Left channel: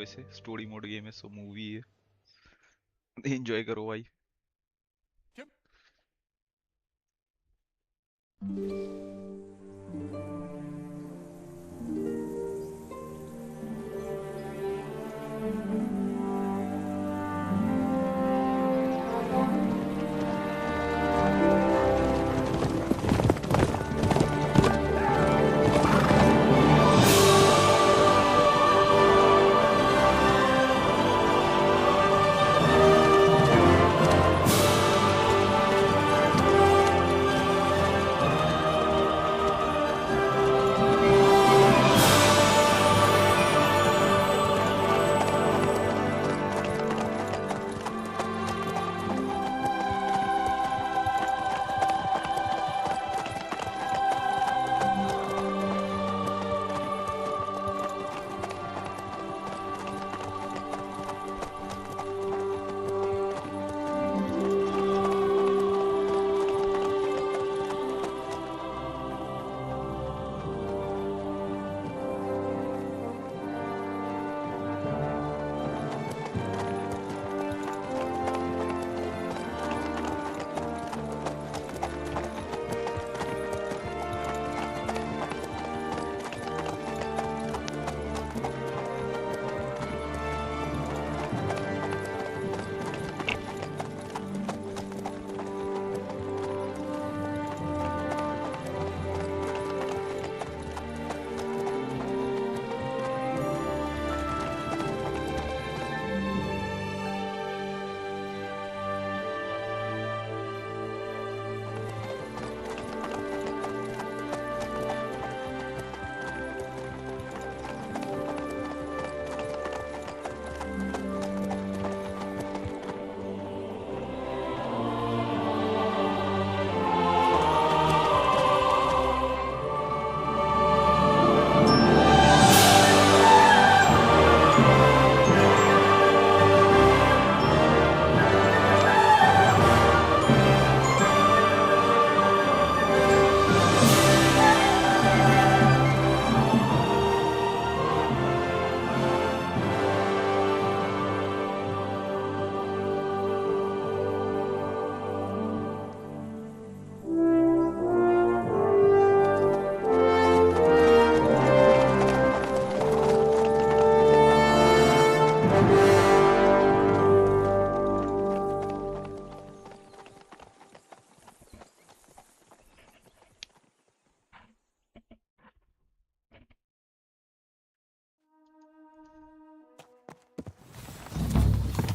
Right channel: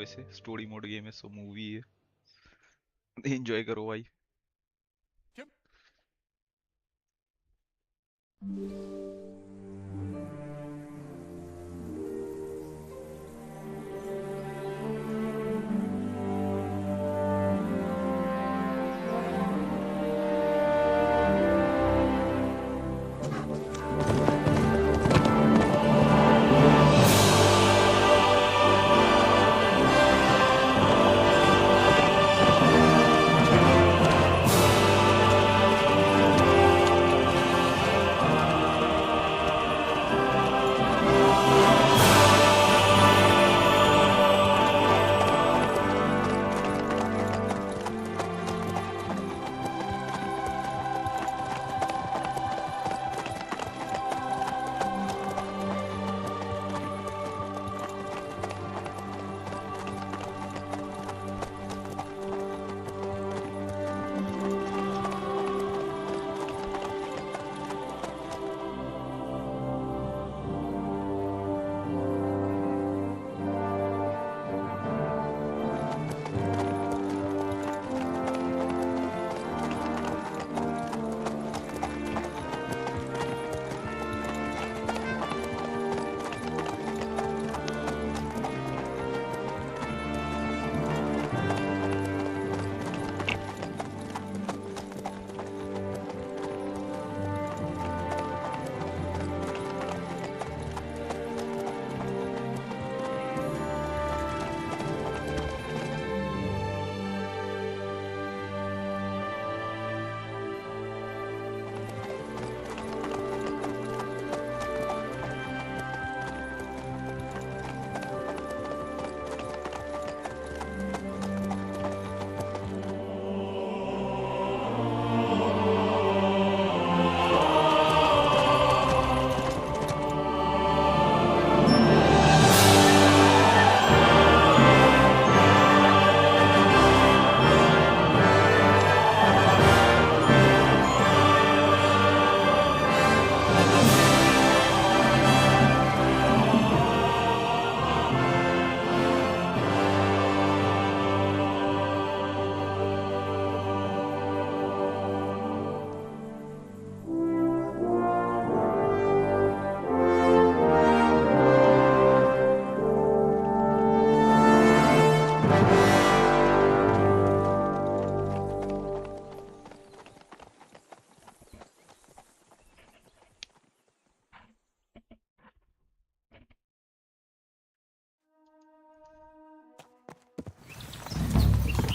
वैसे story mode game है, सो movie है, एंजॉय करो भाई।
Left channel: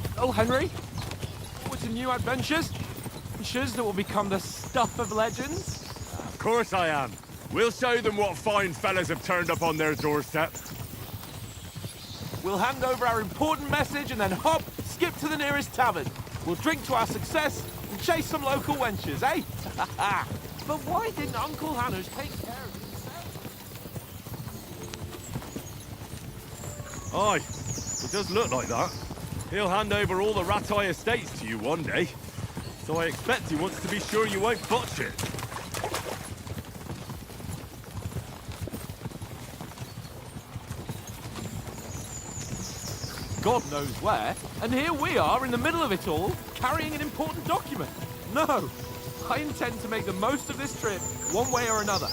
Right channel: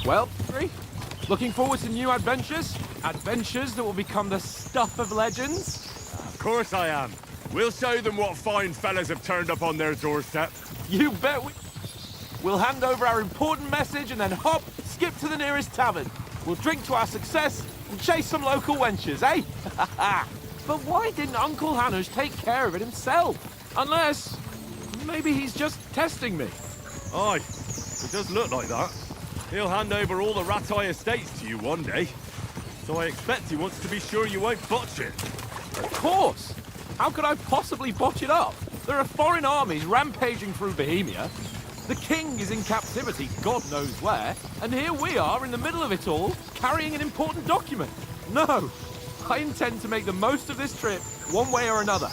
Well, Henry, looking forward to new adventures? Adventures that will become the stuff of legends? Of course I am. We'll show them what fine fellas have turned up on their doorstep. You bet we'll hand over our important message and then hop, skip to the nearest tavern. We'll drink to our success and chase some local wenches, eh? But why didn't Uncle Hanush take care of it himself? Unless, maybe he's just testing me. Aye, it does look like that. He'll hand over all the Ratai estates to you one day. So I expect he wants to be sure you won't botch it. Of course. How could I possibly botch it up? There are foreign armies rampaging through Bohemia. The king is in captivity, God knows where, and here we are in the middle of it all, carrying an important document. No, I intend to make the most of this trip, one way or another.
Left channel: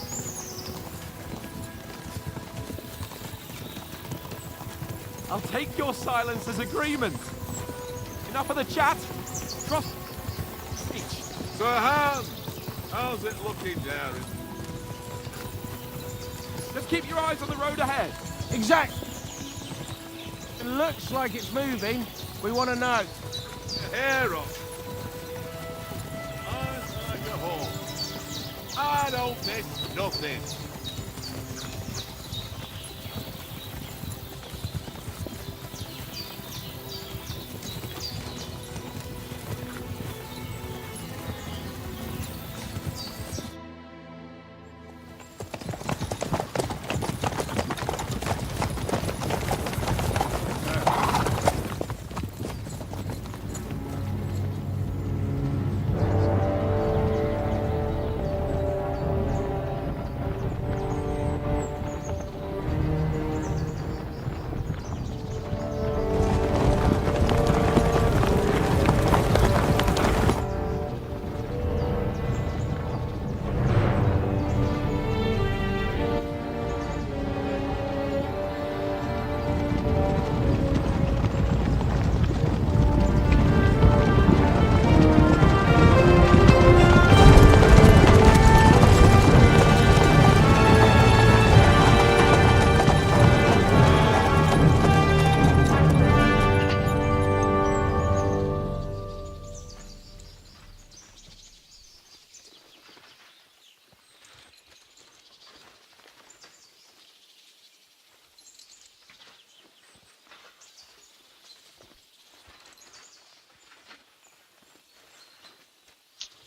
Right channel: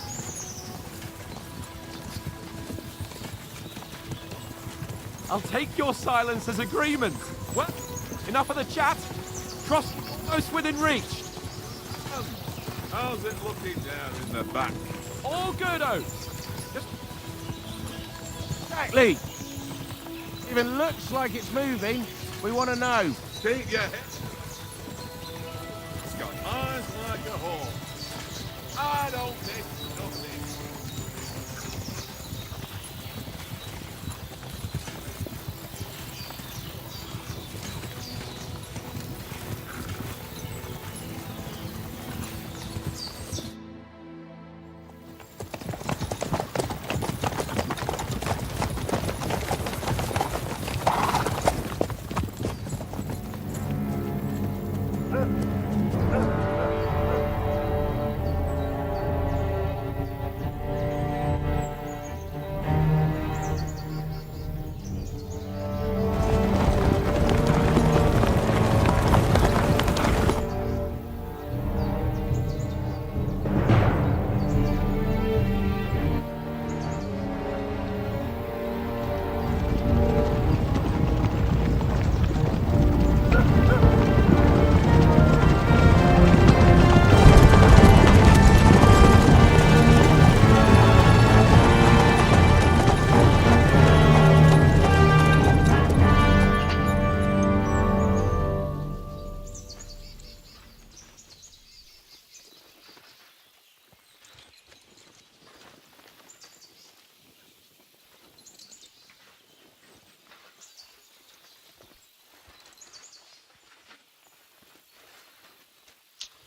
I'll take your silence as agreement. Well, enough of the chat. Trust close within reach. Sir Hans, how's it looking there in the back? All good, Oath. Just keep your eyes on the road ahead. Exactly. Even looks like it's moving. We want to know. Keep your hair up. It's got eyes like a horse. I don't miss nothing.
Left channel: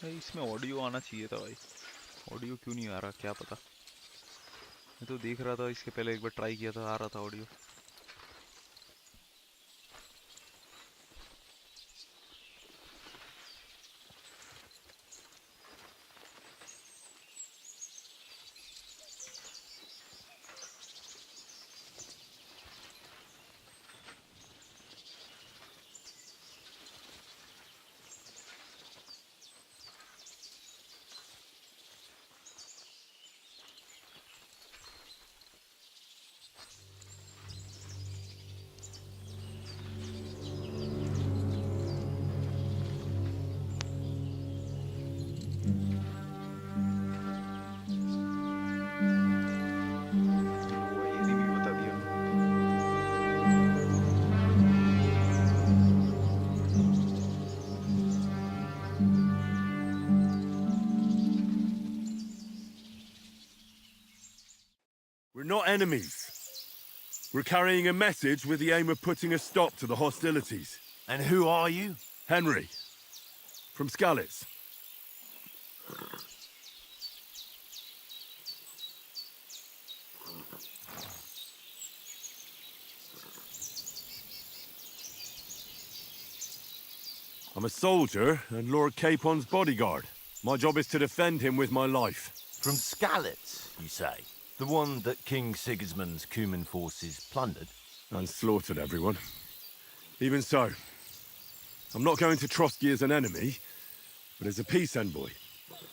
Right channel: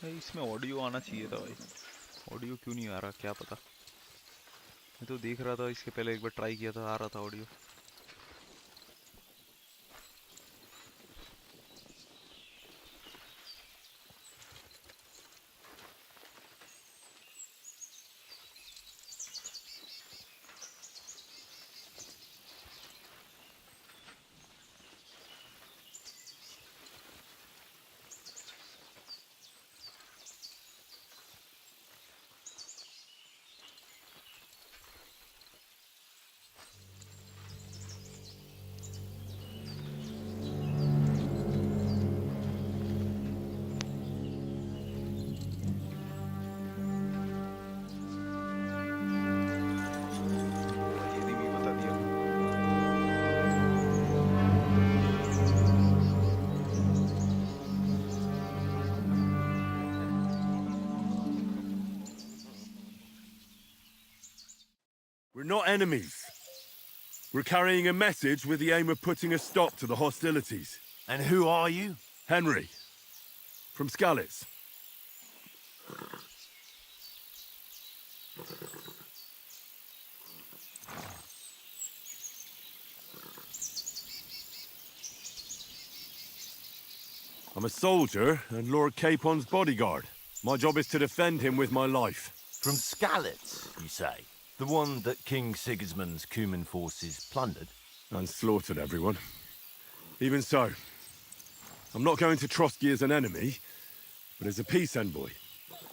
भाई इसमें audio आना चाहिए था भाई। Audio क्यों नहीं आ रहा क्या पता। मैं तो देख रहा था इसके पहले एक बार ट्राई किया था, आ रहा था ऑडियो। ये भी बता दिया। We're not enemies. We're carrying a message with the aim of putting a stop to the hostilities. And who are you? Henry, from Skalitz. I'm a soldier and Lord Capon's bodyguard. My job is to defend him with my life. From Skalitz, you say? The one that King Sigismund's Cuman forces plundered? And slaughtered everyone. Even so, I'm not going to Trotsky as an enemy, but as a peace envoy.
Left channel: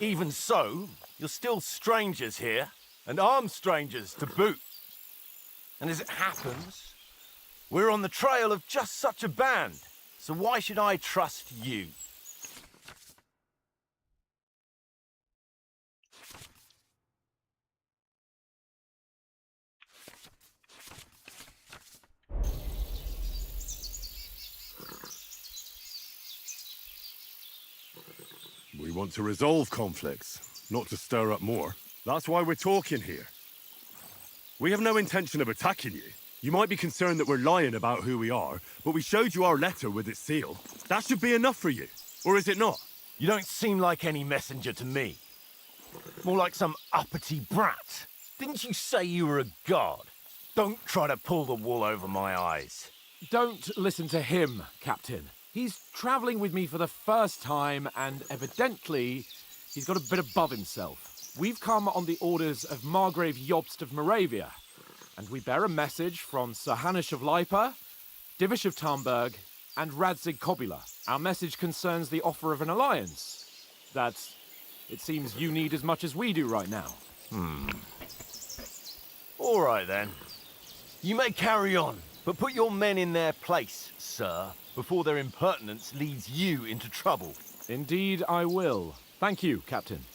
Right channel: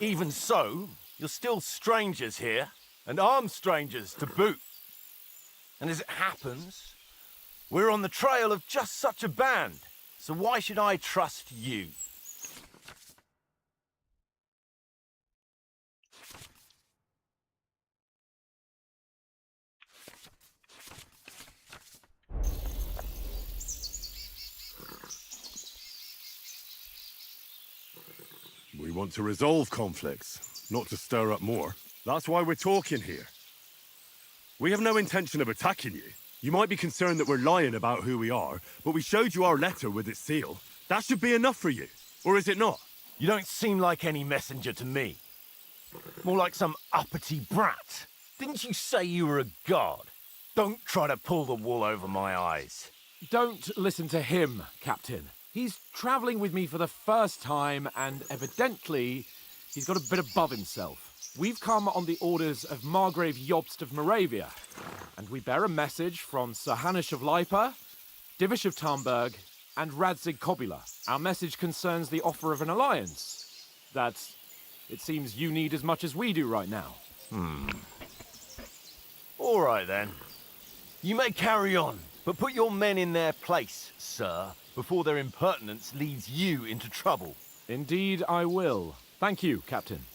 Even so, you're still strangers here, and armed strangers to boot. And as it happens, we're on the trail of just such a band, so why should I trust you? We want to resolve conflicts, not to stir up more. That's why we're talking here. We have no intention of attacking you. You might be concerned that we're lying about who we are, but we showed you our letter with its seal. That should be enough for you. Or is it not? You don't seem like any messenger to me. More like some uppity brat. Didn't you say you were a god? Don't try to pull the wool over my eyes. Don't listen to him, Captain. He's travelling with me for the first time, and evidently, he's got a bit above himself. We've come on the orders of Margrave Jobst of Moravia, and we bear a message from Sir Hanush of Lipa, Divish of Tarnberg, and Radzig Kobula. Our message concerns the offer of an alliance that it seems you need as much as we do right now. All right, then. You may carry on, but put your men in their place, sir, before their impertinence leads you into trouble. Indeed, I will. Thank you, Captain.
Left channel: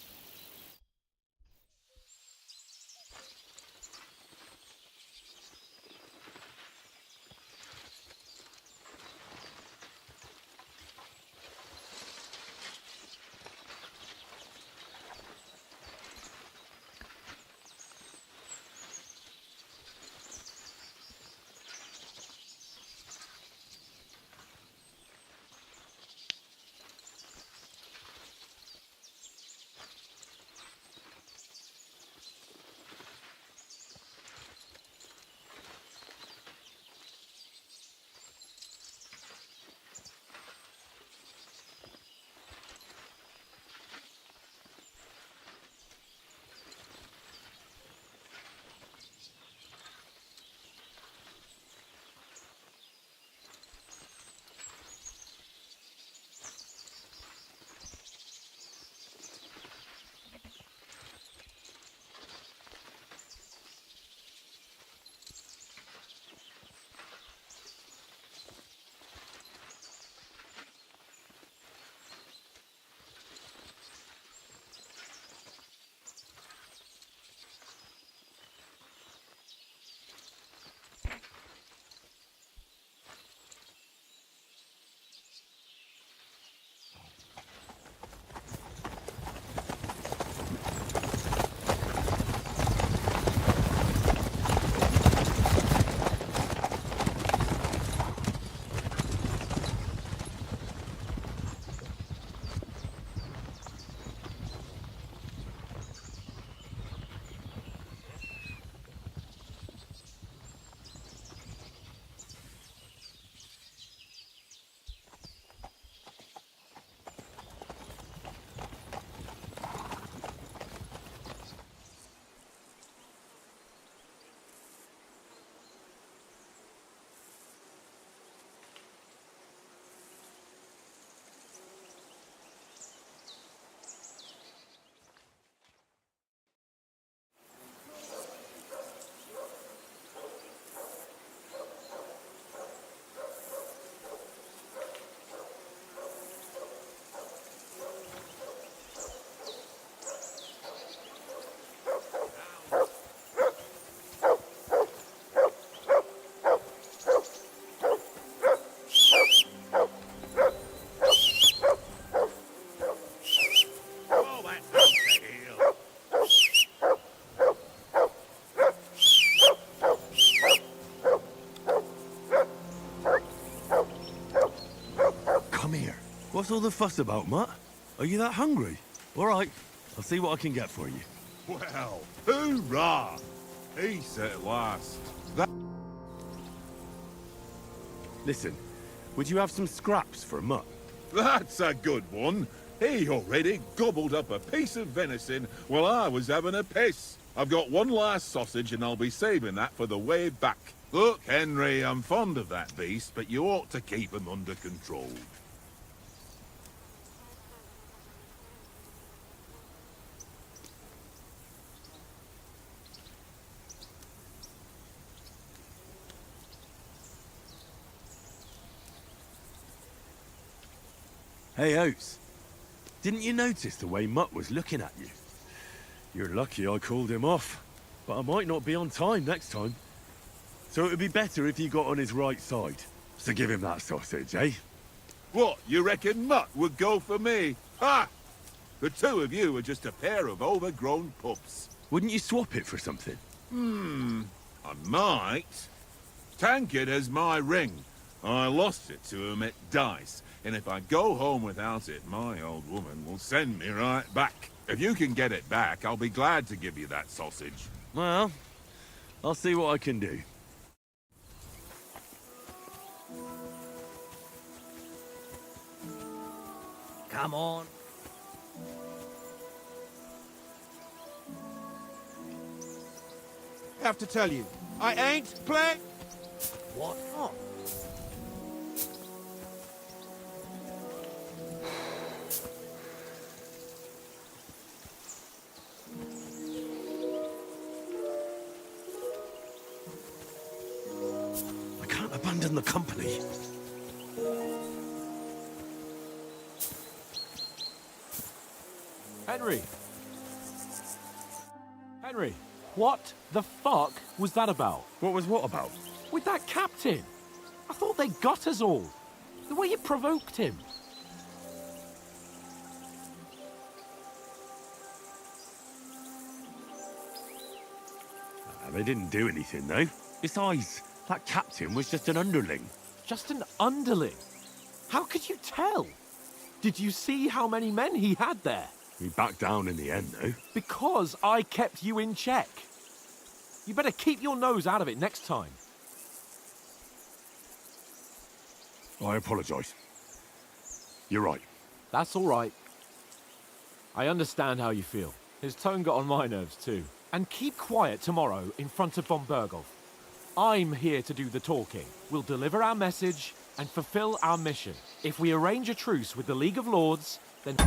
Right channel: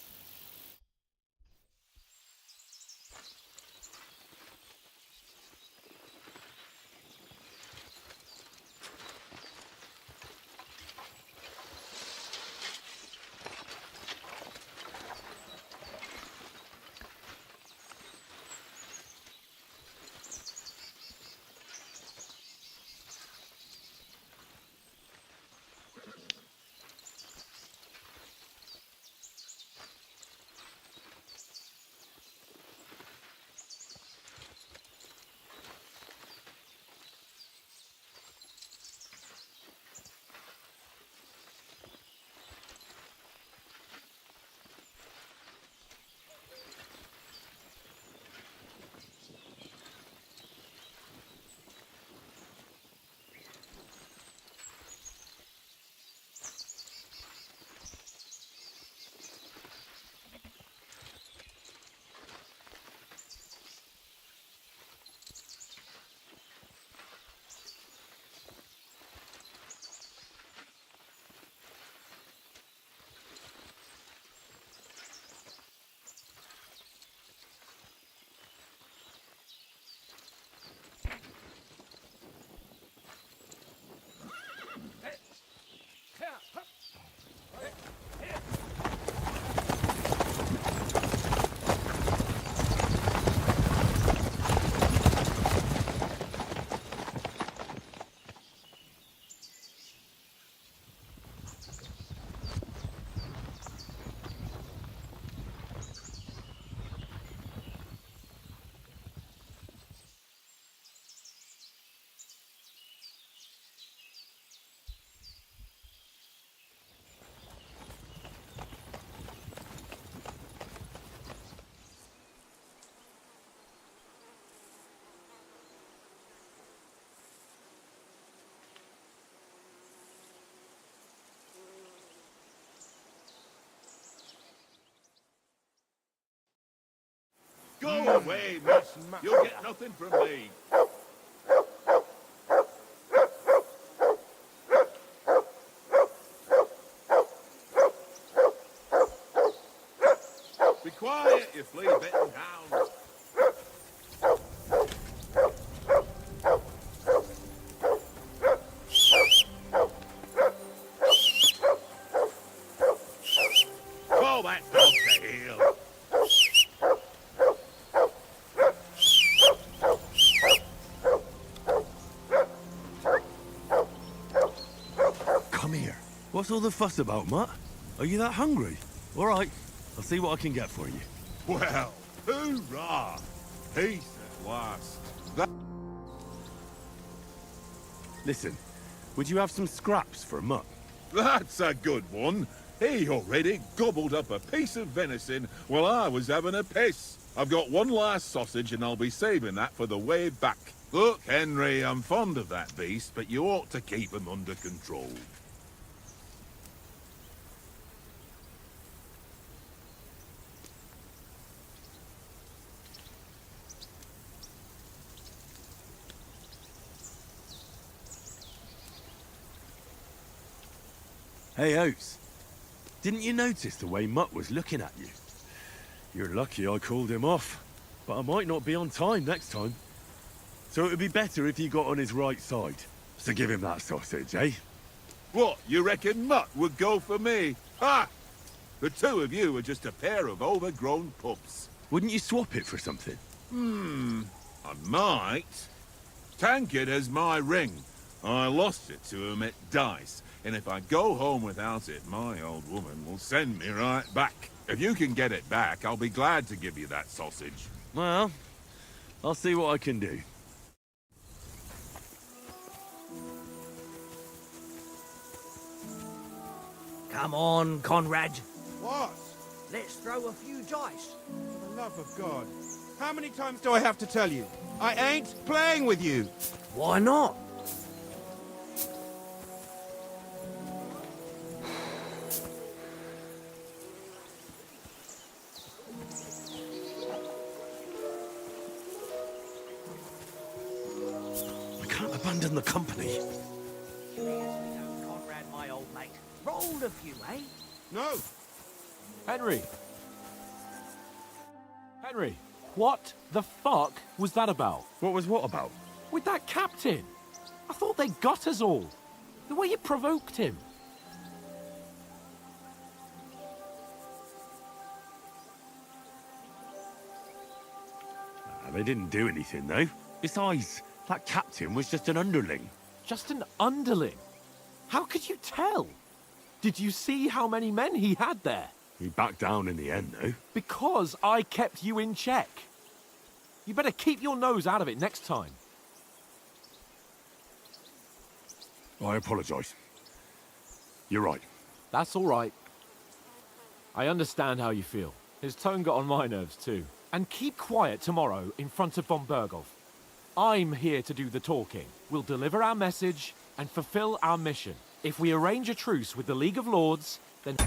Go away, miss. You'll get nothing from me. Be quiet, you flea-bitten hound. Call that dog to heel. Come here. What's all the fuss about, Mutt? Are you that hungry? All right, I'll see what I can get for you. Well, hoorah! Peace at last. Listen, would you have some scraps for Mutt? That's a good one. He already gobbled up a piece of venison while I was having a piss. I've got one last sausage and I'll be saving that for the way back. Look, Henry, I'm fond of that beast, but you ought to keep him under control. Hey, Oates. Didn't you notice the way Mutt was looking at you? You're lucky I called him off, but I might not be on time next time. So it would be better if you got on his right side. So give him that sausage, eh? What, you reckon Mutt would go for me? Ha! The two of you are just a pair of overgrown pups. Wouldn't you swap it for something? I might. Tankard has my ring. I lost it to him at dice, and if I go home without it, my old woman will send me right back. If you can get it back, I'll be glad to give you that sausage. Well, I'll see what I can do. Come on, Conrad. What? Let's throw a few dice. For the love of God. How many times do I have to tell you? I ain't playing with you. Why not? I can't abandon the company. Conrad, my old mate. Rolled a few, eh? No. Henry! Henry, what the fuck was that about? What was what about? With that captain? I thought they got us all. The way you provoked him. They didn't do anything, though. Besides, that captain was just an underling. Just an underling. How could you tell? Did you see how many men he had there? He backed down in the end, though. Because I kept you in check. You better keep your nose out of it next time. I apologise. You're right. That's all right. I understand how you feel. His tone got on my nerves too. And keep quiet tomorrow in front of von Berghoff. I'm here to do the talking. We'll deliver our message and fulfill our mission. If we arrange a truce with the League of Lords, then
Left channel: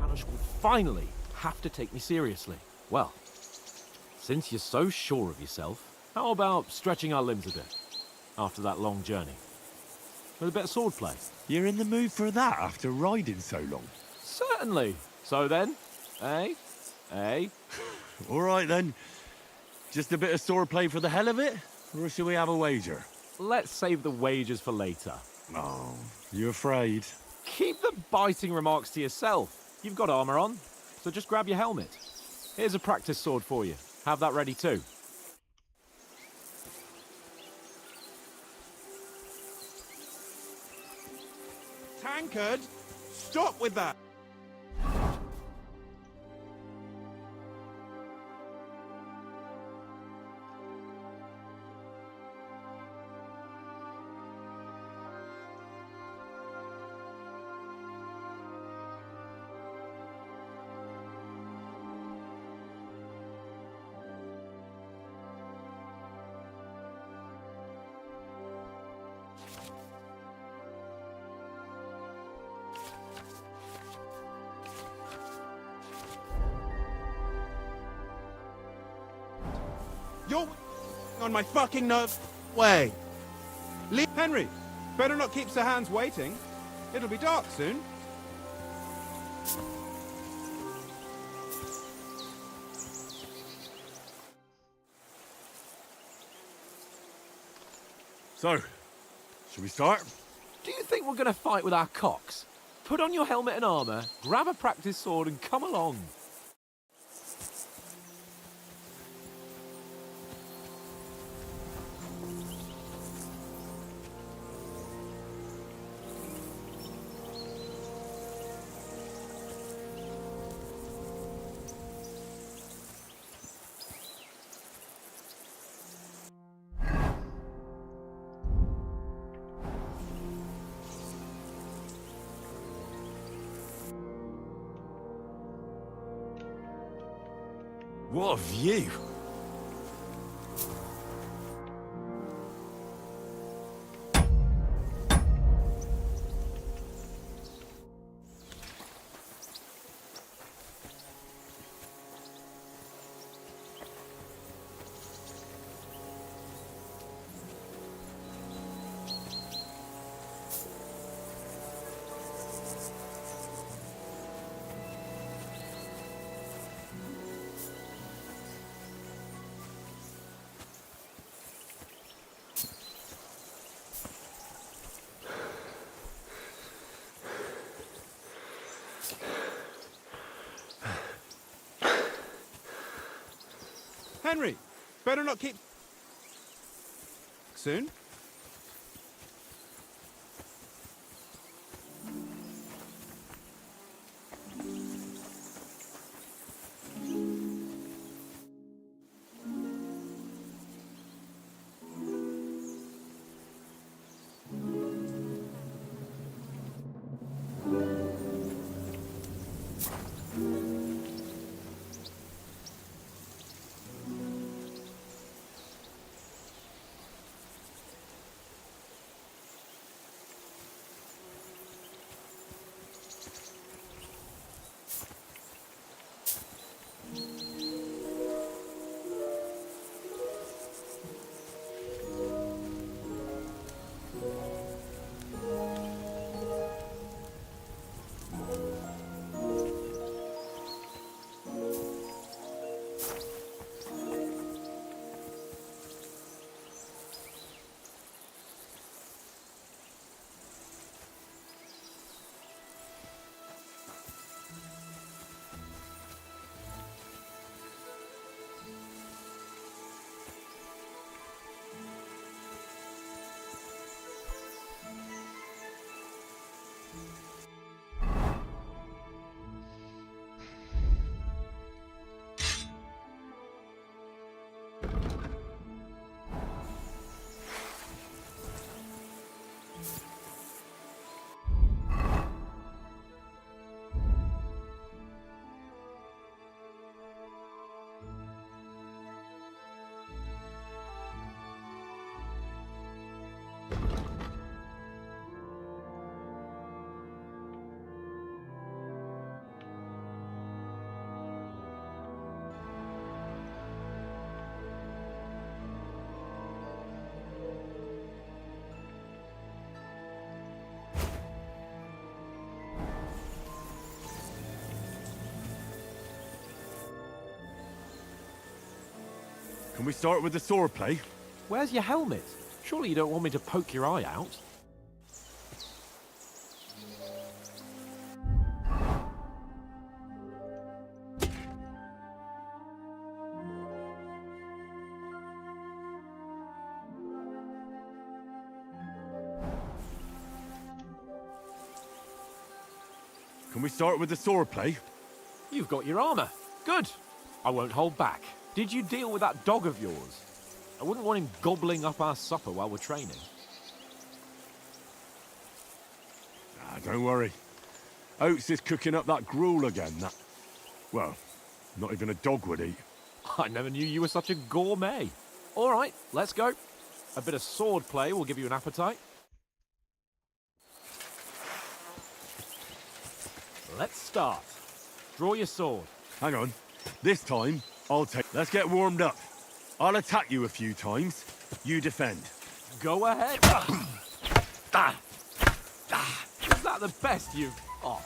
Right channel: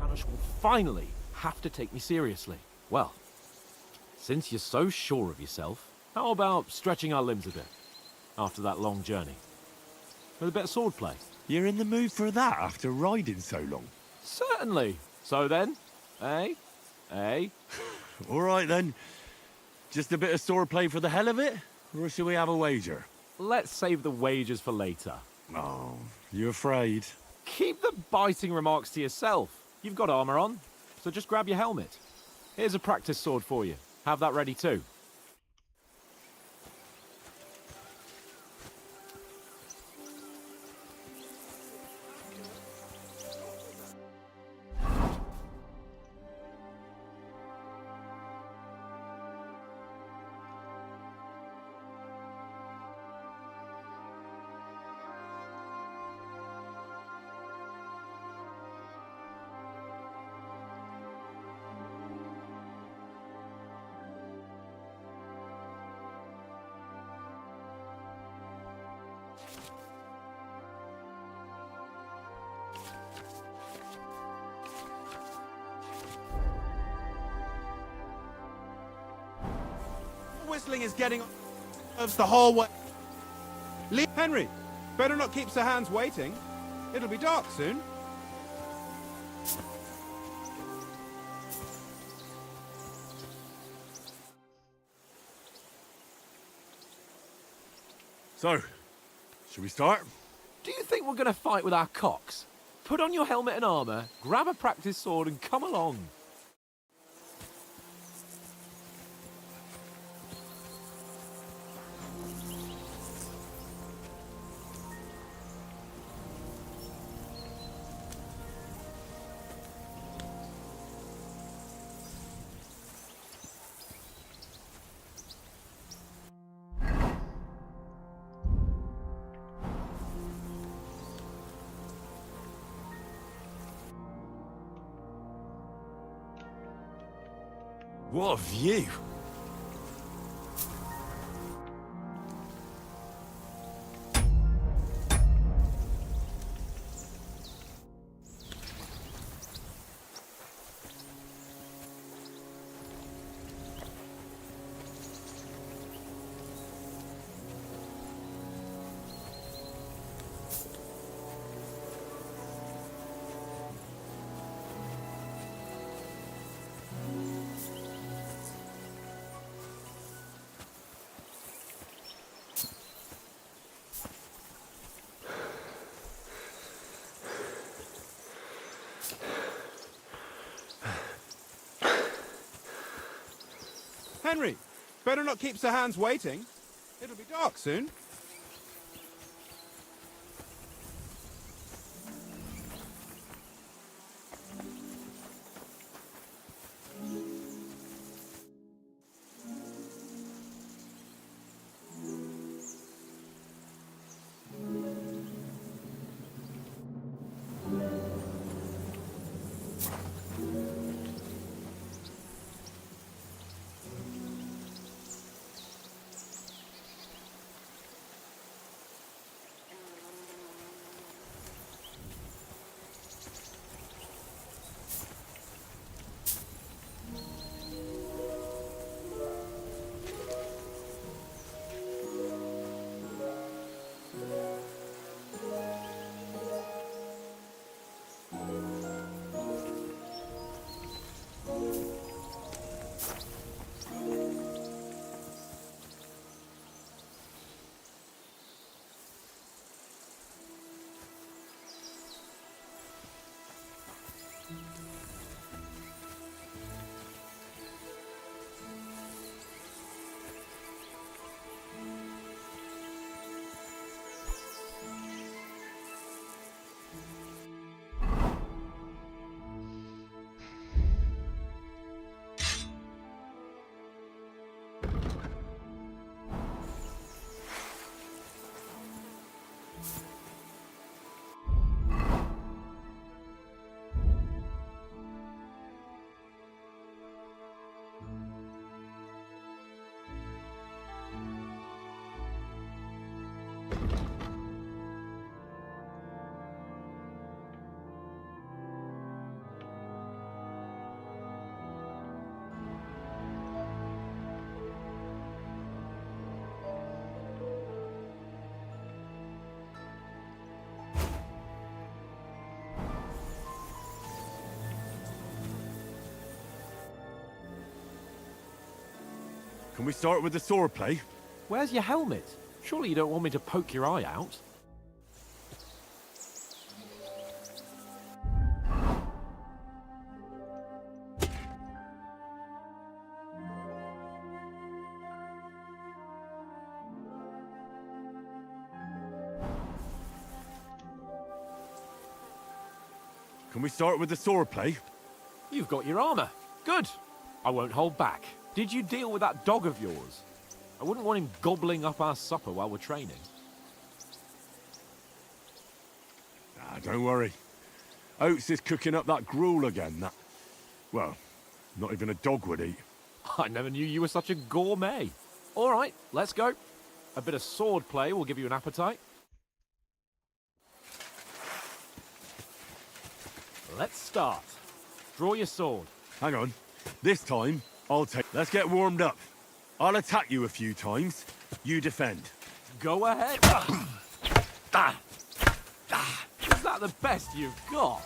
Panish will finally have to take me seriously. Well, since you're so sure of yourself, how about stretching our limbs a bit after that long journey? With a bit of swordplay. You're in the mood for that after riding so long? Certainly. So then, eh? Eh? All right, then. Just a bit of swordplay for the hell of it? Or shall we have a wager? Let's save the wagers for later. Oh, you afraid? Keep the biting remarks to yourself. You've got armor on, so just grab your helmet. Here's a practice sword for you. Have that ready too. Tankard, stop with that. Your whistling is getting on my fucking nerves the whole way. Henry, better not keep Sir Hans waiting. It'll be dark soon. So, should we start? Do you think we're going to fight with our cocks? Put on your helmet and armor, grab a practice sword and come along. What a view! Henry, better not keep Sir Hans waiting. It'll be dark soon. Can we start with the swordplay? Where's your helmet? Surely you don't want me to poke your eye out? Can we start with the swordplay? You've got your armor. Good. I won't hold back. Did you deal with that dog of yours? I wouldn't want him gobbling up our supper while we're training. Ah, don't worry. Oates is cooking up that gruel again, that... Well, not even a dog would eat. I never knew you were such a gourmet. All right, let's go. A bit of sword play will give you an appetite. Let's start. Draw your sword. Hang on. This time, I'll take... Let's get warmed up. I'll attack you a few times. You defend. Go ahead. Is that the best you've got?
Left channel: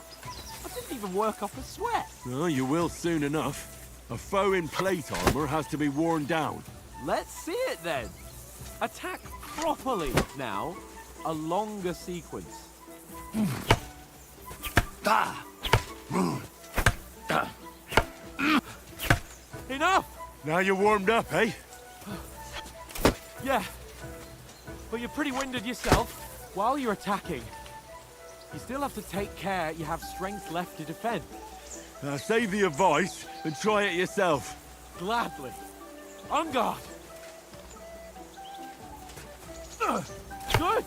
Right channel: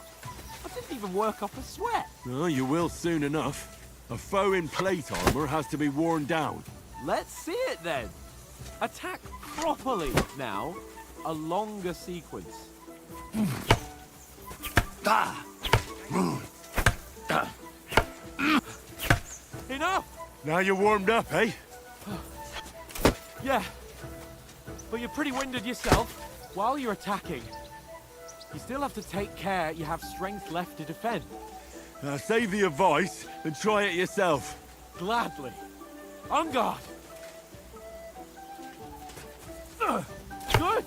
I didn't even work up a sweat. Oh, you will soon enough. A foe in plate armor has to be worn down. Let's see it then. Attack properly. Now, a longer sequence. Enough! Now you're warmed up, eh? Yeah, but you're pretty winded yourself. While you're attacking, you still have to take care you have strength left to defend. Save the advice and try it yourself. Gladly. On guard! Good!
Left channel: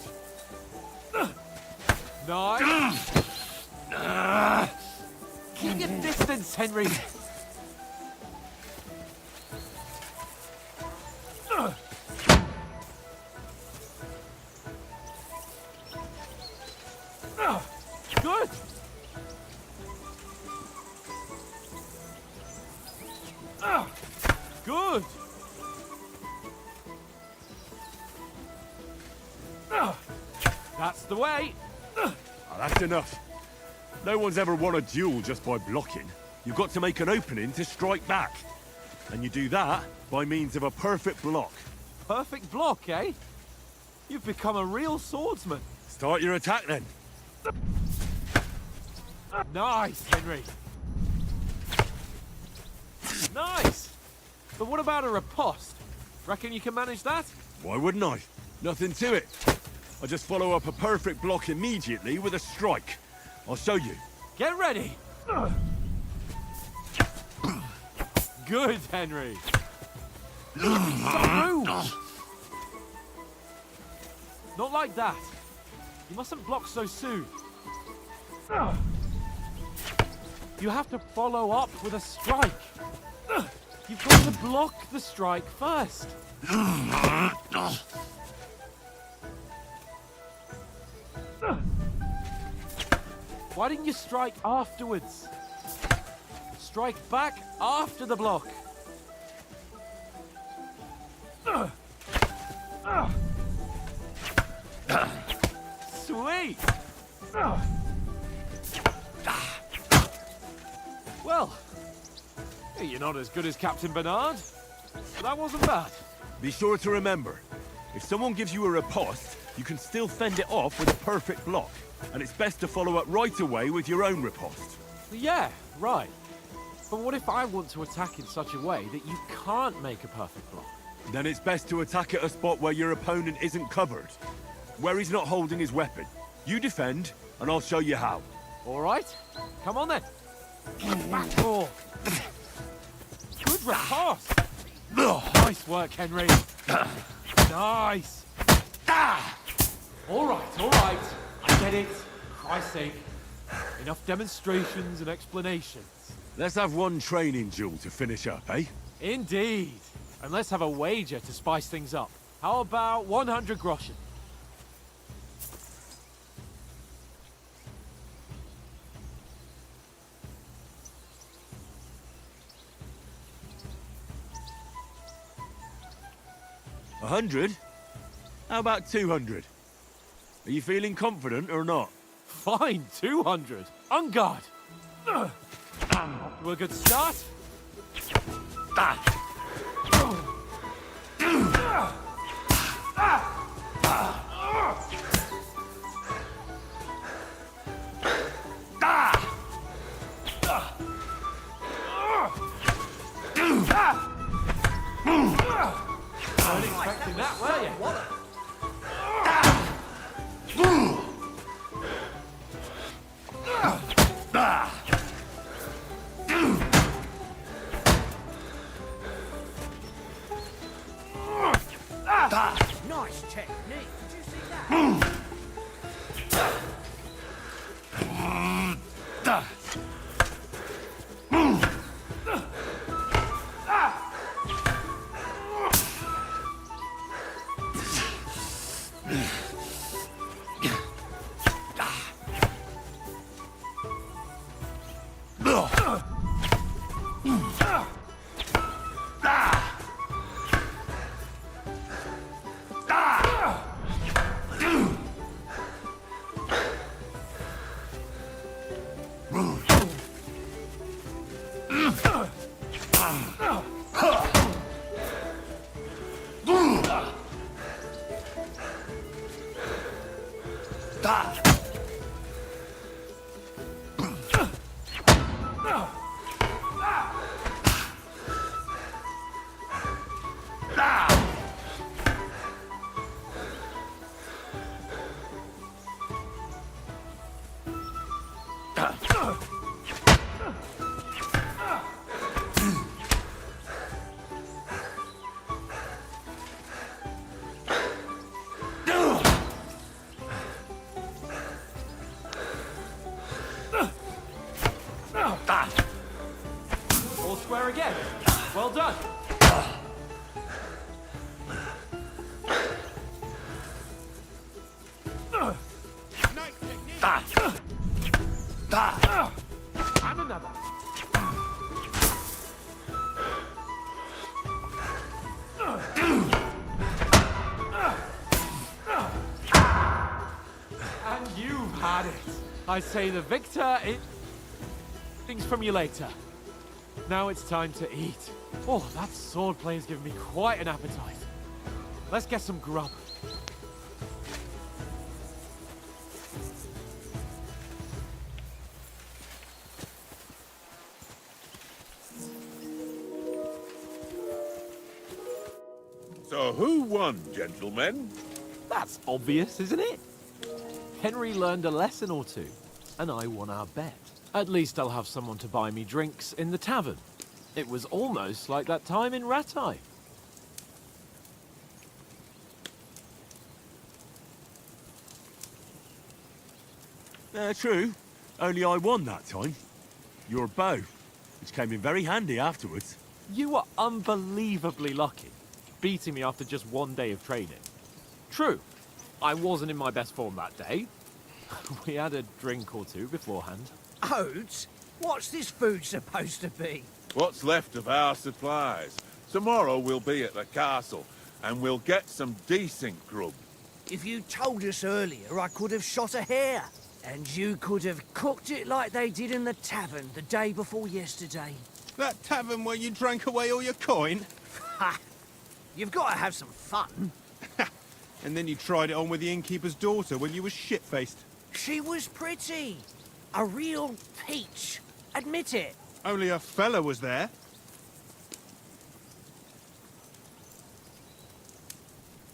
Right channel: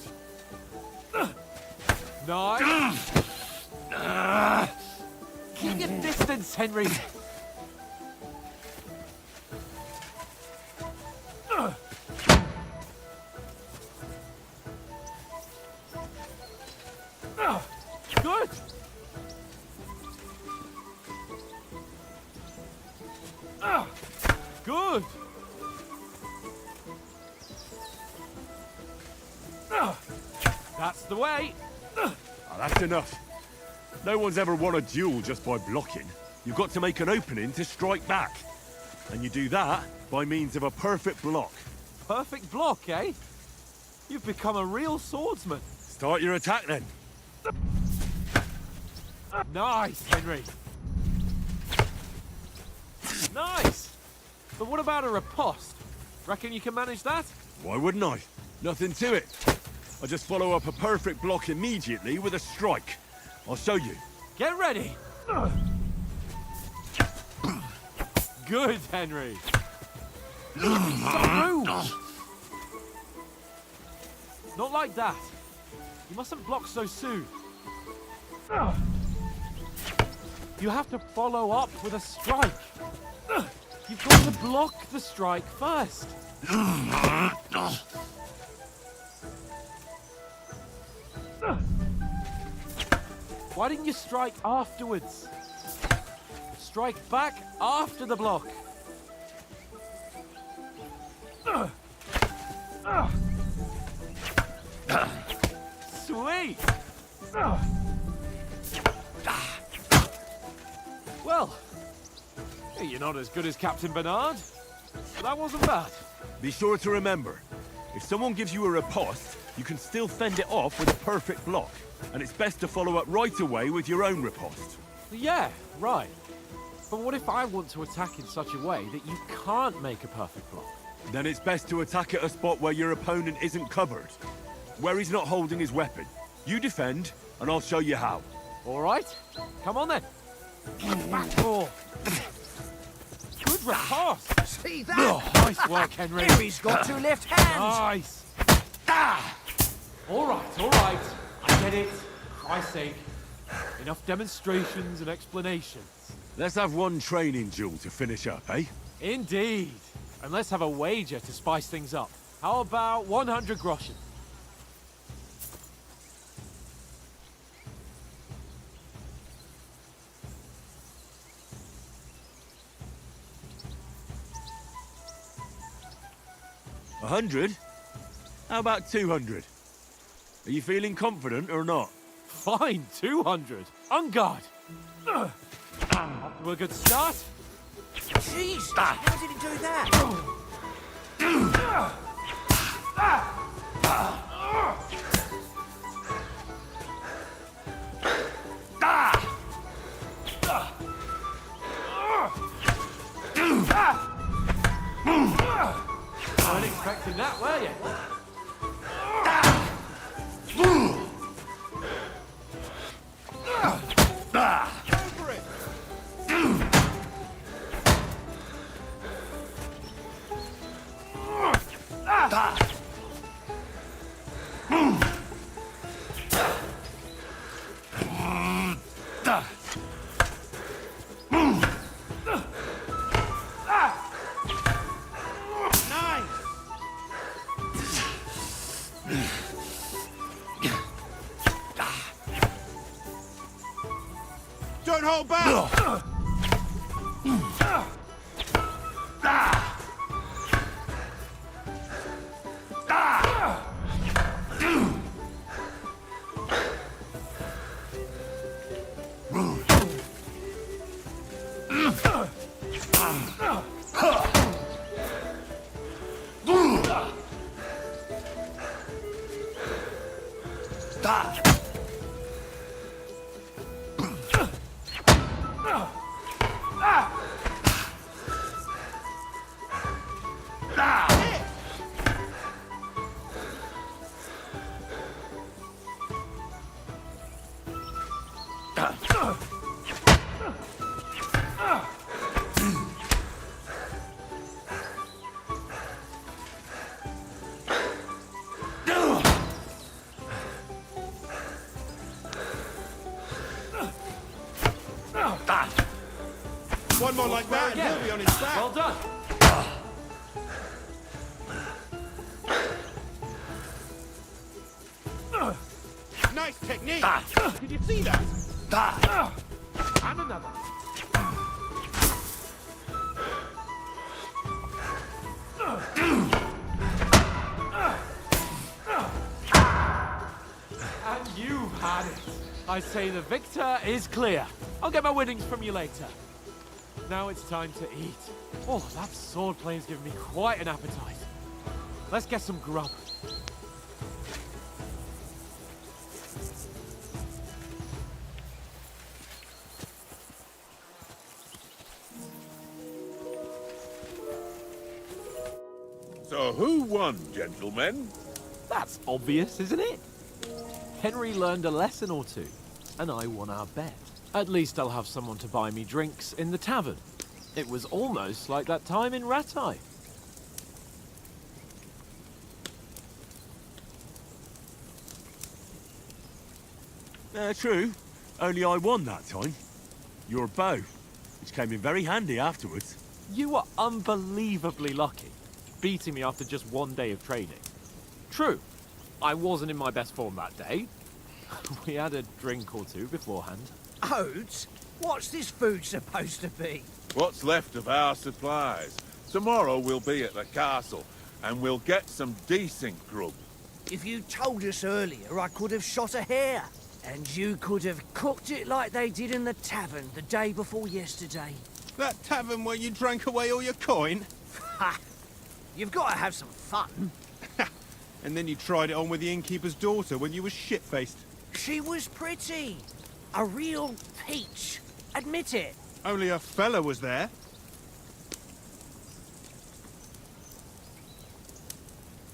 Nice! Keep your distance, Henry! Good! Good! That's the way! Ah, that's enough. No one's ever won a duel just by blocking. You've got to make an opening to strike back. And you do that by means of a perfect block. Perfect block, eh? You've become a real swordsman. Start your attack then. Nice, Henry. Nice! But what about a riposte? Reckon you can manage that? Why wouldn't I? Nothing to it. I just follow up a perfect block immediately with a strike. I'll show you. Get ready! Good, Henry. So rude. Not like that. You mustn't block so soon. You have to follow up with a strike. You've got to block the strike first. Why didn't you strike afterwards? Strike back after the block. Sweet. Well, you're not as good as Captain Bernard, but that wasn't bad. Be sure to remember, if someone gives you a riposte, you can still fend it off with a perfect block. And it's best to follow up right away with your own riposte. Yeah, right. But what if I want to attack in such a way that you can't make a perfect block? Then it's best to attack at a spot where your opponent isn't covered. Where he's not holding his weapon. You defend, and I'll show you how. All right, come on then. Oh. Good riposte. See that? Nice work, Henry. He's got two left hands. Nice. All right. I get it. Christ's sake. Enough demonstrations and explanations. Let's have one training duel to finish up, eh? Indeed. And let's have a wager to spice things up. How about 100 groschen? A 100? How about 200? Are you feeling confident or not? Fine, 200. On guard. Off to a good start. Jeez, how did he do that? Weren't expecting that, were you? Nice technique. Don't hold back! One more like Square that, again. you'll be on his back. Well done. Nice technique! Did you see that? And another. And you've had it. I say the victor is clear. I'll get my winnings from you later. Now it's time to eat. Oh, that swordplay has given me quite an appetite. Let's get some grub. So who won, gentlemen? That's obvious, isn't it? Henry learned a lesson or two, and I won our bet. At least I'll have someone to buy me drinks in the tavern. It was almost like that time in Rattay. True. Only I won that time. Your bow, which came in very handy afterwards. You were unbelievably lucky, beating me after just one day of training. True, I wasn't in my best form that day. We had a drink or two beforehand. Oats? What's this food supposed to be? What's left of our supplies. Tomorrow we'll be at the castle, and we'll get some decent grub. If you told us earlier, I could have shot a hare. And you could have cooked it like they did in the tavern the day before yesterday. That tavern where you drank away all your coin? Ha! You've got to have some fun. And then you tried it on with the innkeeper's daughter when you were shit-faced. She was pretty. A real peach. Admit it. Only a fella was there.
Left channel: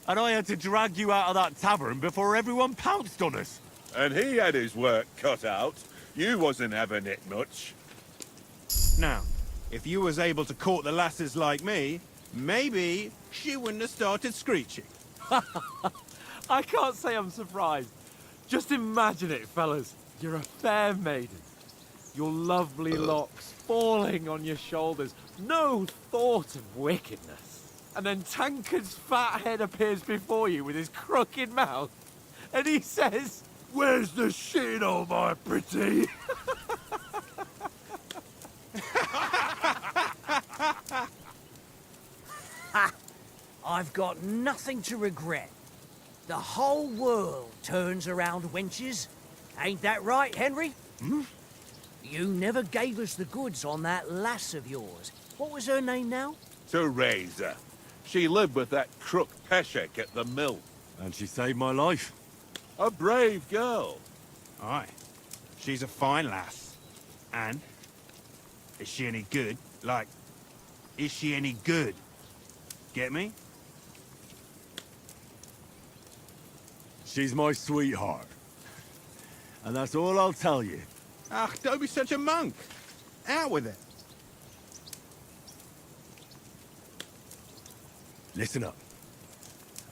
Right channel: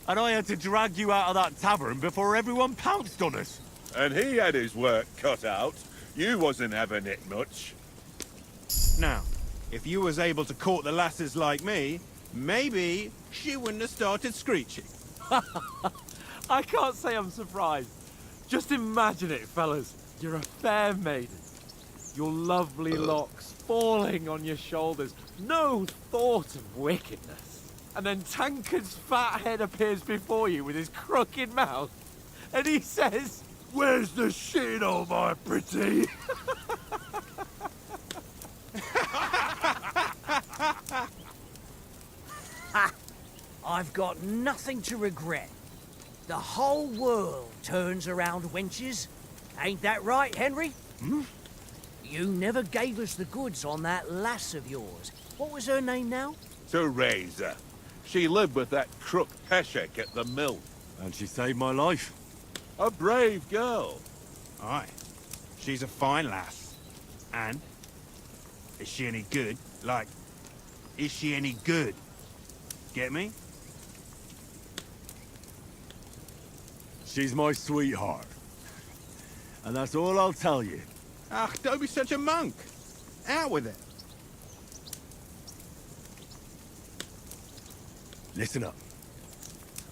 And I had to drag you out of that tavern before everyone pounced on us. And he had his work cut out. You wasn't having it much. Now, if you was able to court the lasses like me, maybe she wouldn't have started screeching. I can't say I'm surprised. Just imagine it, fellas. You're a fair maiden. Your lovely locks falling on your shoulders. No thought of wickedness. And then Tankard's fat head appears before you with his crooked mouth. And he says, "Where's the shit, oh my pretty?" I've got nothing to regret. The whole world turns around wenches. Ain't that right, Henry? Hmm? You never gave us the goods on that lass of yours. What was her name now? Teresa. She lived with that crook Peshek at the mill. And she saved my life. A brave girl. Aye. She's a fine lass. And? Is she any good? Like, is she any good? Get me? She's my sweetheart. And that's all I'll tell you. Ah, don't be such a monk. Out with it. Listen up.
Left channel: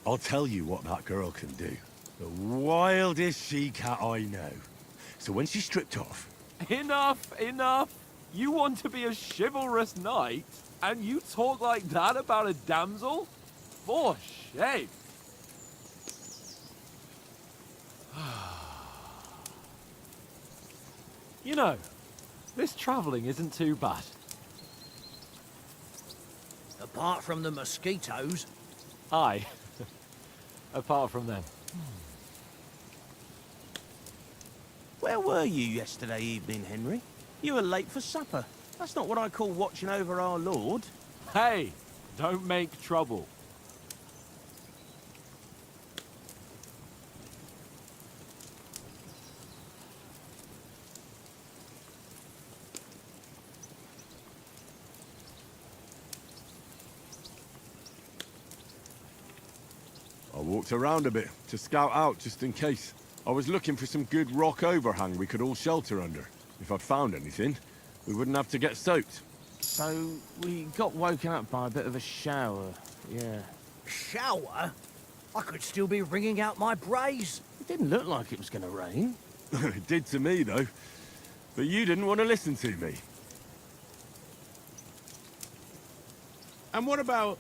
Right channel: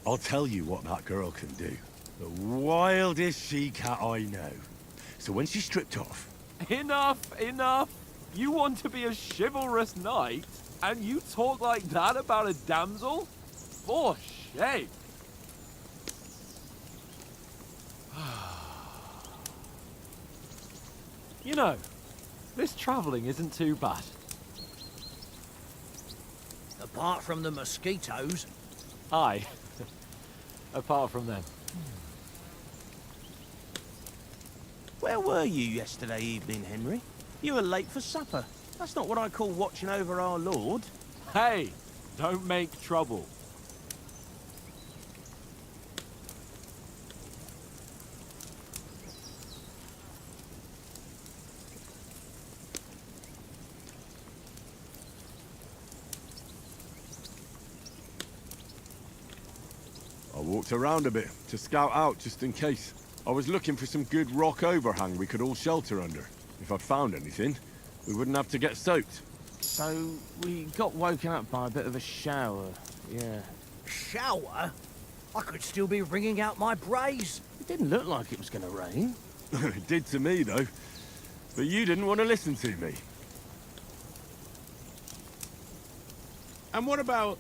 I'll tell you what that girl can do. The wildest she-cat I know. So when she's stripped off... Enough, enough. You want to be a chivalrous knight, and you talk like that about a damsel? For shame. You know, this travelling isn't too bad. Apart from the mosquitoes. Aye. Apart from them. Where were you yesterday evening, Henry? You were late for supper. That's not what I call watching over our lord. Hey, don't make trouble. I walked around a bit to scout out just in case. I was looking for some good rock overhang we could all shelter under. If I'd found anything, we wouldn't have to get soaked. So, we got woken up by a bit of a shower, yeah. Shower? I could still be wringing out my brace. It didn't look like it was going to rain. It did to me, though. But you didn't want to listen to me. And what about,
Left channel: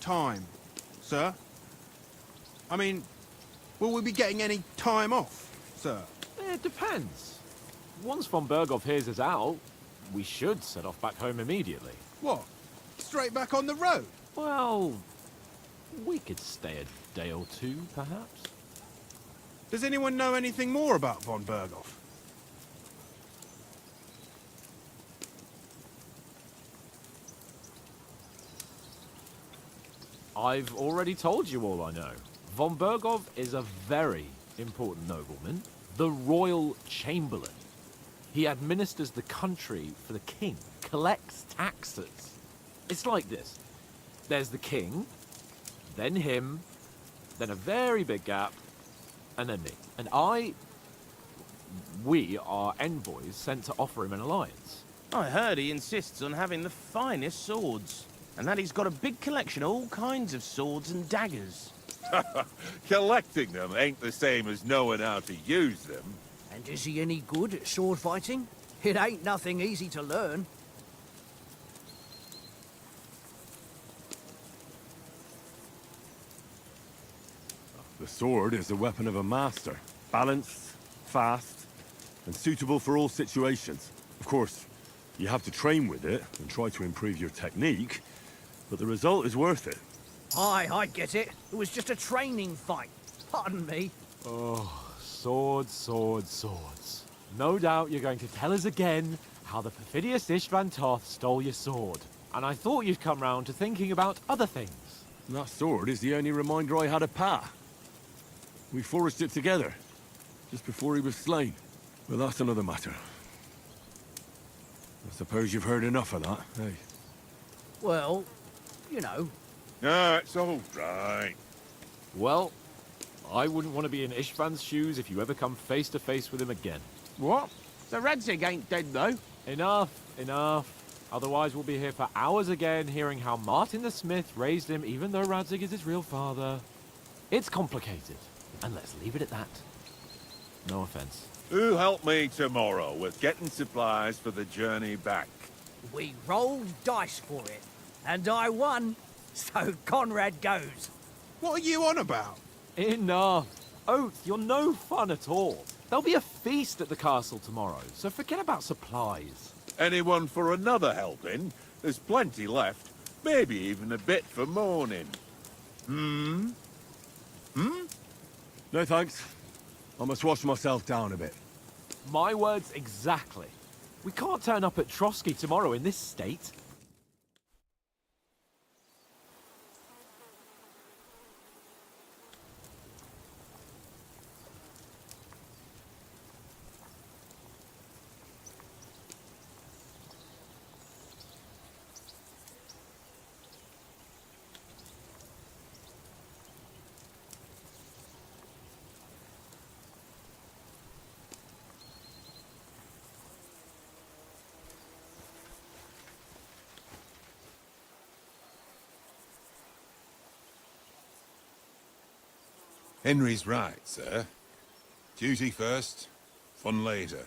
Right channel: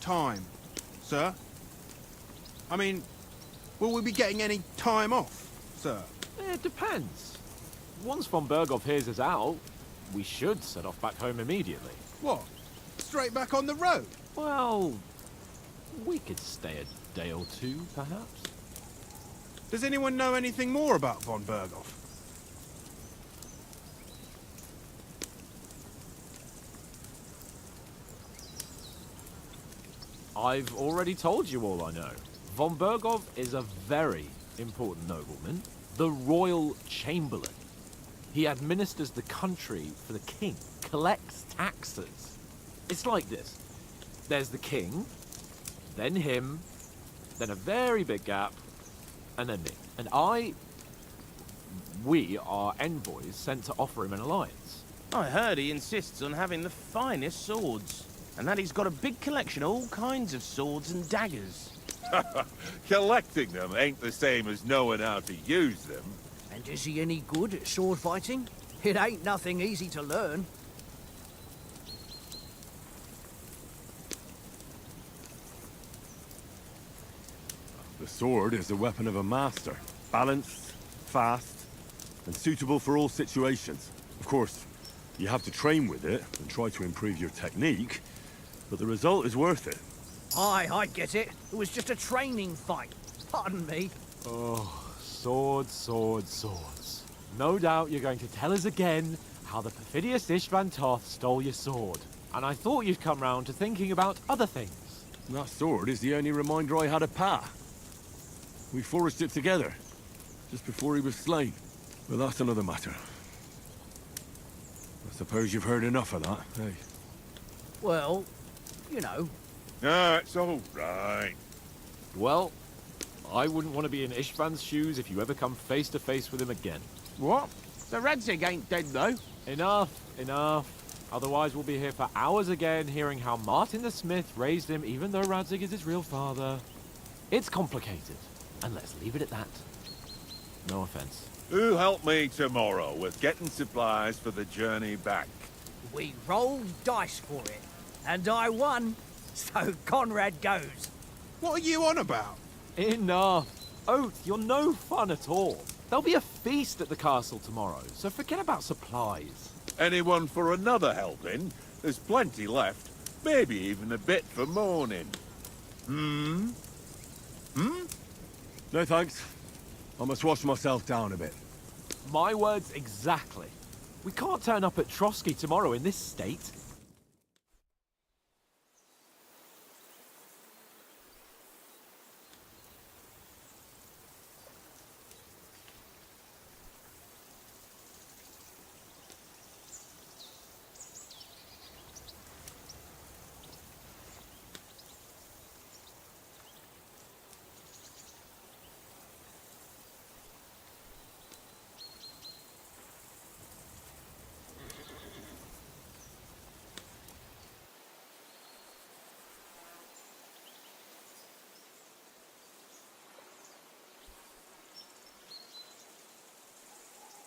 time, sir? I mean, will we be getting any time off, sir? It depends. Once von Berghoff hears us out, we should set off back home immediately. What? Straight back on the road? Well, we could stay a day or two, perhaps. Does anyone know anything more about von Berghoff? I've already told you all I know. Von Berghoff is a very important nobleman, the royal chamberlain. He administers the country for the king, collects taxes. It's like this. There's the king, then him, then a very big gap, and then me. And we are envoys sent to offer him an alliance. I heard he insists on having the finest swords, and that he's got a big collection of all kinds of swords and daggers. Collecting them ain't the same as knowing how to use them. And is he any good at sword fighting? It ain't nothing easy to learn. The sword is the weapon of a master. Balanced, fast, and suitable for all situations. Of course, you have to train with it and try to improve your technique, but the result is worth it. Aye, I get it. It was just a training fight. Pardon me. Oh, swords, swords, swords. No doubt you're going to tell us again how the perfidious Ishvan Toth stole your sword. And I thought you'd come round to thinking about other things. And that sword is the only reminder I had of Pa. We forged it together, just before he was slain. But that's another matter. I suppose you've heard enough of that, eh? Well, you know. Ah, it's all right. Well, I wouldn't want to be in Ishvan's shoes if you ever come face to face with him again. What? The Radzig ain't dead, though. Enough, enough. Otherwise we'll be here for hours again hearing how Martin the Smith raised him even though Radzig is his real father. It's complicated, and let's leave it at that. No offense. Who help me tomorrow with getting supplies for the journey back? We rolled dice for it, and I won. So Conrad goes. What are you on about? Enough. Oath, you're no fun at all. There'll be a feast at the castle tomorrow, so forget about supplies. Anyone for another helping? There's plenty left. Maybe even a bit for morning. Hmm? No thanks. I must wash myself down a bit. My words exactly. We can't turn up at Trotsky tomorrow in this state. Henry's right, sir. Duty first, fun later.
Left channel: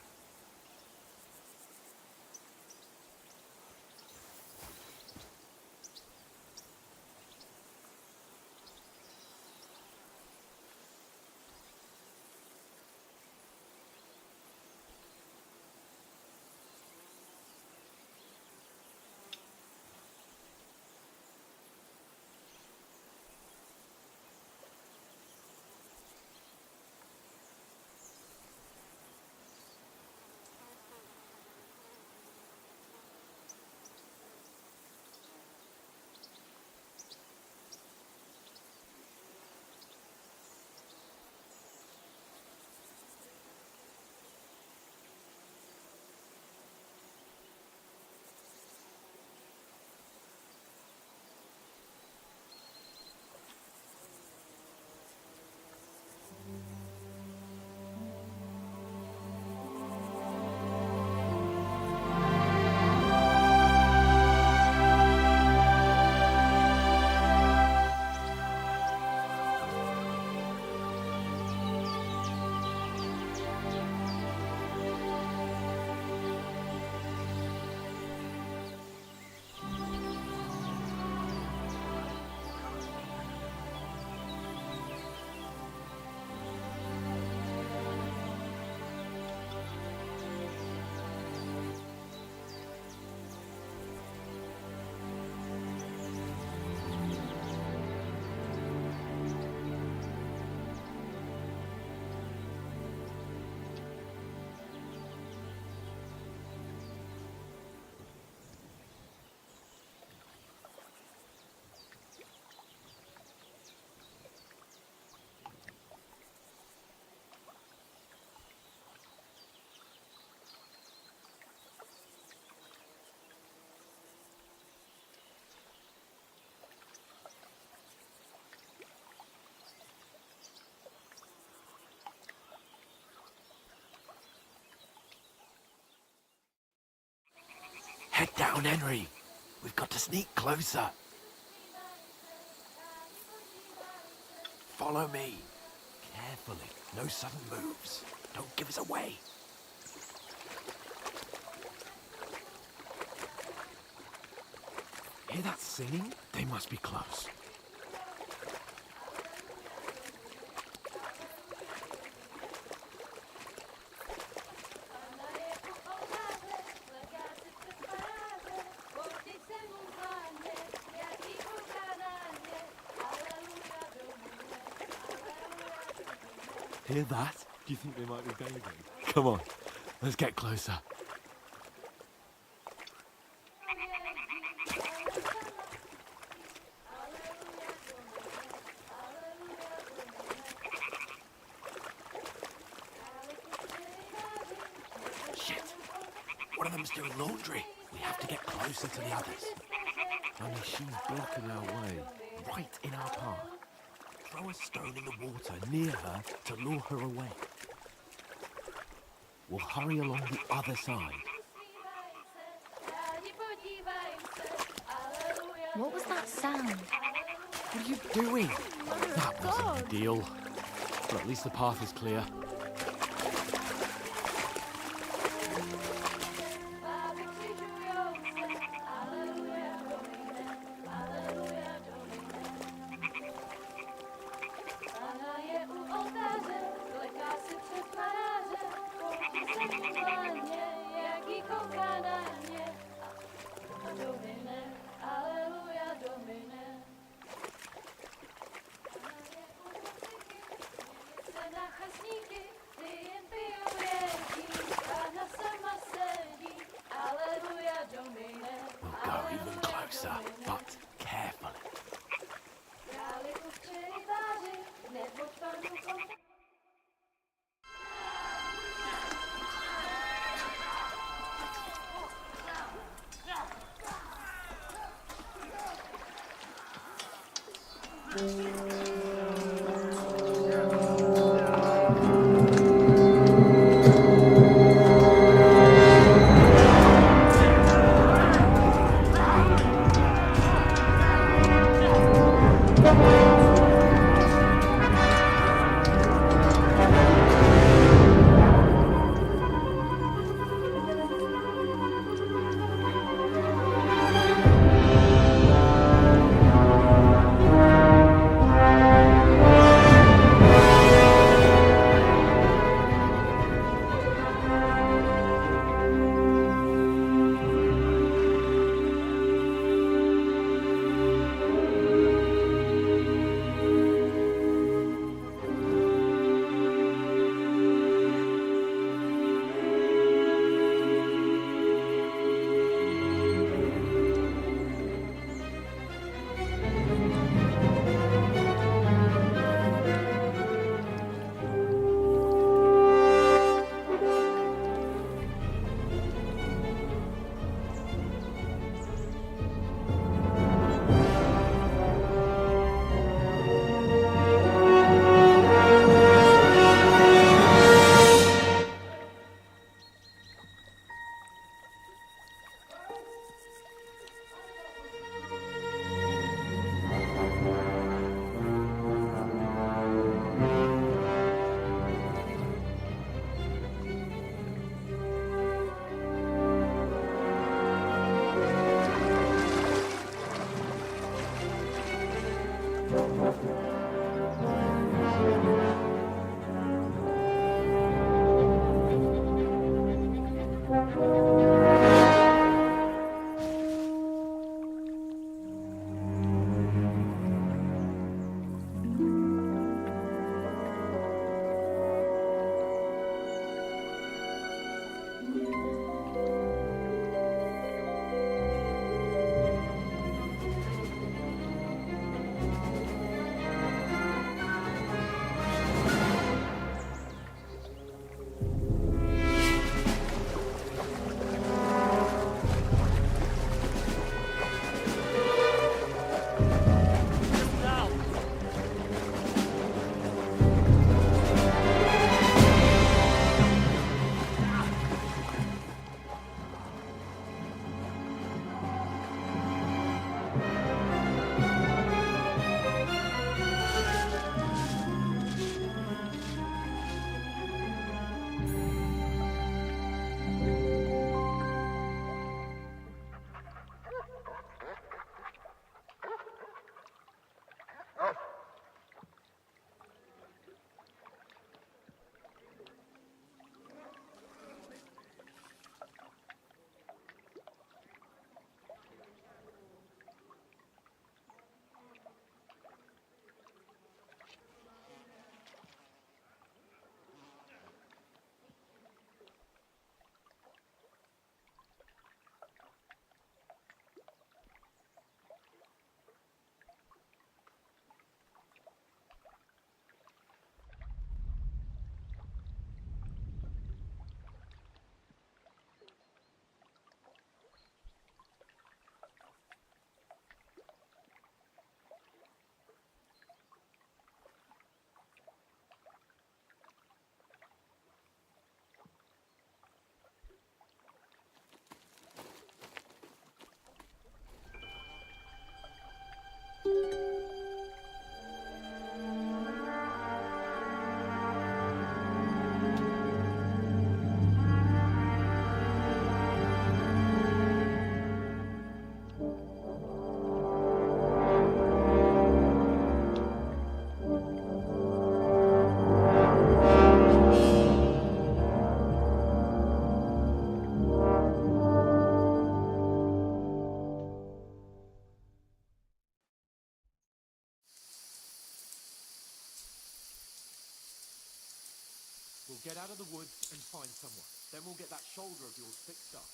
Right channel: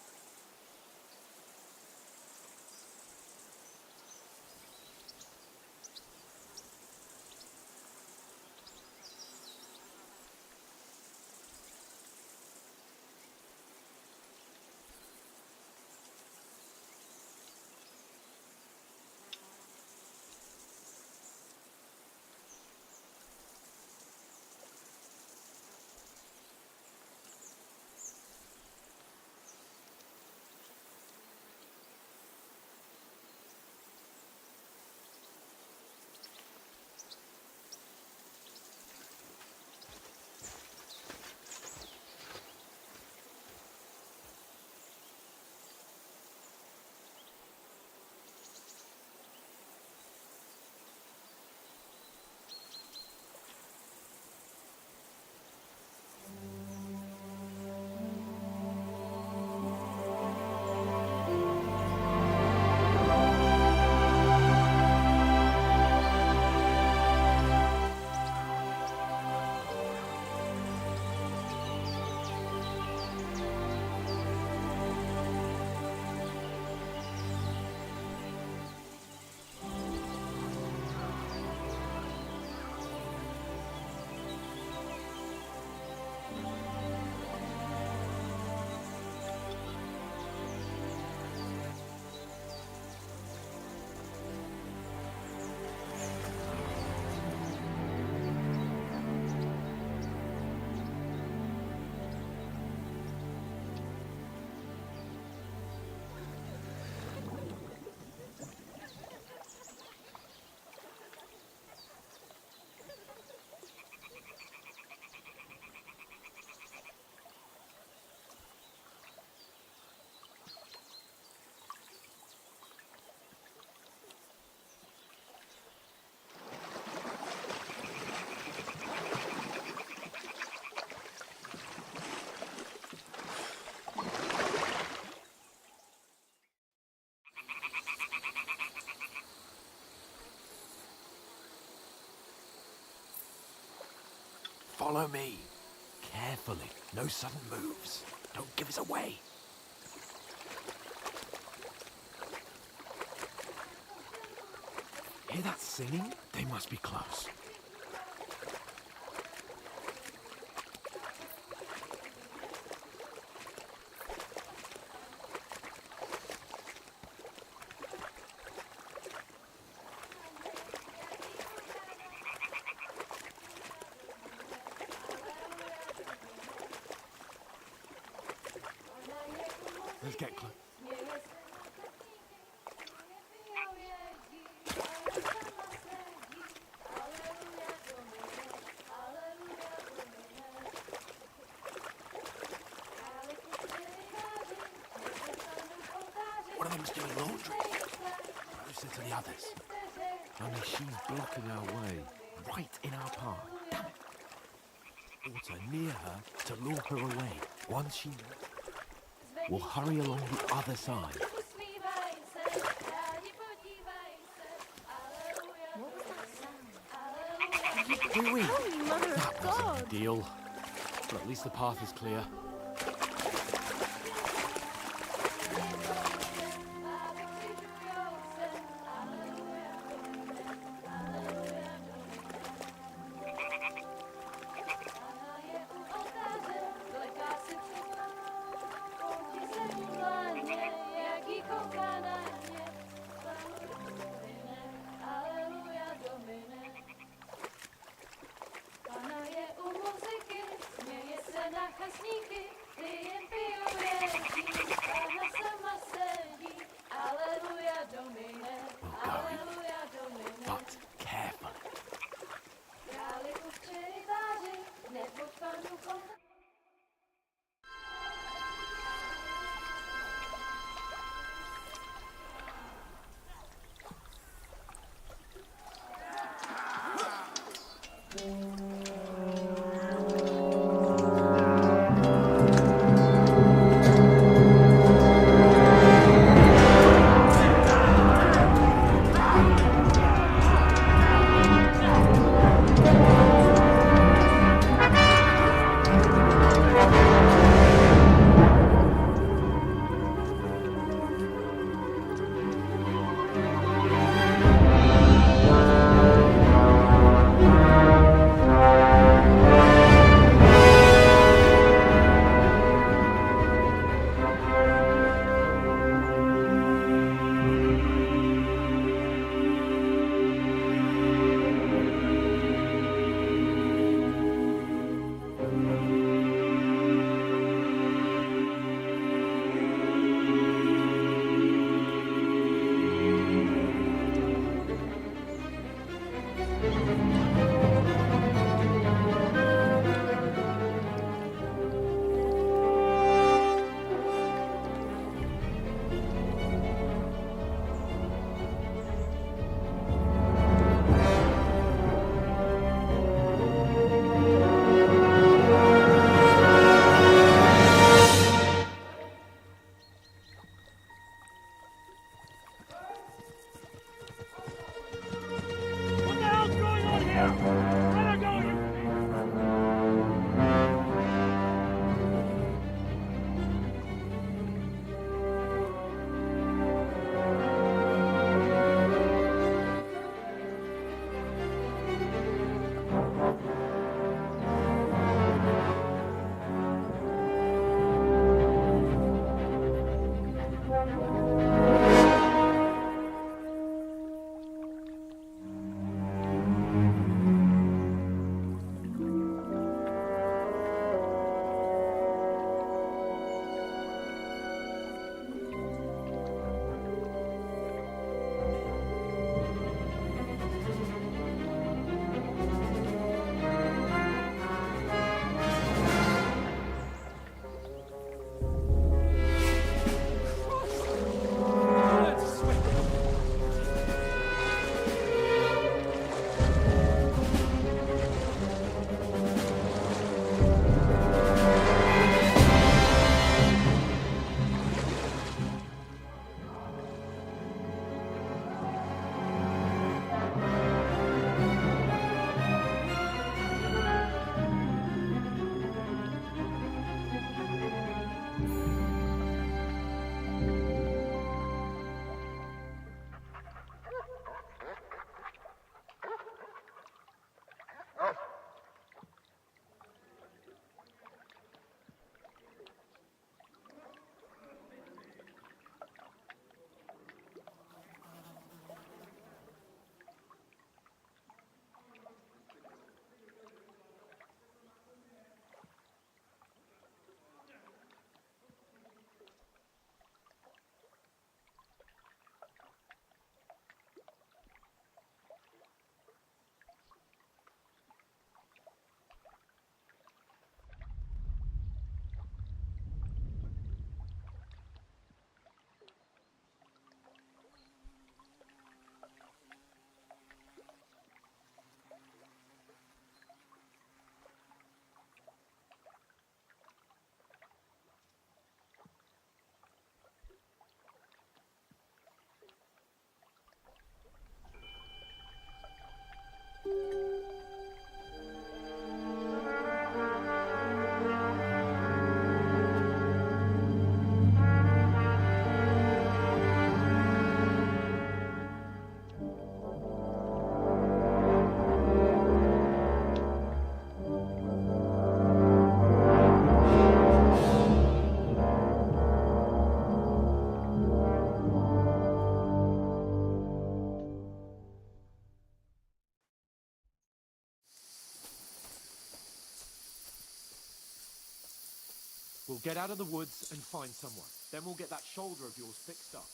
Get down, Henry. We've got to sneak closer. Follow me. Carefully. No sudden moves. Don't give us away. Hear that singing? They must be close. Hear that? Do you think they might be going? Come on, let's get closer. Shit! One of them's doing laundry. We have to get closer to the others. Only she's blocking our way, right in our path. Damn it. Throw a stone in the water near her to lure her away. Once she... We'll hurry along the other side. What was that sound? What are you doing? Oh, Mother That of wasn't God! ideal. But at least the path is clear. We'll go even closer, but carefully. We'll get out of the woods and find someone. Then we'll get that shoulder of yours fixed up.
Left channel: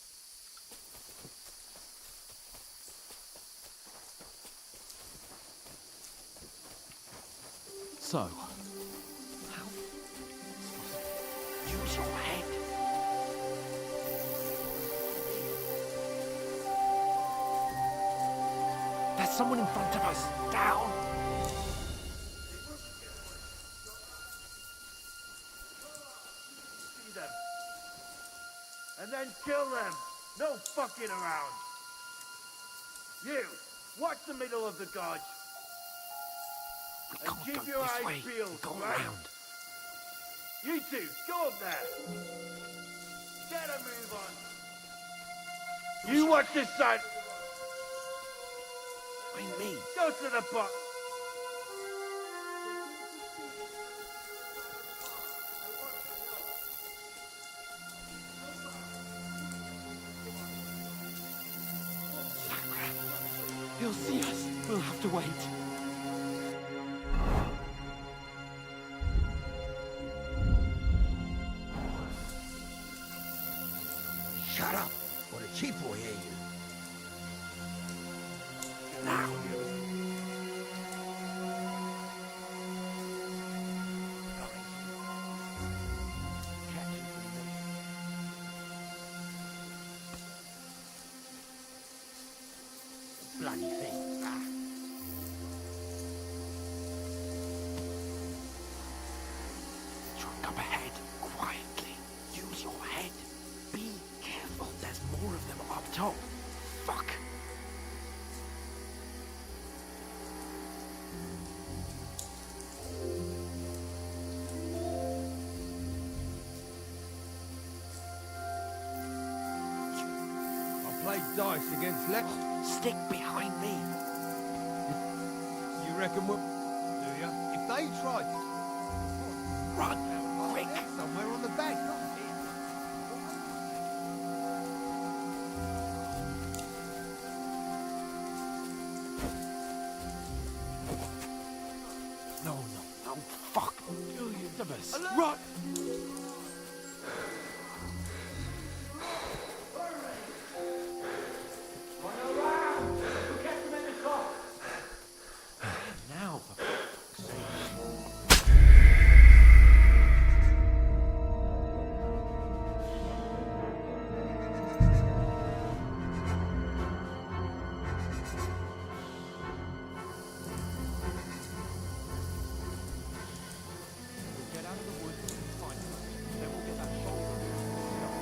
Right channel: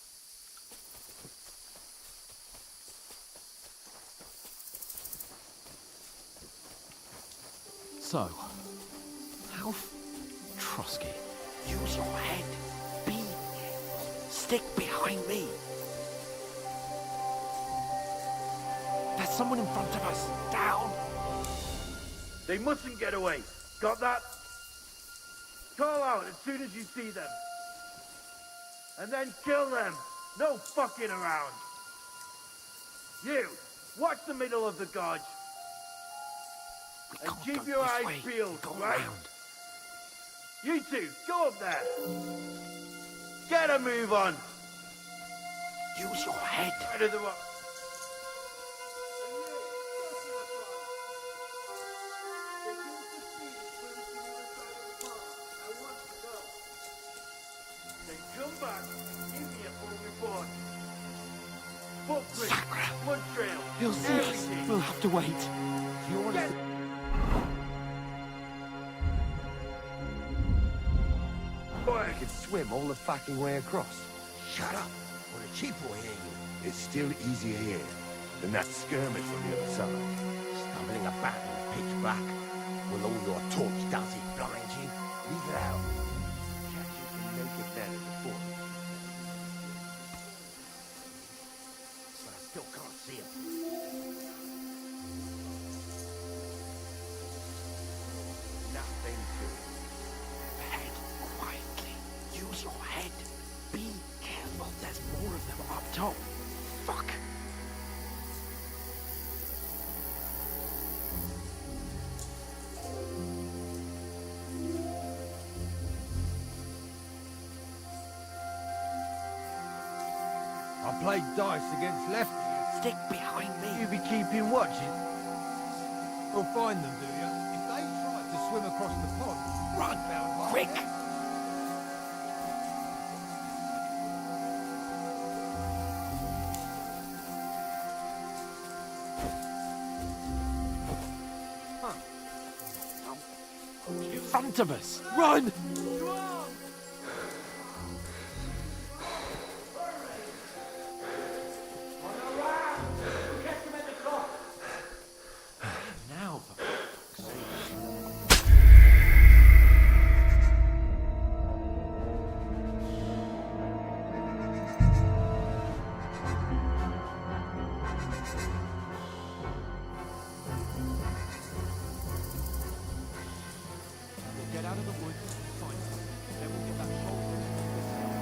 So, how... Trusky. Use your head. Stick behind me. There's someone in front of us. Down! They mustn't get away. Got that? Call out as soon as you see them. And then kill them. No fucking around. You, watch the middle of the gorge. And keep your eyes peeled, right? You two, go up there. Get a move on. You watch this side of the rock. Me. Go to the pot. Then come back. Give me a full report. Footprints, foot trail. He'll see us. everything. We'll have to wait. Boy, I can swim all the fucking way across. Shut up, or the chief will hear you. It's still easier here than that skirmish on the other side. Stumbling about in the pitch black. Will all your talk does it blind you? Leave it out. Catch you some naked men in the forest. But I still can't see a bloody thing. Nothing good. Truck up ahead, quietly. Use your head. Be careful. There's more of them up top. Fuck. I played dice against left. Stick behind me. You be keeping watches. You reckon we'll find them, do you? If they try to swim across the pond, Run, found quick. somewhere on the bank. No, fuck. In front of us. Run! Now, for fuck's sake. We'll get out of the woods and find something. Then we'll get that shoulder of yours fixed up.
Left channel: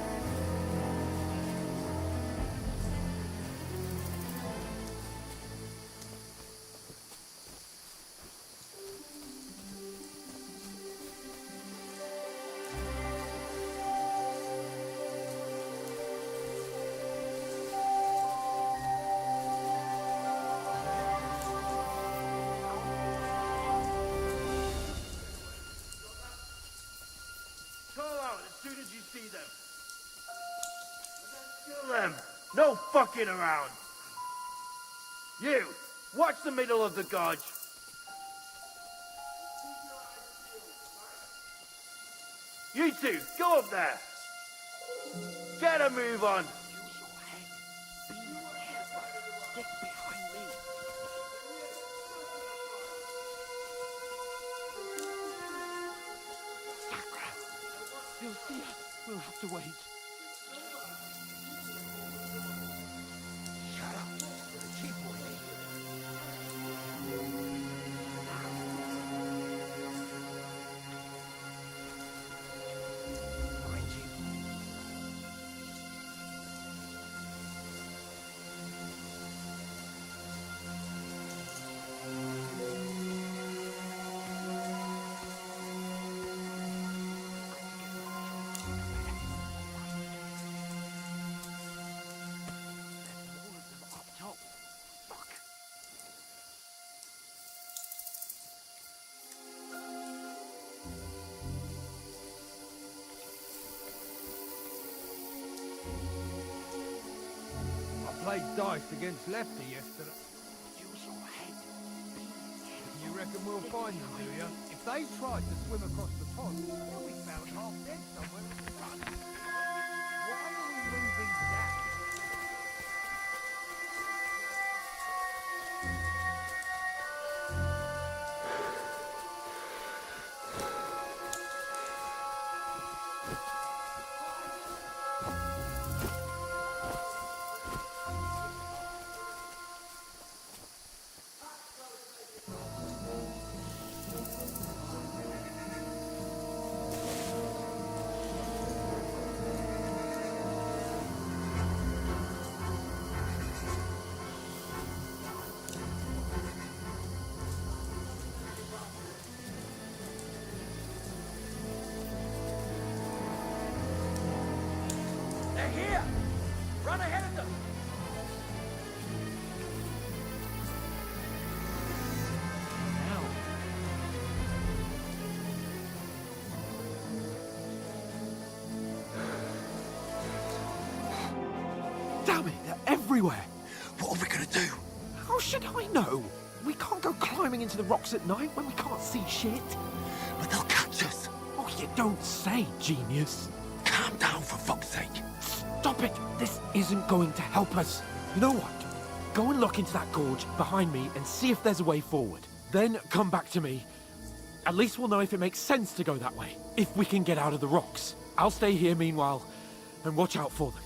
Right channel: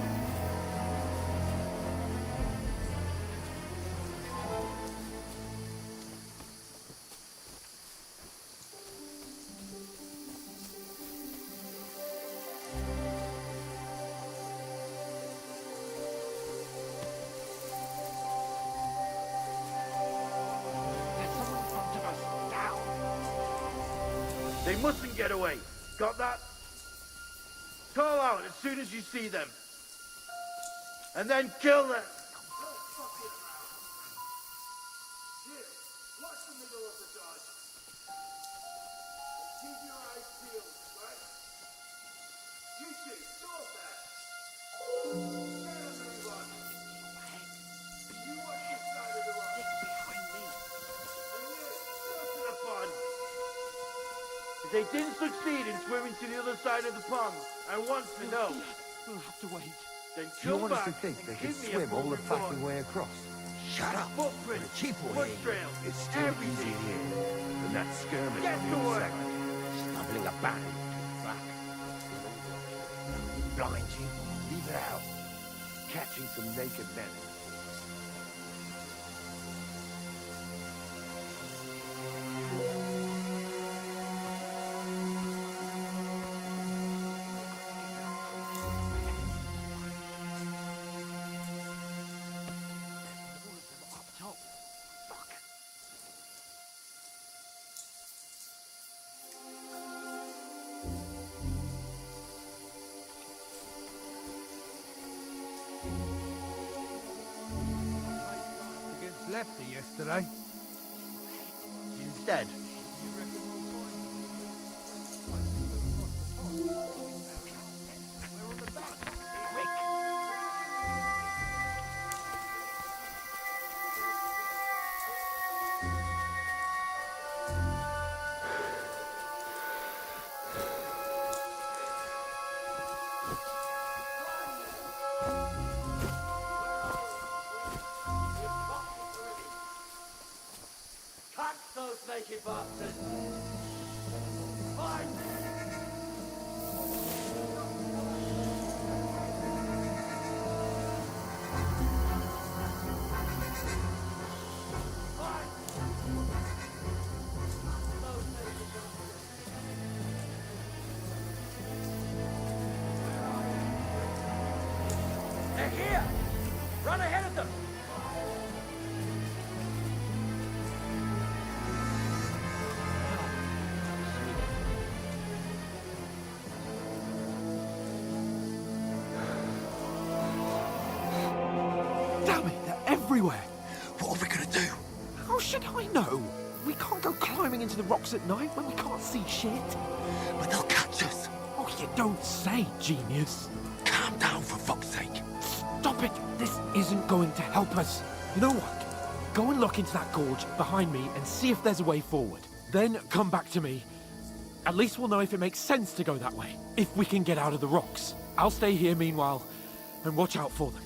they mustn't get away. Got that? Call out as soon as you see them. And then kill them. No fucking around. You, watch the middle of the gorge. You two, go up there. Get a move on. Stick behind me. If they didn't succeed in swimming to the other side of the pond and wants to know, We'll have to wait. then You come want us back to think and they give can me a swim all full the report. fucking way across? Shut up, or Footprints, the chief will foot hear you. trail, It's still everything. easier here than that skirmish Get on to the other work. side. Stumbling about in the pitch black. Blind you? Leave it out. Catching some naked men. There's more of them up top. Fuck. I played dice against Lefty yesterday. You dead. You reckon we'll find them, do you? If they try to swim across the pond, we found half dead. everywhere. What are we gonna do? How should I know? We can't go climbing into the rocks at night when we can't see shit. But they'll catch us. Oh, you don't say, genius. Calm down, for fuck's sake. Stop it! This isn't going to help us. You know what? Go and look into that gorge behind me and see if there's a way forward. Then come back to me. At least we'll know if it makes sense to go that way. If we can get out of the rocks. I'll stay here meanwhile and watch out for them.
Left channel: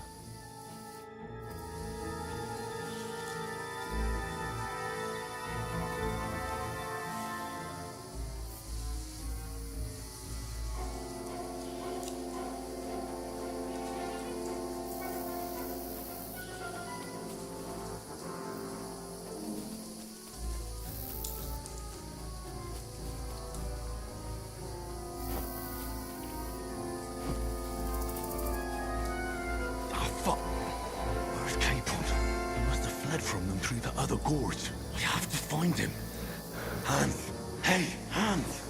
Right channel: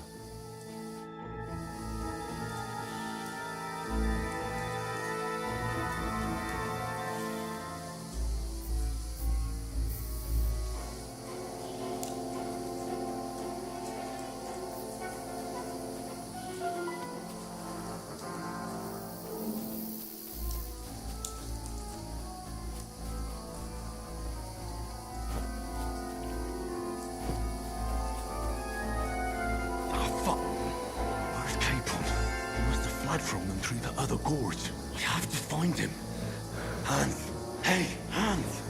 Where's Capon? He must have fled from them through the other gorge. I have to find him. Hans! Hey, Hans!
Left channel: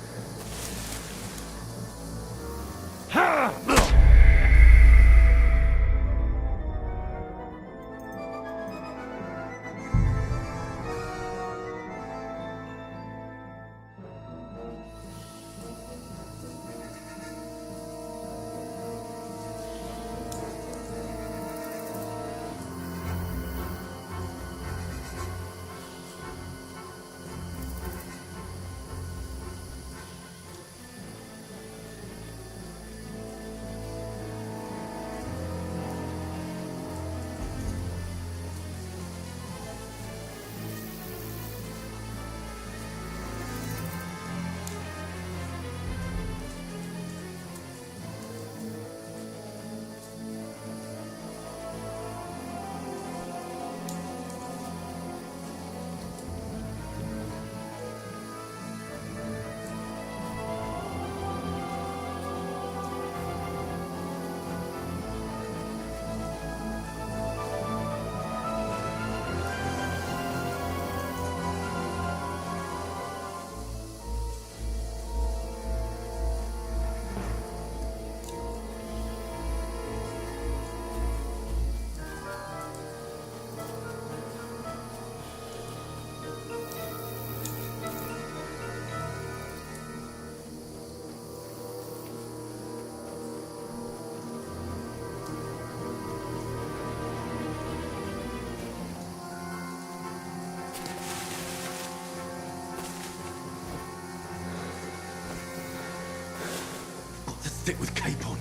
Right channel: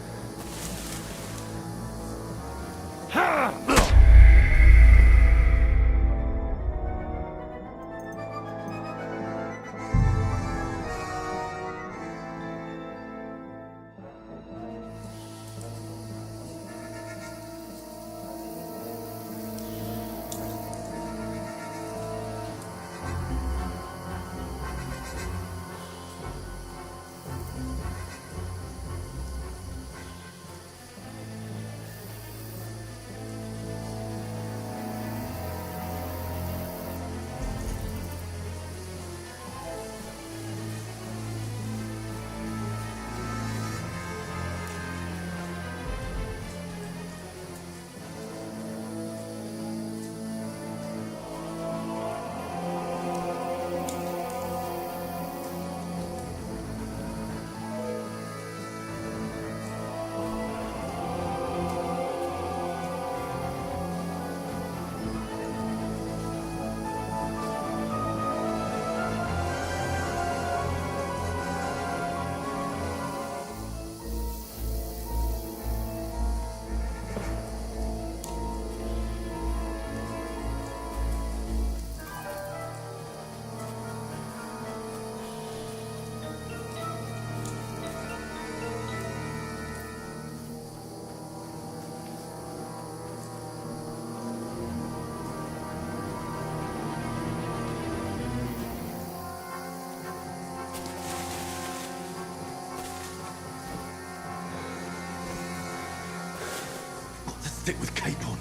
Got to stick with Capon.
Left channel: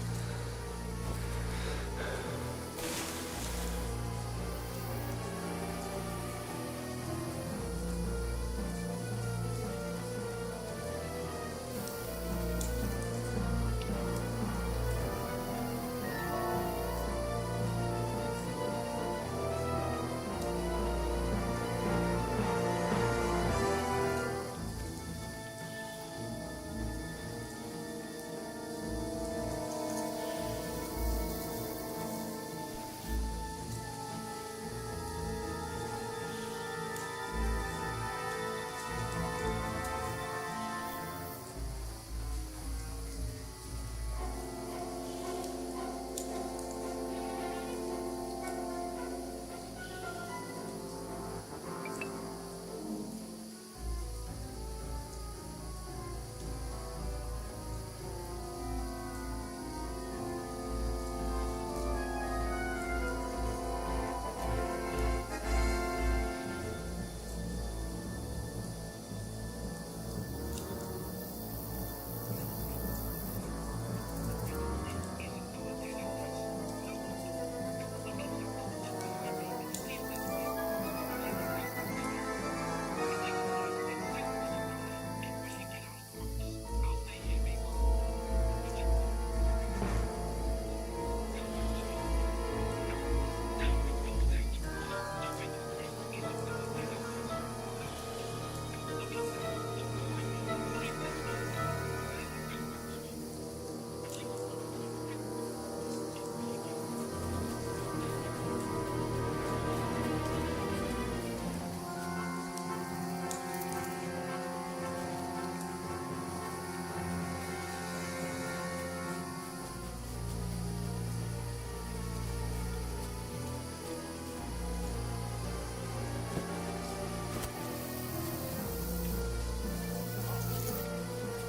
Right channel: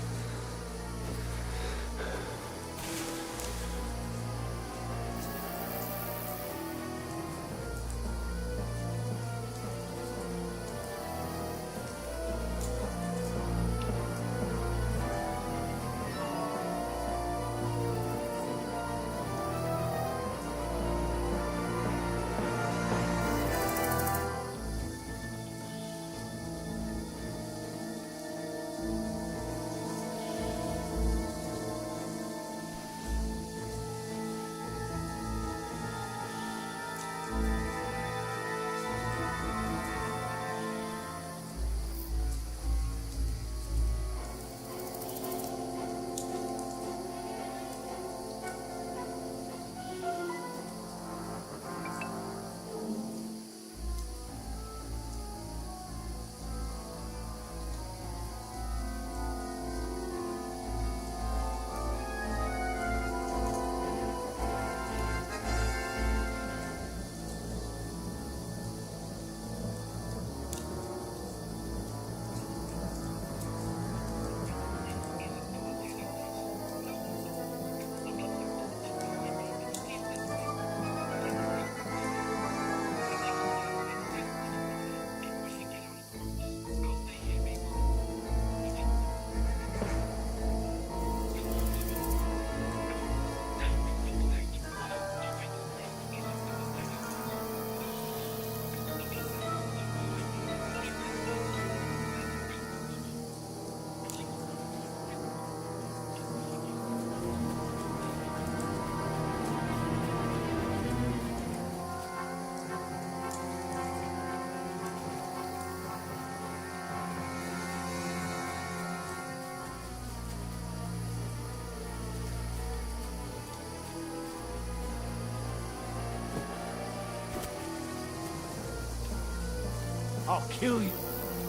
I'll kill you.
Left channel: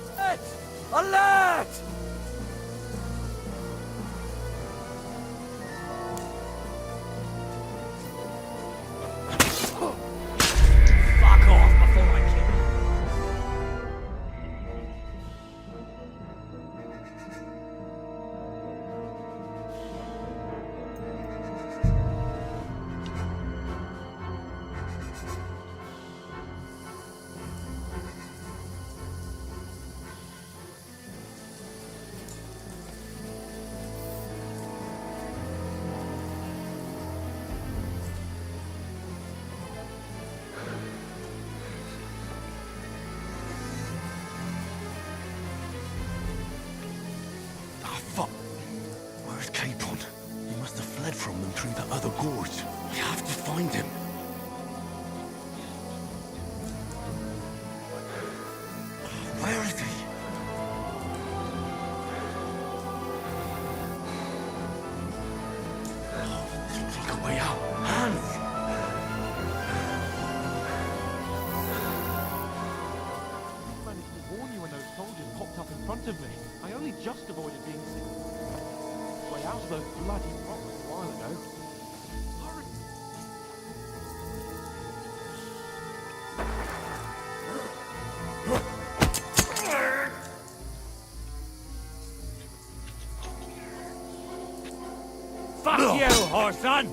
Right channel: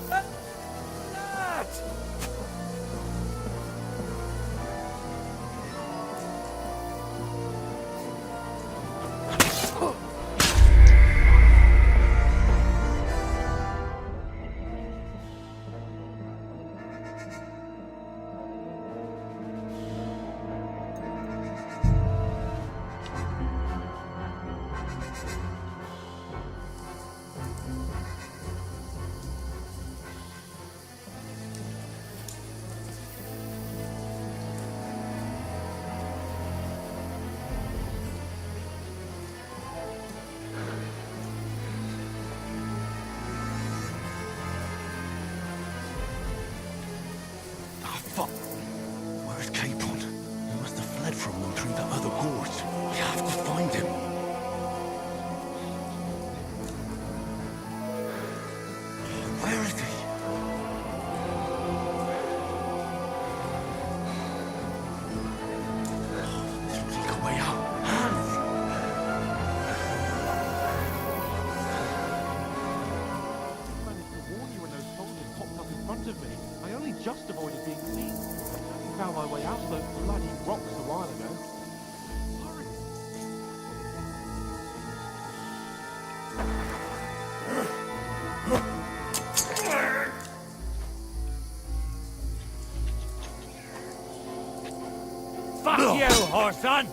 Alert! Alert! Fuck off before I kill you. Ah, fuck. Where's Capon? He must have fled from them through the other gorge. We have to find him. Where is he? This looks like a way out. Hans! I managed to warn you when those soldiers popped up in front of me. I only just avoided being seen. I found my way out of those bloody rocks a while ago. Hurry! Fuck you, Horson!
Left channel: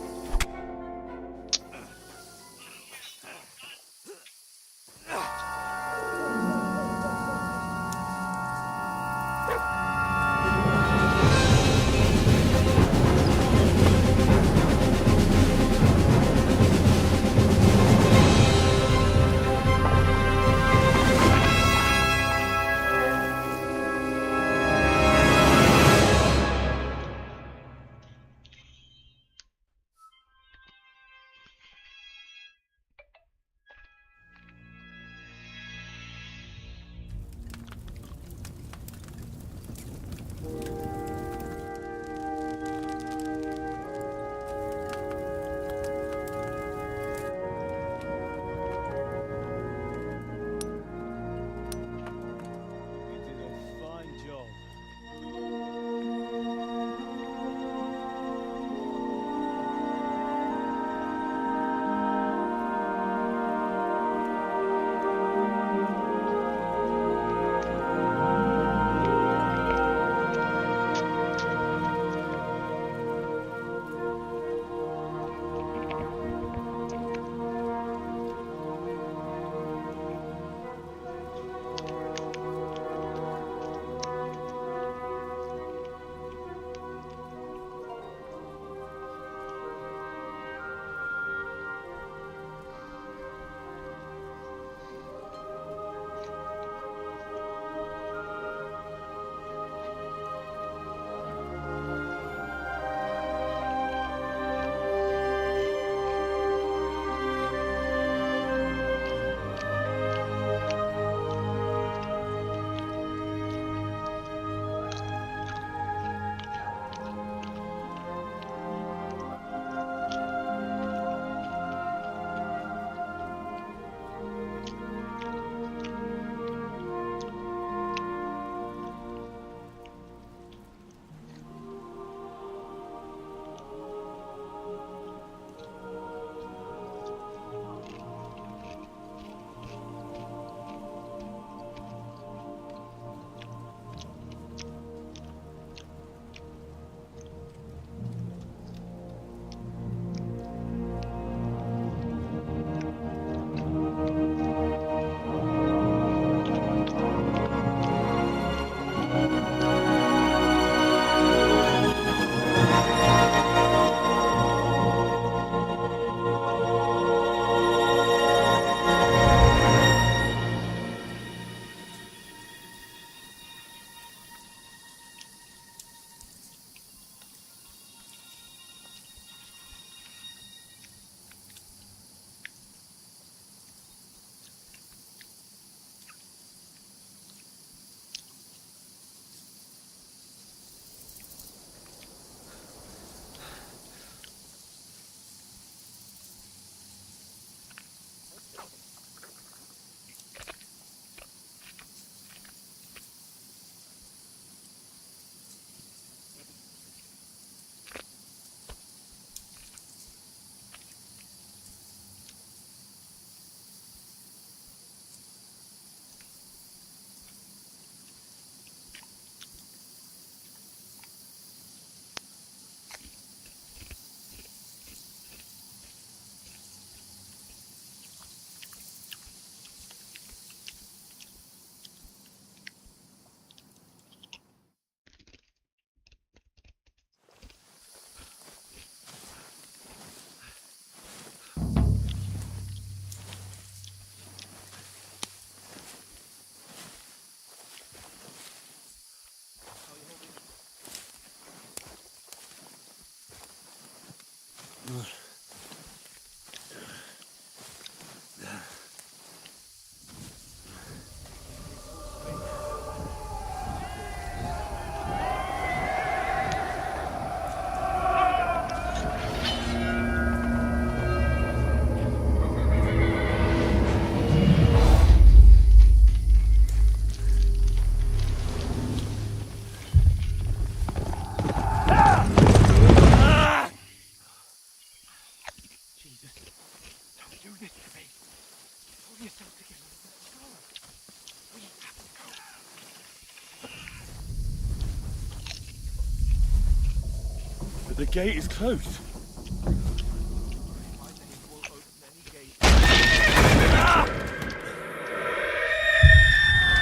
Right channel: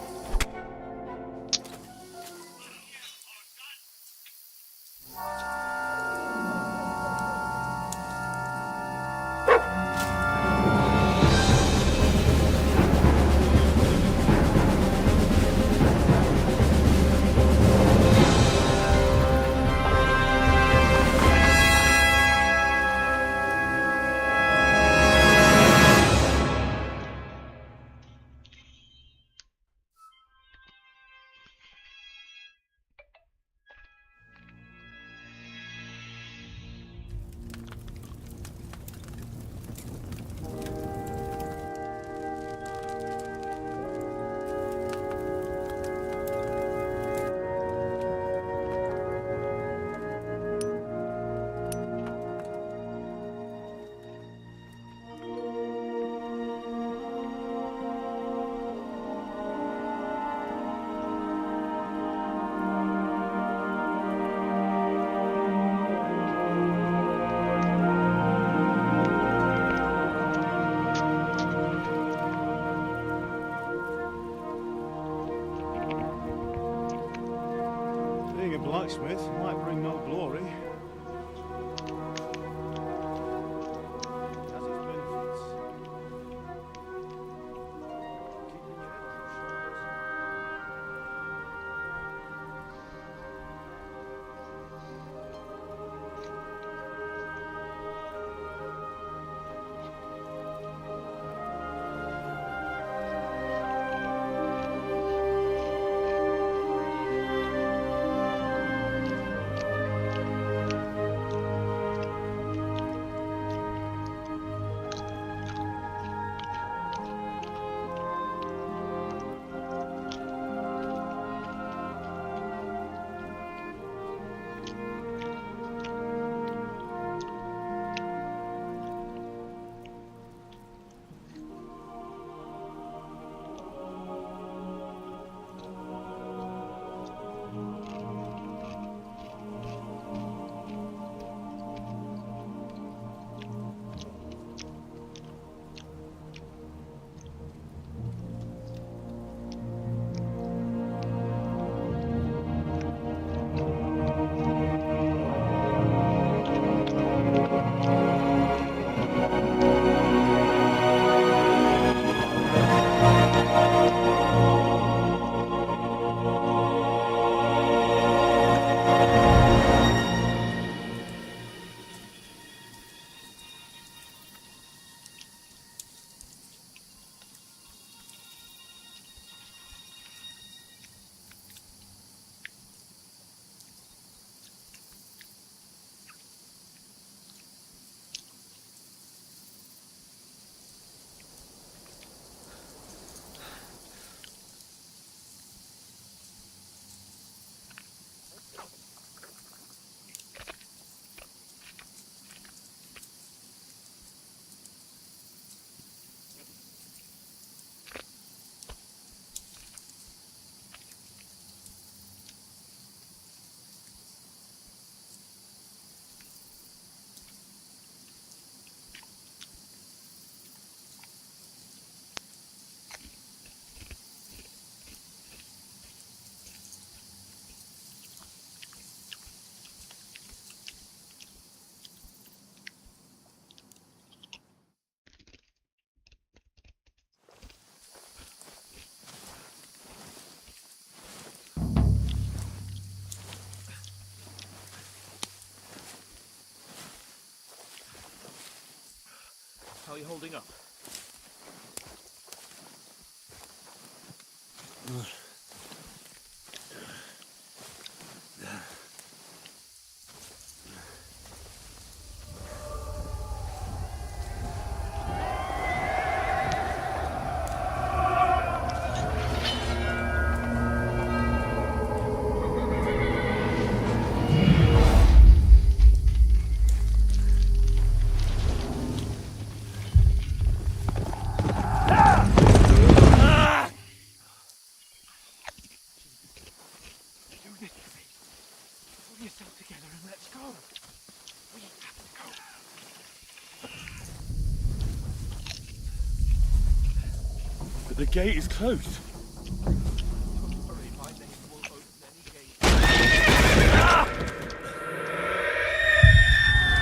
But the gate is closed.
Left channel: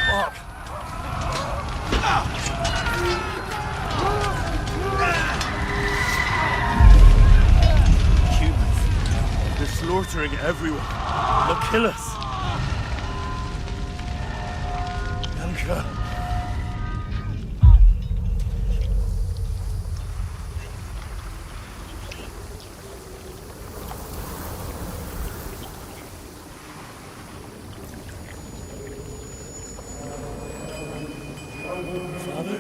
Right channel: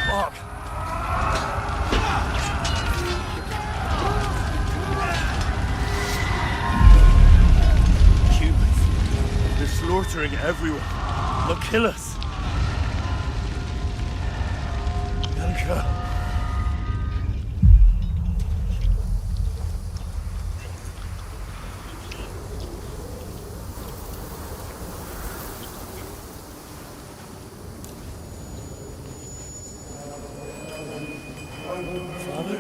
Fuck. Humans. They're slaughtering everyone. They'll kill us. Yanka. Father?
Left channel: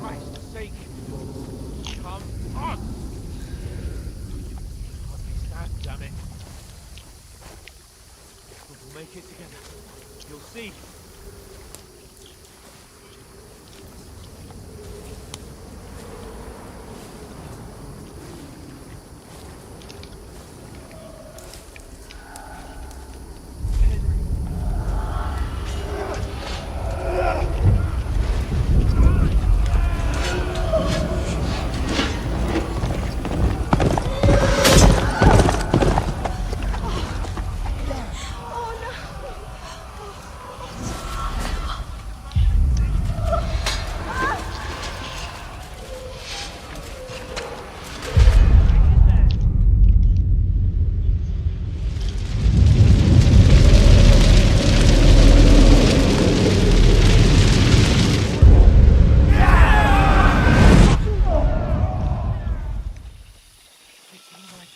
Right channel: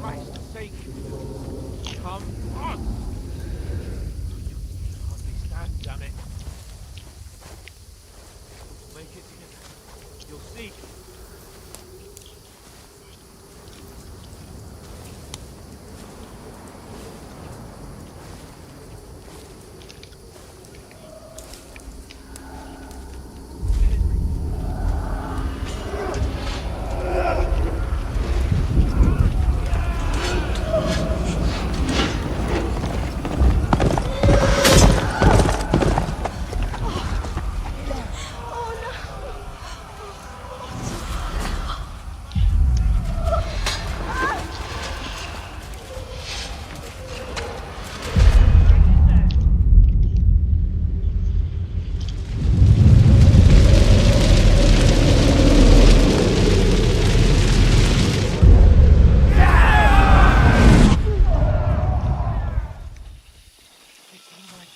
Christ's sake. Come on! Hardly stand, damn it. But we'll make it together. You'll see.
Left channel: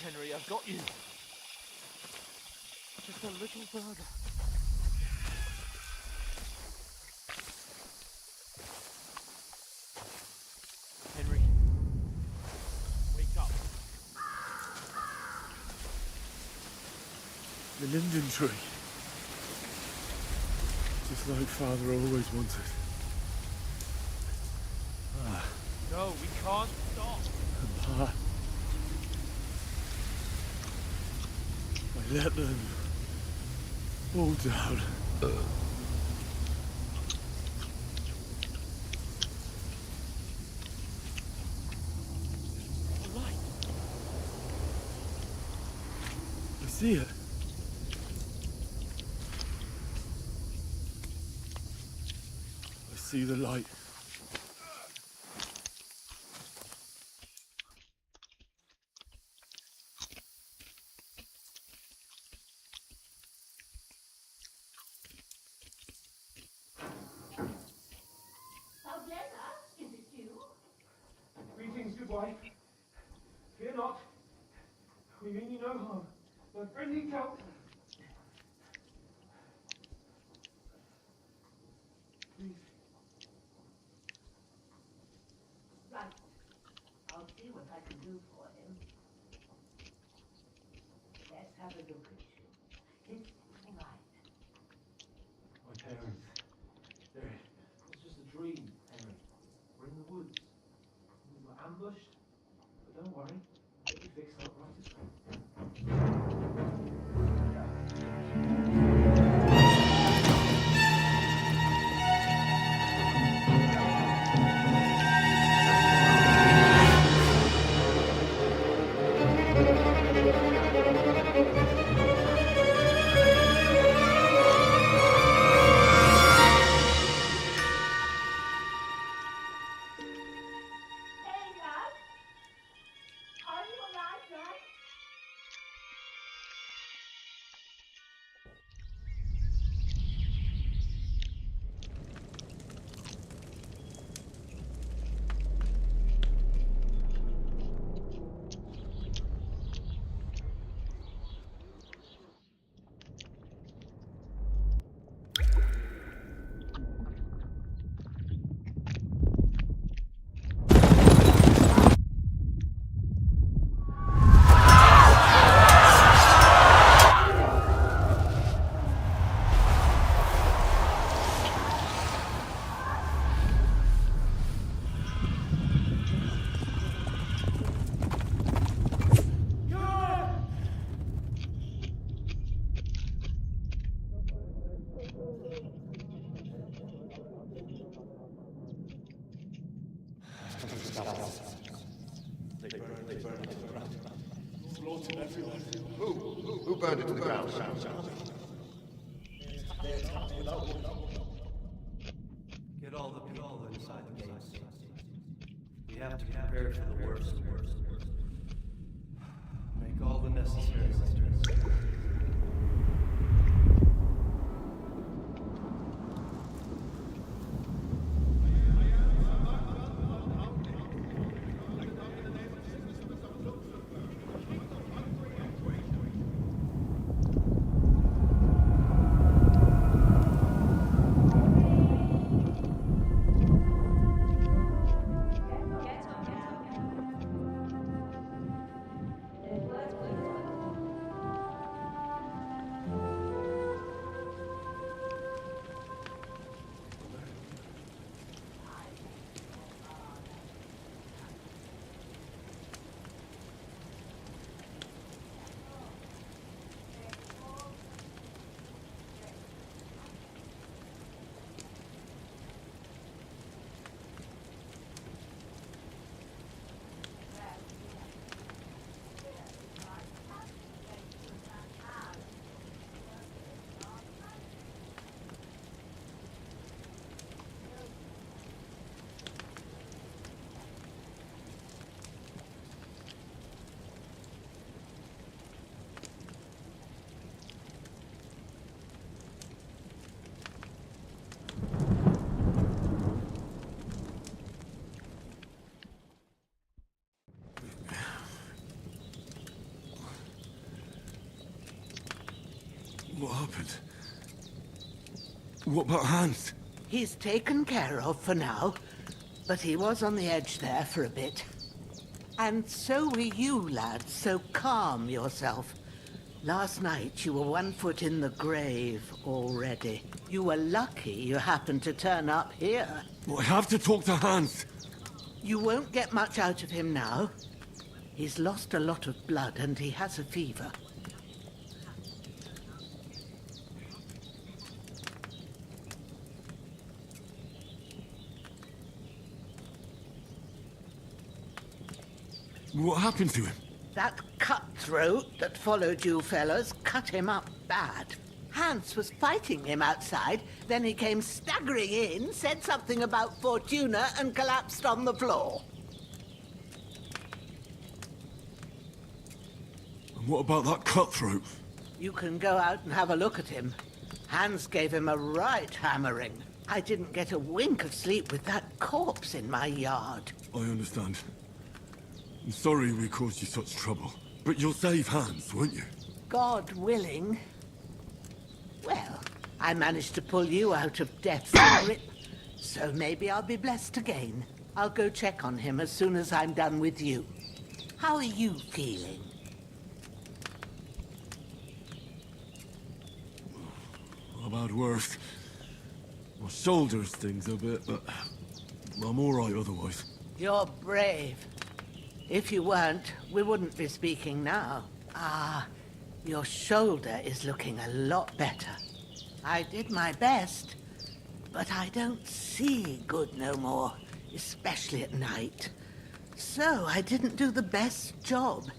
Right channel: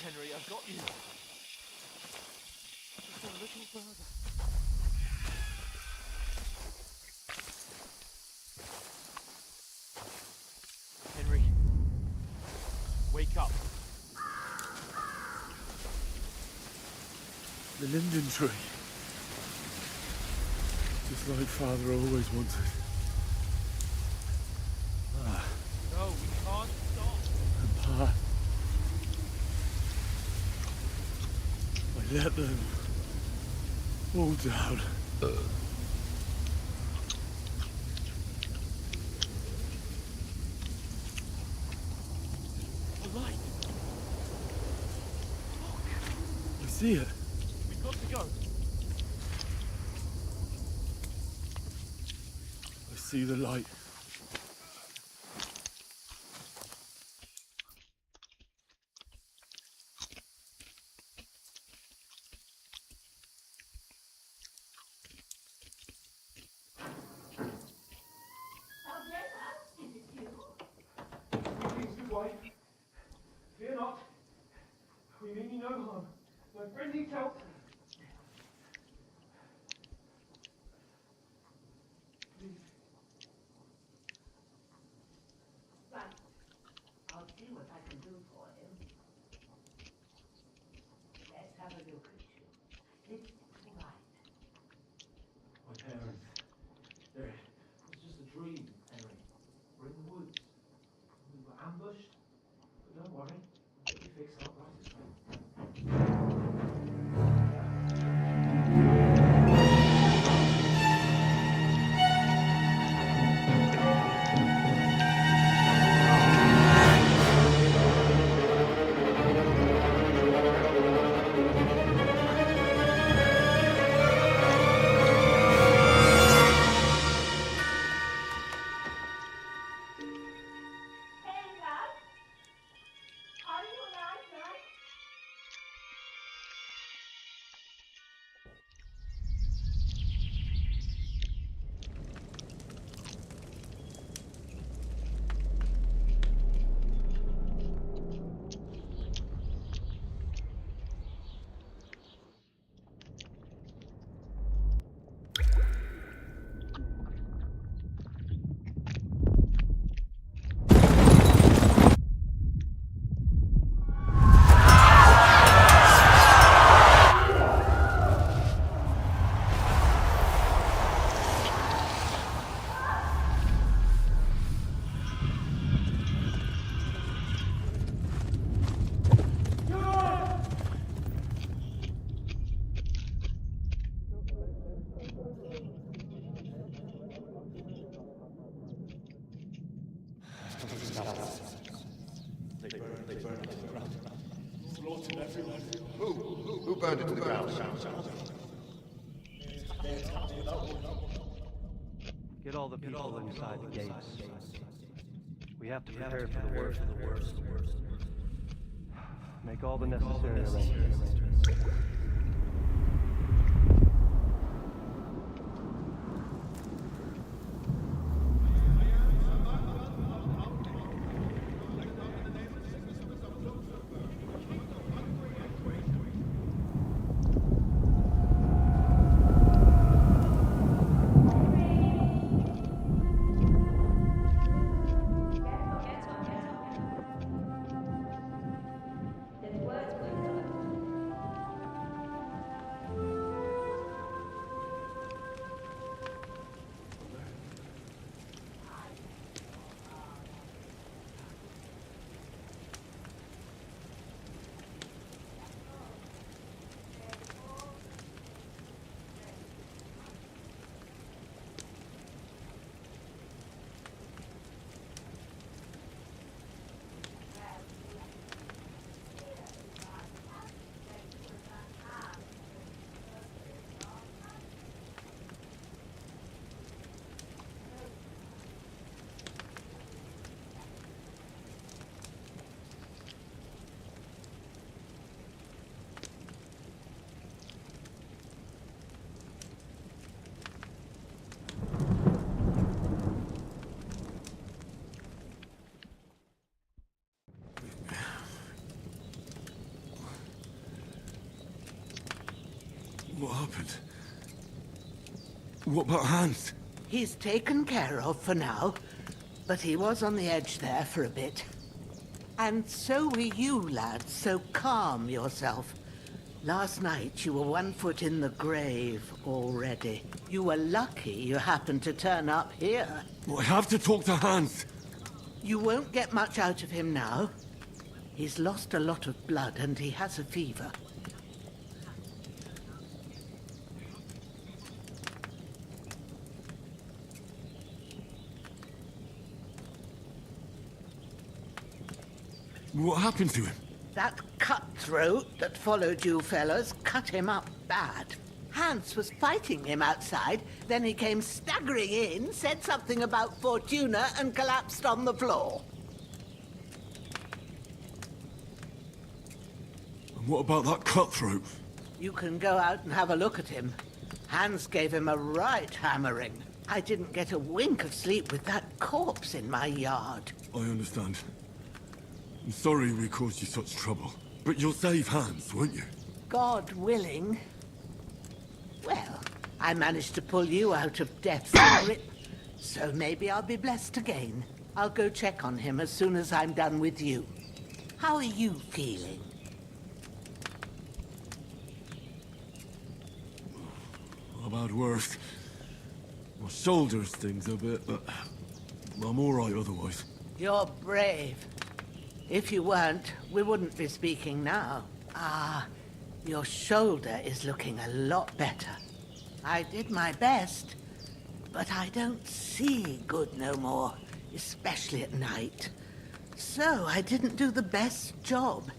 Henry, I've got you. Just a little further. Henry, wake up. The linden tree. Just like Father always wanted. No, we can't stop. And Pa. I let them all down. The light. I see it. We've got to go. I see the light. Fear not. We mean you no harm. My friend needs help. Right. I'll see what I can do for him. Let's have a look at you. It's right. My parents. It was just a dream, Henry. We're in the woods. We were ambushed. But don't worry. It'll be fixed up right this time. Who burned it to the ground? Get all the people inside the gates. We have to prepare for the worst. Make all the necessary arrangements. What happened? What about Hans? He's taken care of for now, but he was on the edge there for a bit. And so were you, lad, so calm yourself. Last night you were 1 foot in the grave already. You were lucky you happened to turn up here. Well, I have to talk to Hans. You won't get much out of him now. He's lost a lot of blood and he has a fever. What happened to him? That cutthroat that followed you fellas cut him up bad. Hans was fighting him outside, then he came staggering in, said something about Fortuna, and collapsed on the floor. And what about that cutthroat? You can go out and have a look at him. Hans gave him a right hammering. I didn't get a wink of sleep with that corpse in my yard. I understand. I'm sorry we caused you such trouble. But you'll save Hans, won't you? God willing. Well, I managed to pull you out of death's grip, so maybe I'll be blessed again. I'll go check on him as soon as I'm done with you. How are you feeling? About worse. My shoulder stings a bit, but I'm all right otherwise. You're brave. If you weren't, we wouldn't be speaking now. Ah, your shoulder is looking a lot better. I did my best, but I don't see good no more, especially at night. So I didn't do the best job.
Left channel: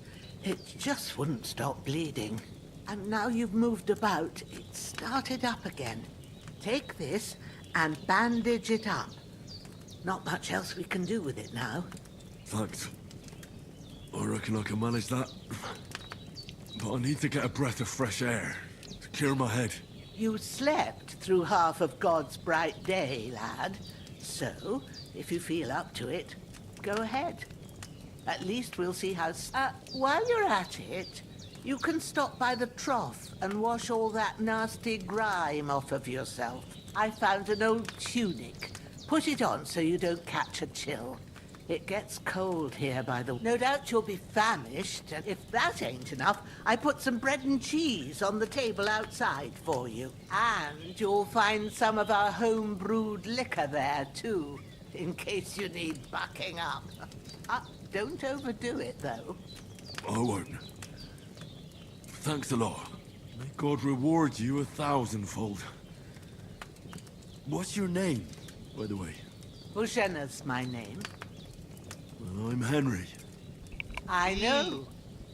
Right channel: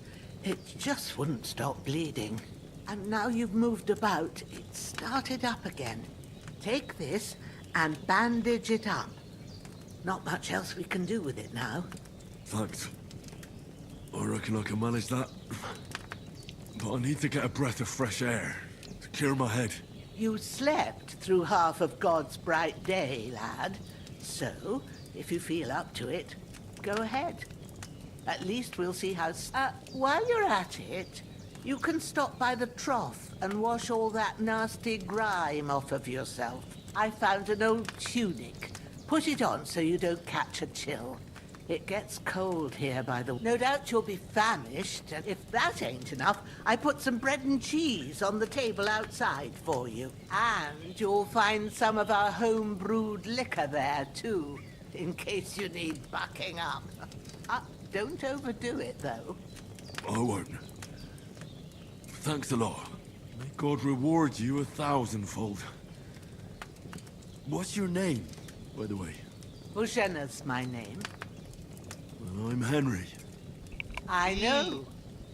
It just wouldn't stop bleeding. And now you've moved about, it started up again. Take this and bandage it up. Not much else we can do with it now. Thanks. I reckon I can manage that. But I need to get a breath of fresh air to clear my head. You slept through half of God's bright day, lad. So, if you feel up to it, go ahead. At least we'll see how... while you're at it, you can stop by the trough and wash all that nasty grime off of yourself. I found an old tunic. Put it on so you don't catch a chill. It gets cold here by the... No doubt you'll be famished, and if that ain't enough, I put some bread and cheese on the table outside for you. And you'll find some of our home-brewed liquor there, too, in case you need bucking up. Don't overdo it, though. I won't. Thanks a lot. May God reward you 1,000-fold. What's your name, by the way? Ushena's my name. Well, I'm Henry. I know.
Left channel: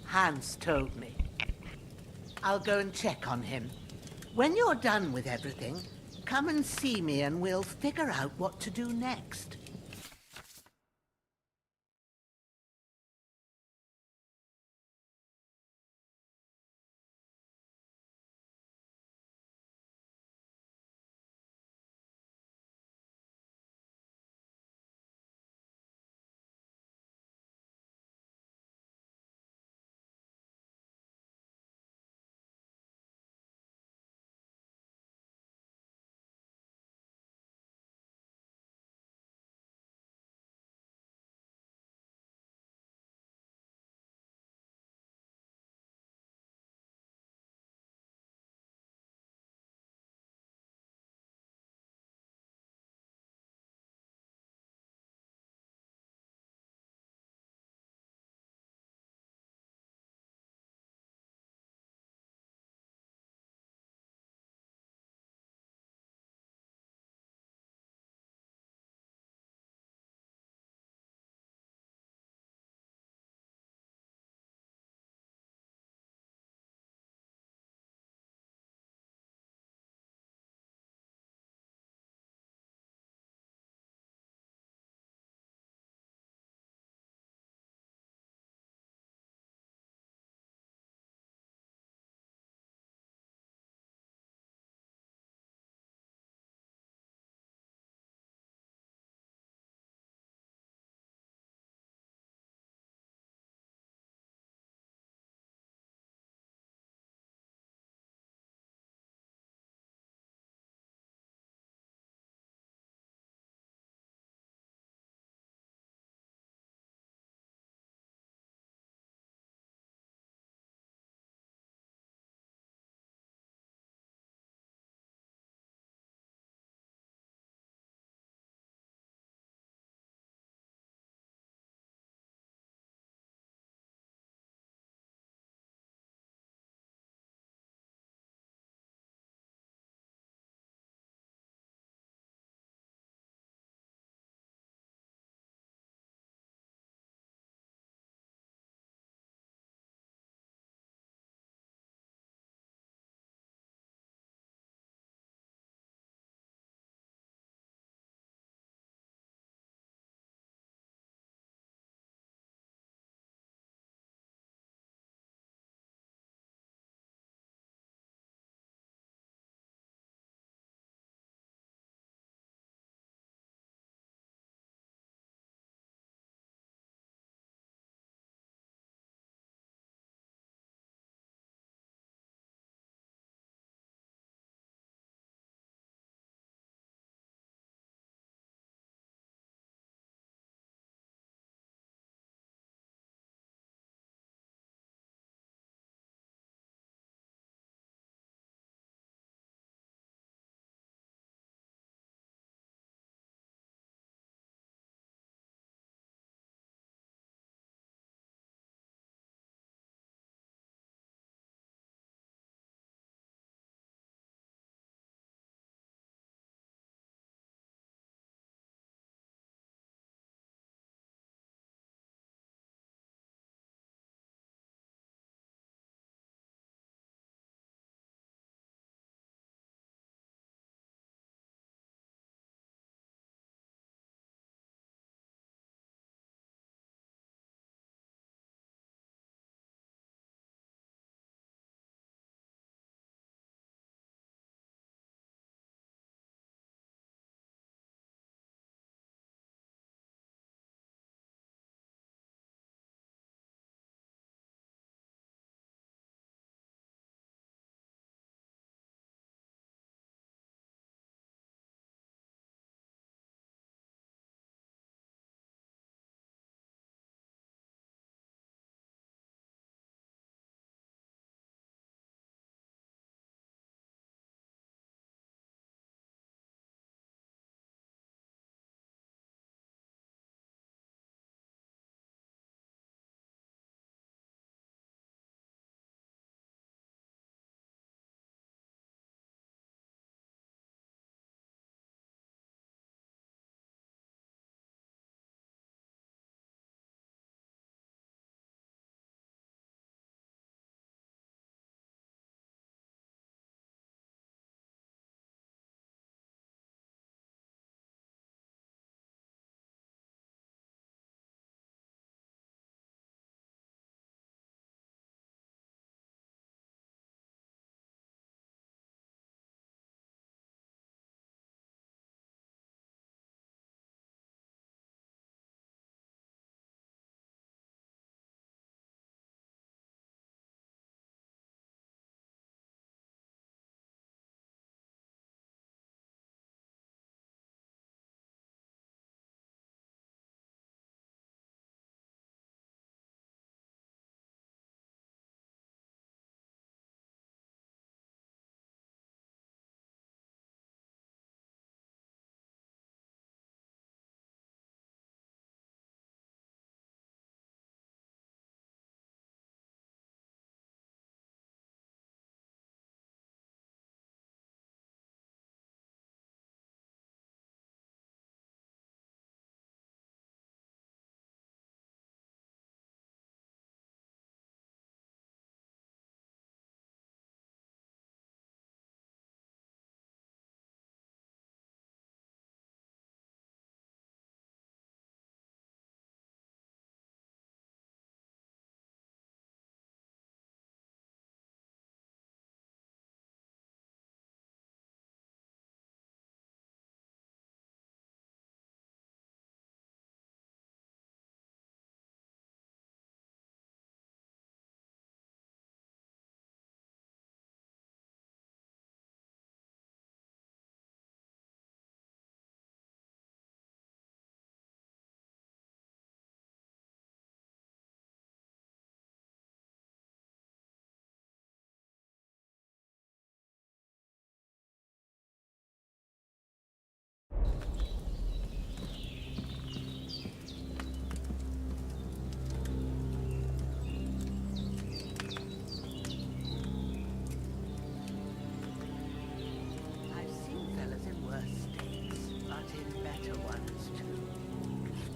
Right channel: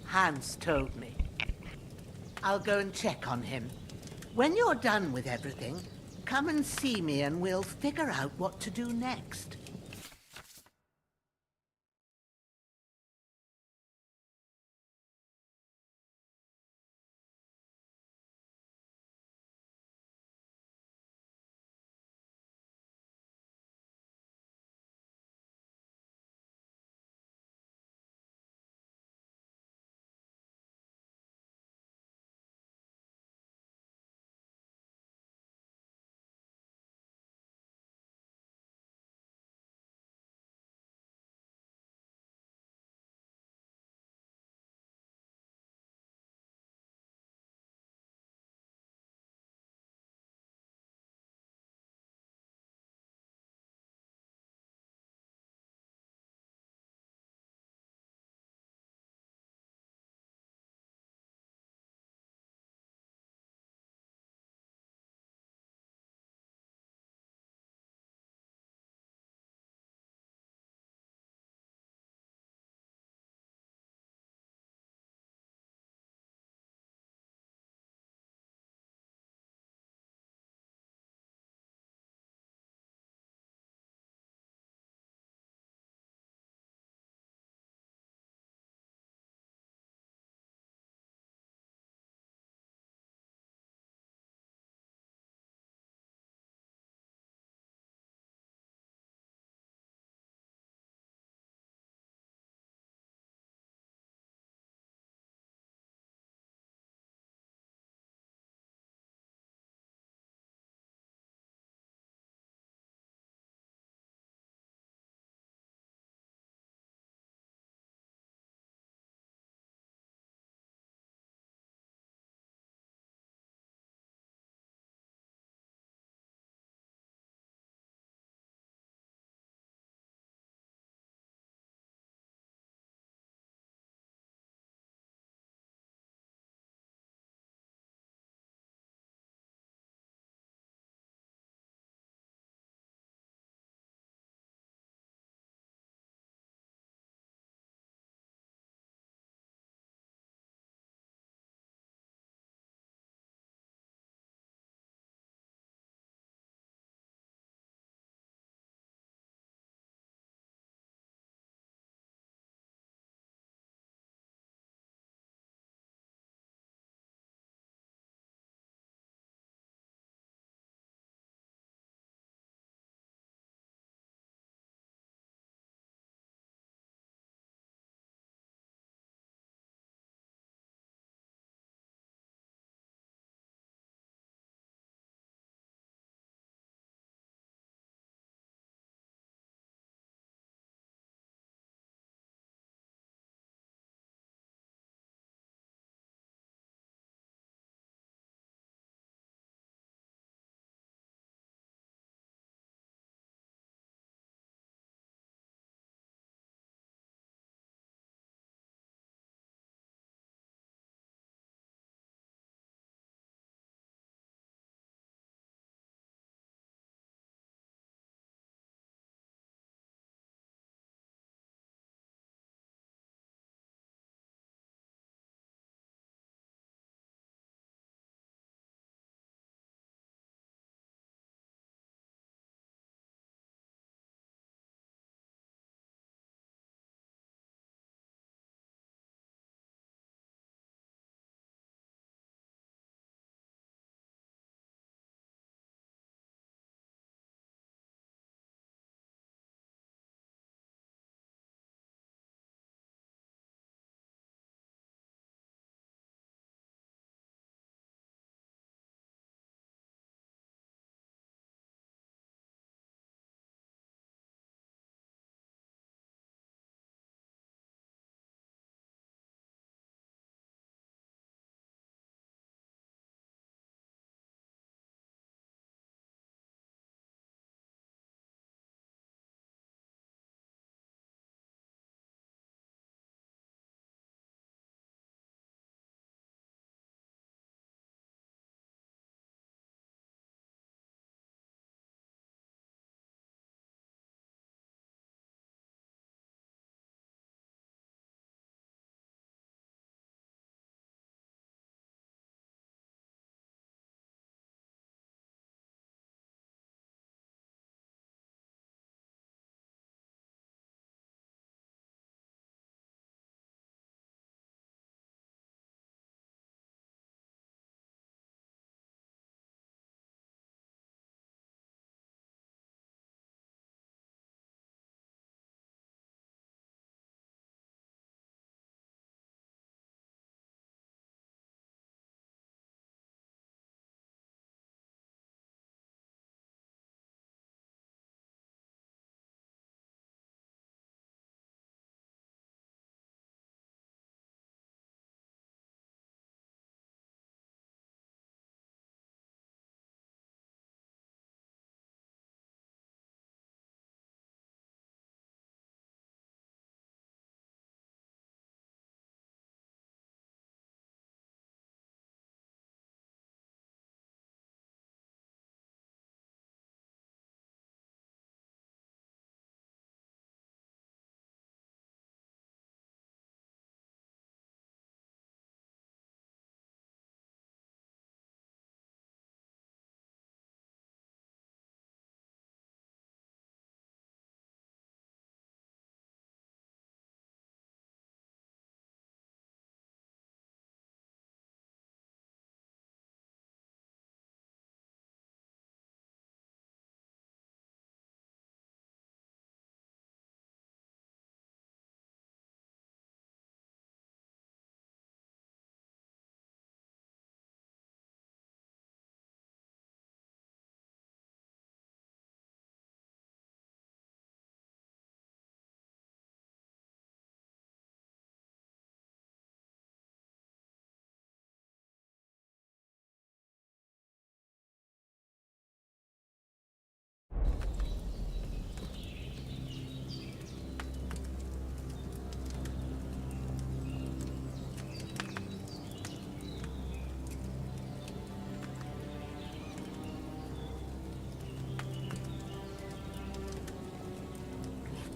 Hans told me. I'll go and check on him. When you're done with everything, come and see me and we'll figure out what to do next.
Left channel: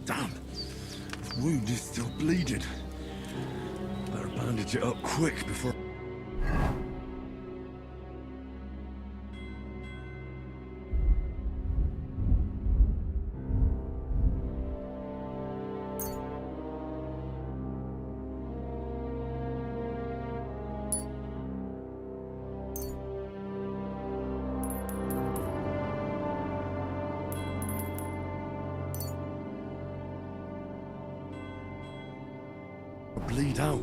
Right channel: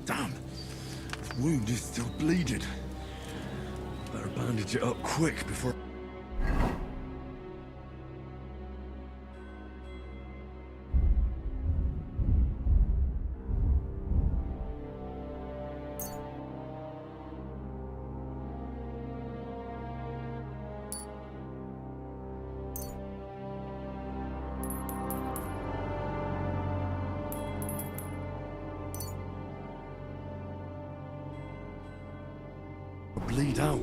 Damn. His wound is still bleeding. Better bandage it up quick before... bleed out.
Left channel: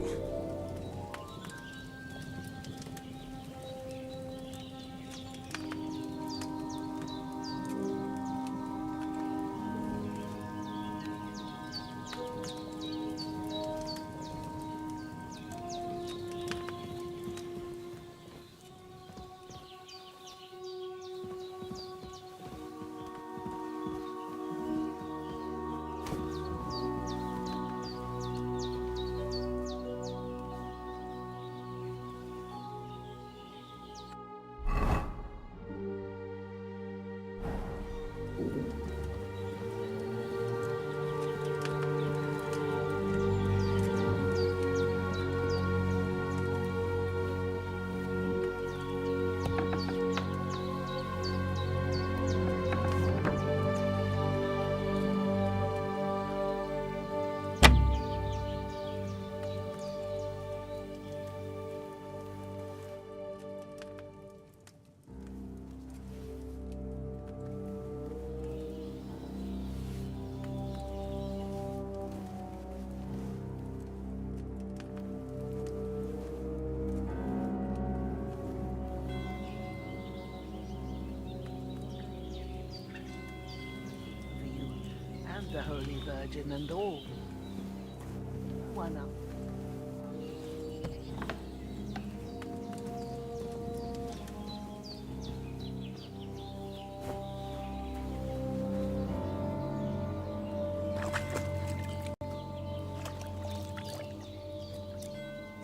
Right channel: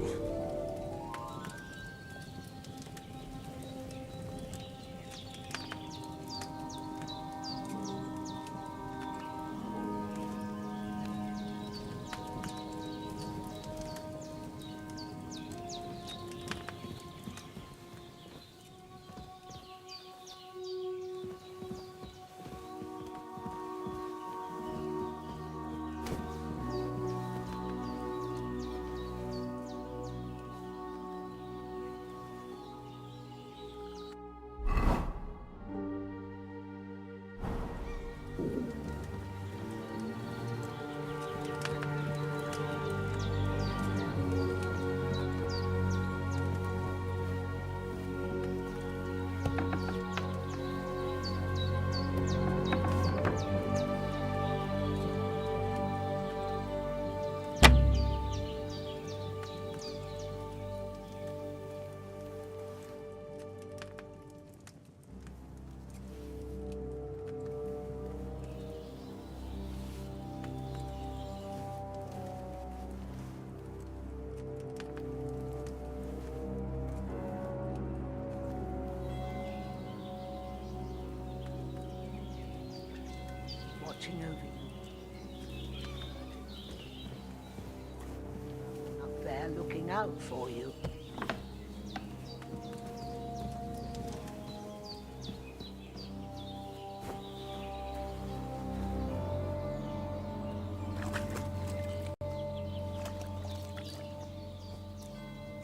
Watching over you, and the Holy Virgin and all. One up there looking out for you.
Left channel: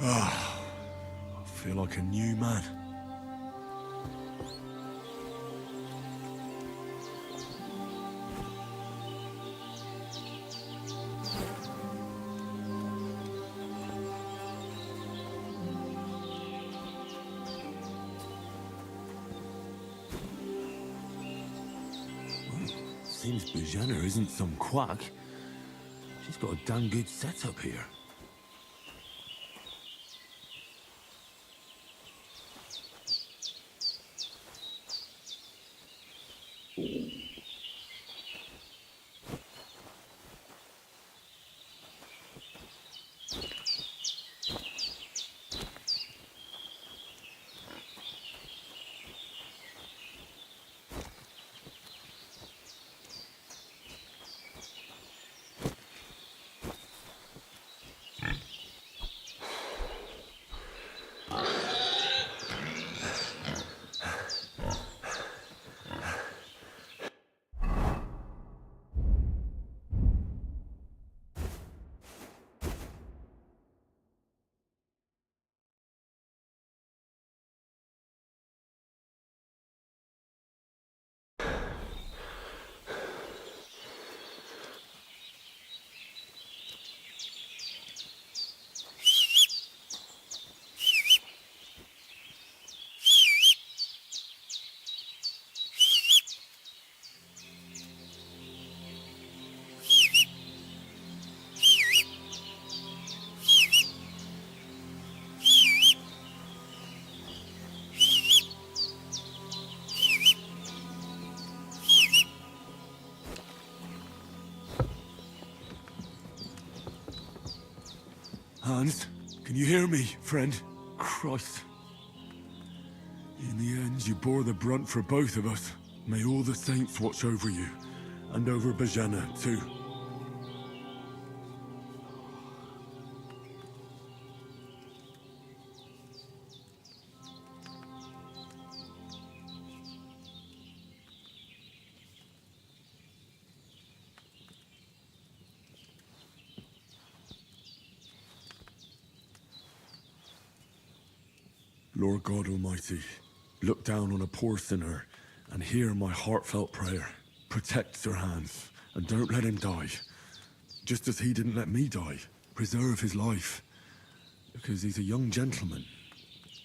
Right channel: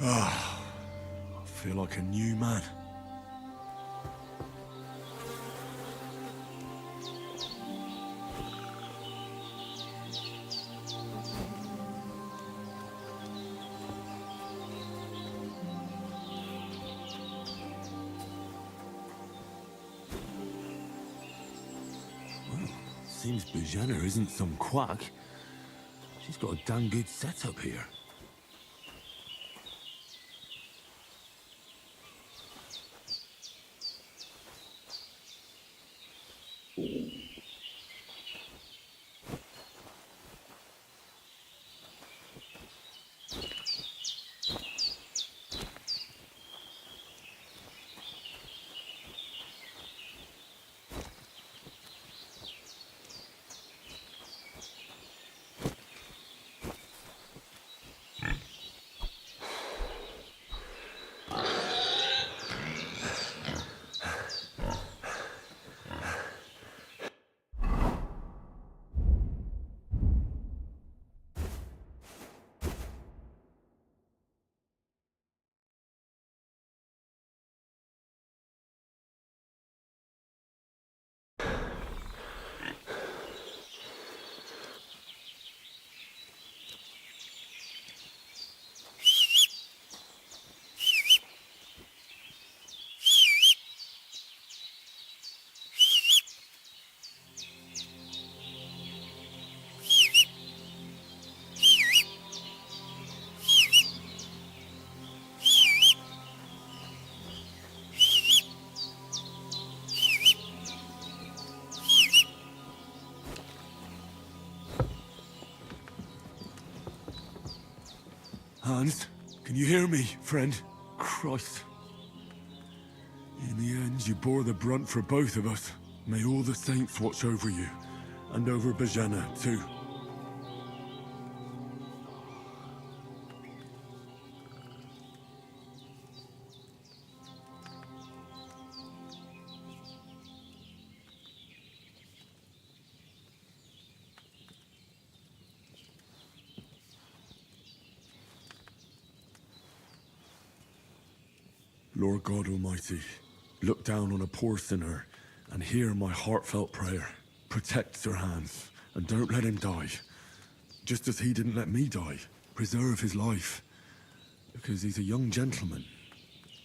Ah, I feel like a new man. Seems Bajana isn't some quack. She's got a damn good setup here. Hans, can you hear me, friend? Christ. In the end, you bore the brunt for both of us. May all the saints watch over you, and over Bajana, too. Lord God Almighty, look down on a poor sinner and hear my heartfelt prayer. Protect Sir Hans, and don't let him die. just as he didn't let me die. Preserve his life. Because he's a young gentleman.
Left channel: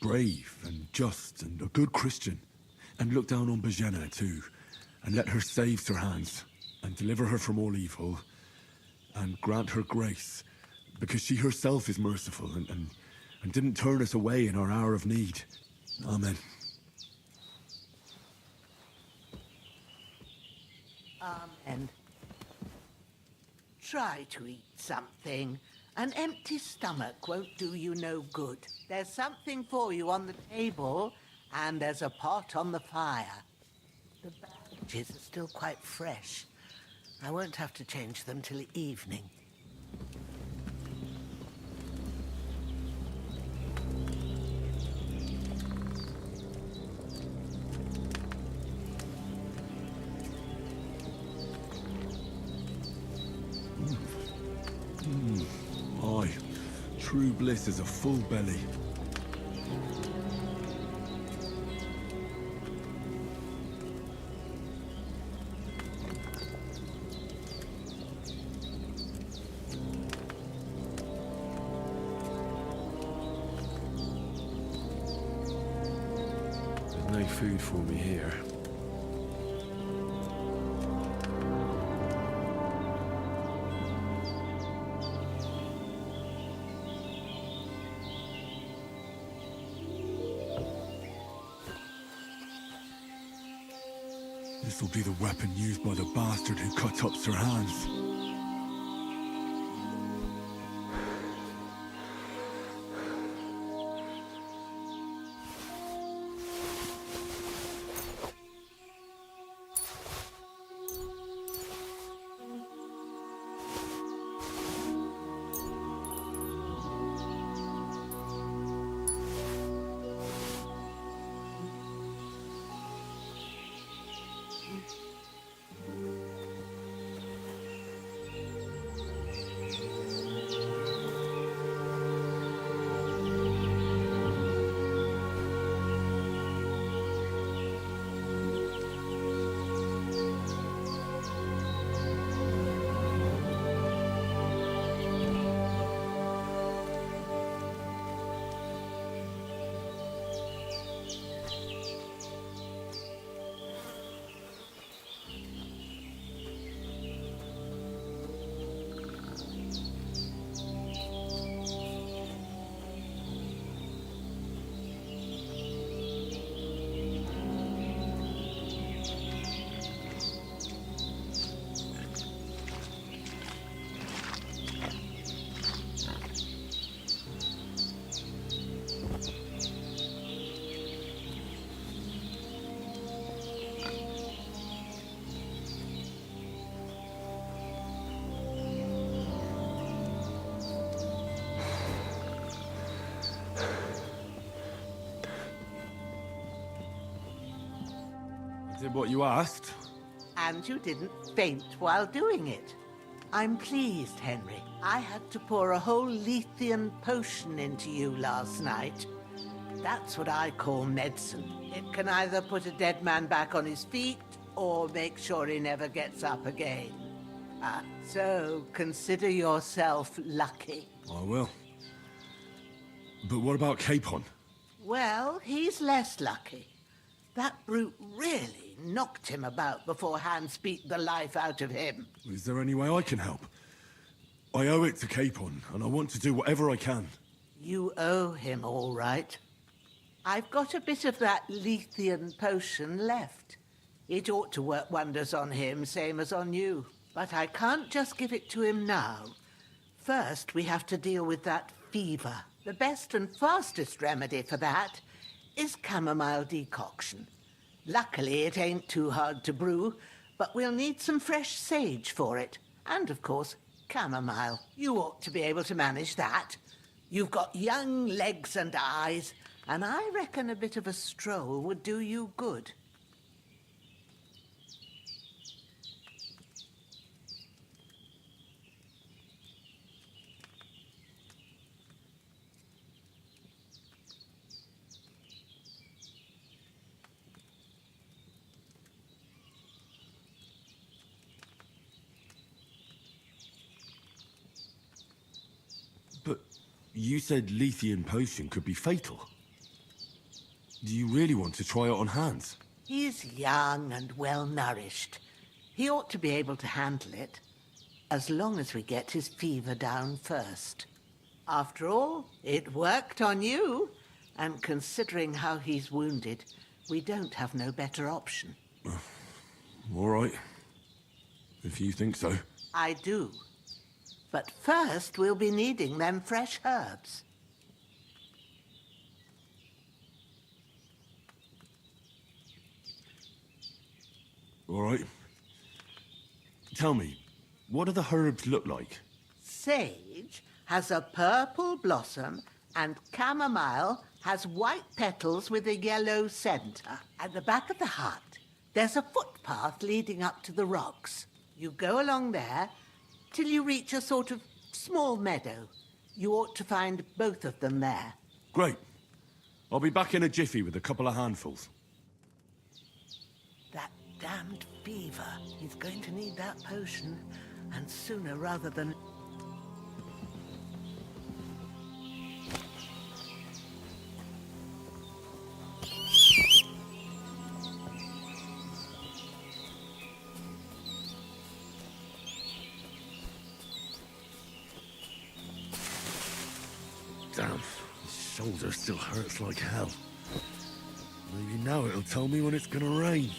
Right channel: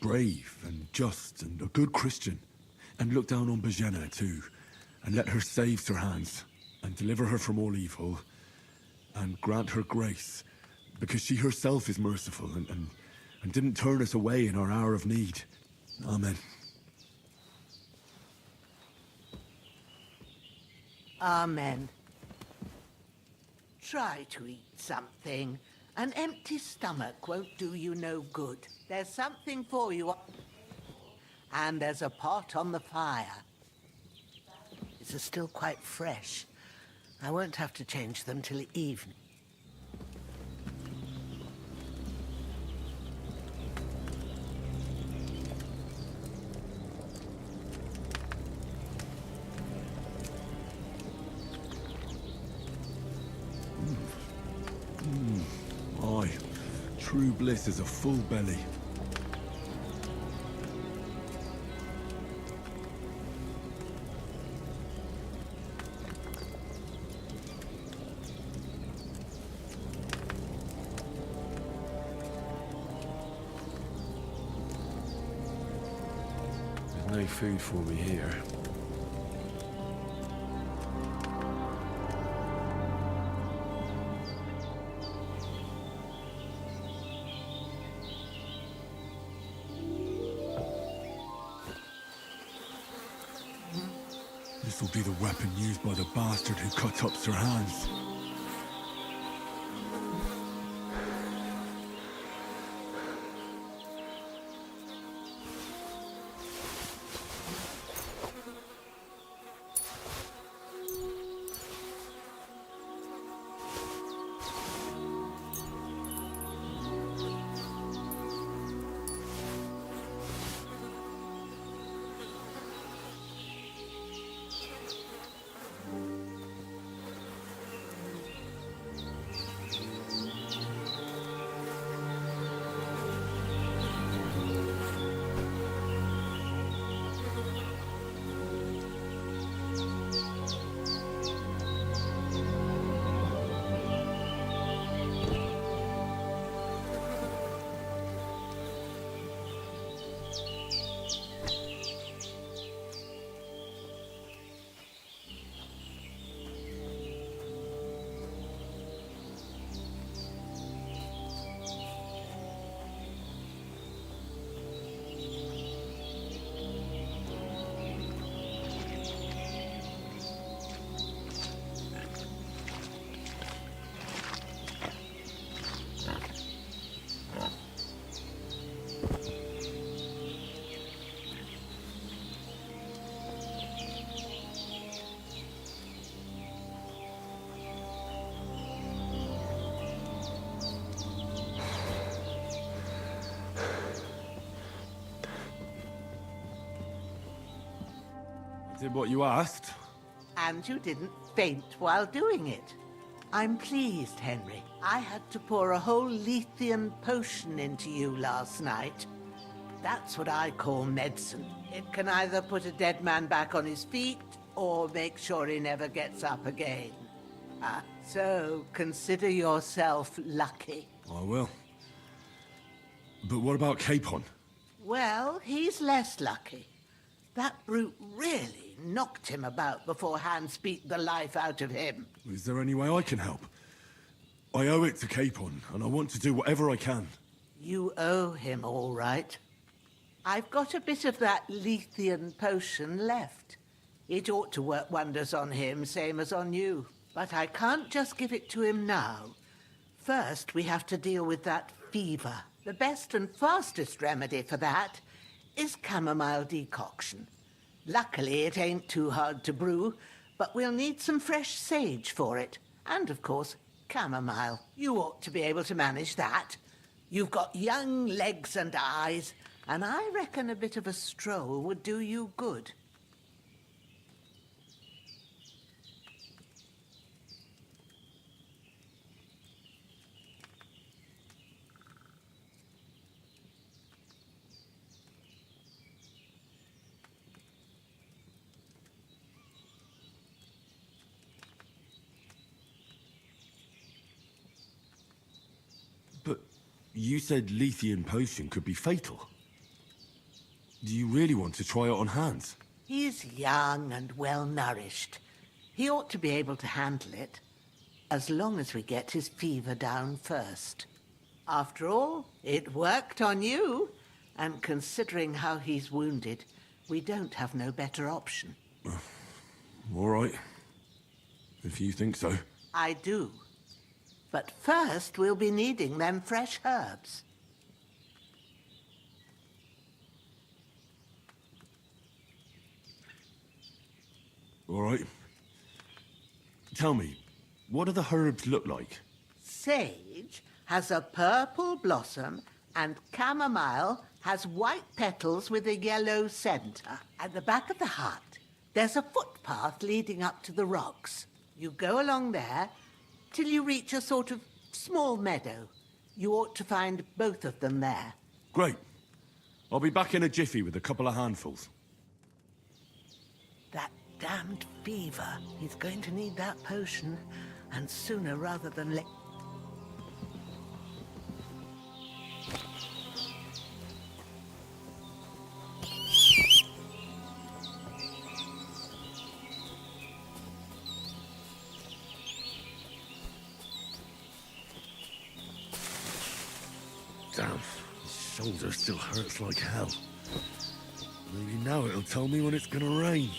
Brave and just and a good Christian. And look down on Bajena too. And let her save Sir Hans. And deliver her from all evil. And grant her grace. Because she herself is merciful and didn't turn us away in our hour of need. Amen. Amen. Try to eat something. An empty stomach won't do you no good. There's something for you on the table, and there's a pot on the fire. The bandages are still quite fresh. I won't have to change them till evening. Aye. True bliss is a full belly. There's no food for me here. This'll be the weapon used by the bastard who cut up Sir Hans. I did what you asked. And you didn't faint while doing it. I'm pleased, Henry. I had to pour a whole Lethean potion into you last night. That's what I call medicine. It can either put a dead man back on his feet, or make sure he never gets up again. So consider yourself lucky. I will. But what about Capon? Well, he's less lucky. That brute really knocked him about before Hans beat the life out of him. Is there any way I can help? I owe it to Capon, and I want to do whatever I can. You owe him, all right. I've got a bit of that Lethean potion left. It ought to work wonders on him, same as on you. But I can't just give it to him now. First, we have to deal with that fever. The best and fastest remedy for that is chamomile decoction. Luckily, it ain't too hard to brew, but we'll need some fresh sage for it. And, of course, chamomile. You ought to be able to manage that. You've got young legs and eyes, and I reckon a bit of a stroll would do you good. You said Lethean potion could be fatal. Do you really want to try it on Hans? He's young and well-nourished. He ought to be able to handle it, as long as we get his fever down first. After all, it worked on you, and considering how he's wounded, we don't have no better option. All right. If you think so. I do. But first, we'll be needing them fresh herbs. All right. Tell me, what do the herbs look like? Sage has a purple blossom, and chamomile has white petals with a yellow center. At the back of the hut, there's a footpath leading up to the rocks. You go along there till you reach a sort of small meadow. You ought to find both of them there. Great. I'll be back in a jiffy with a couple of handfuls. That damned fever. He's going to need that potion, and sooner rather than later. Damn, his shoulder still hurts like hell. Maybe now it'll tell me when it's gonna rain.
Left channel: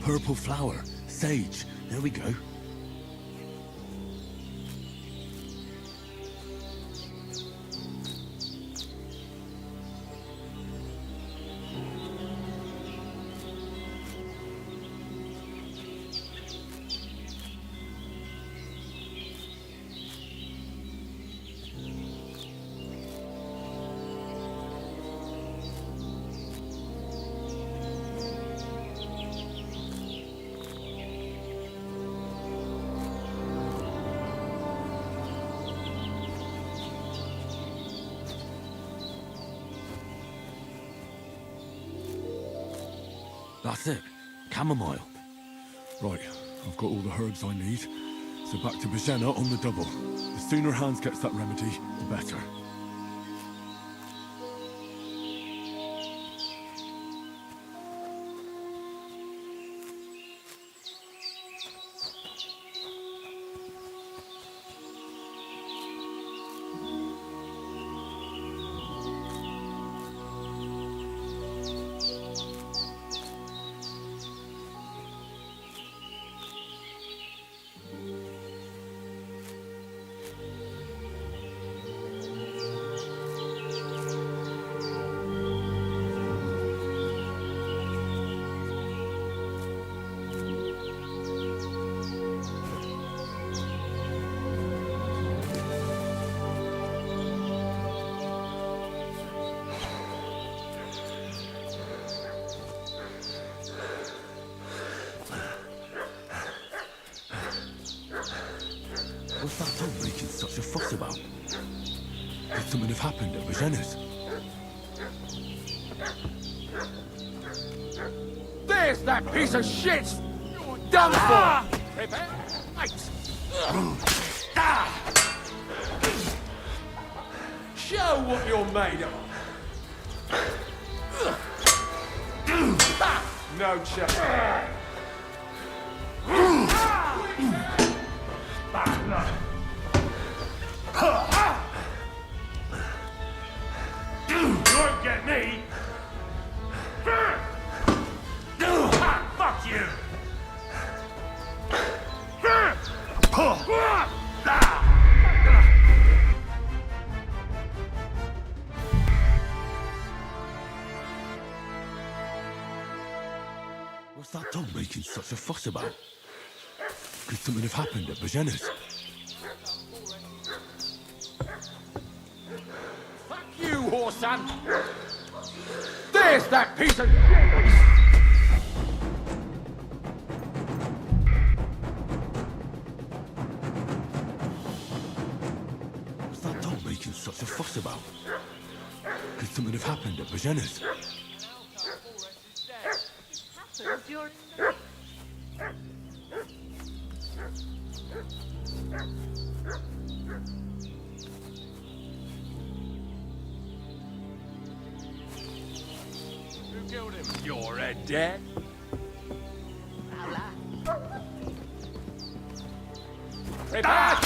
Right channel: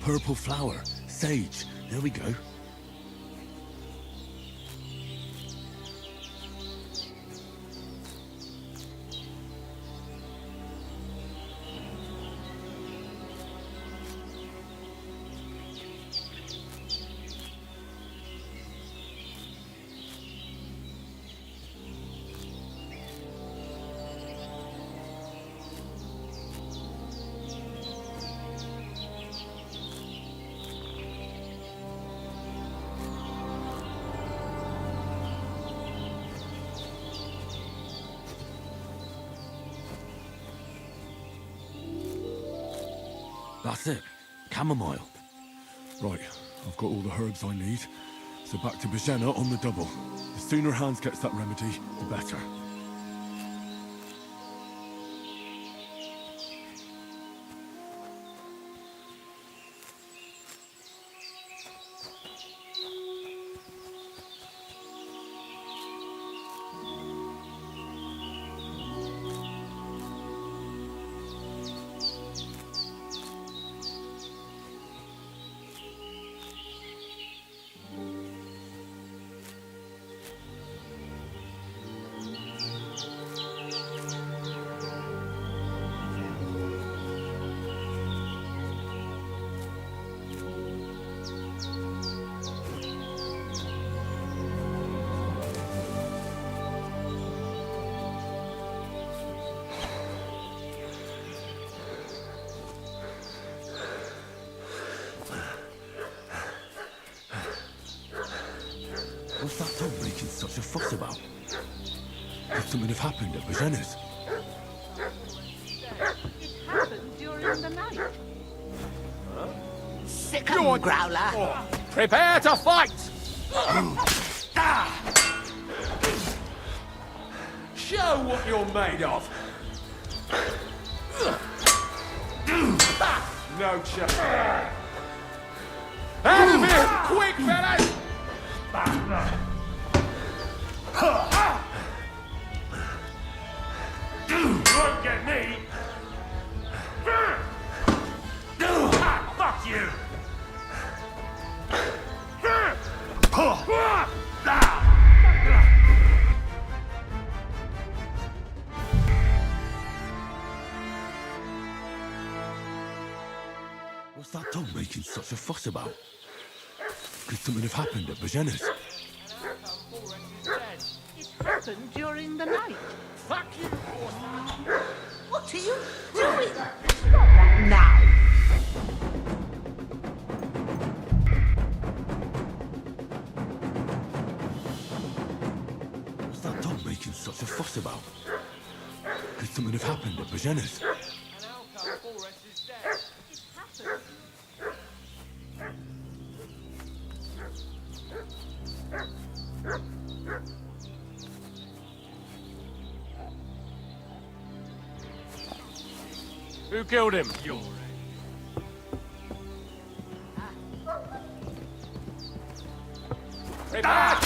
Purple flower, sage, there we go. That's it. Chamomile. Right, I've got all the herbs I need. So back to Bajena on the double. The sooner Hans gets that remedy, the better. What's that dog making such a fuss about? Could something have happened at Bajena's? There's that piece of shit! Sick You're and done growler. for! Prepare to fight! Show what you're made of! No chance. Quick, fellas! You won't get me! Fuck you! What's that dog making such a fuss about? Could something have happened at Bajena's? During the night. Fuck you, whoreson! What are you? There's that piece of... Now. What's that dog making such a fuss about? Could something have happened at Bajena's? Who killed him? You're dead. Prepare!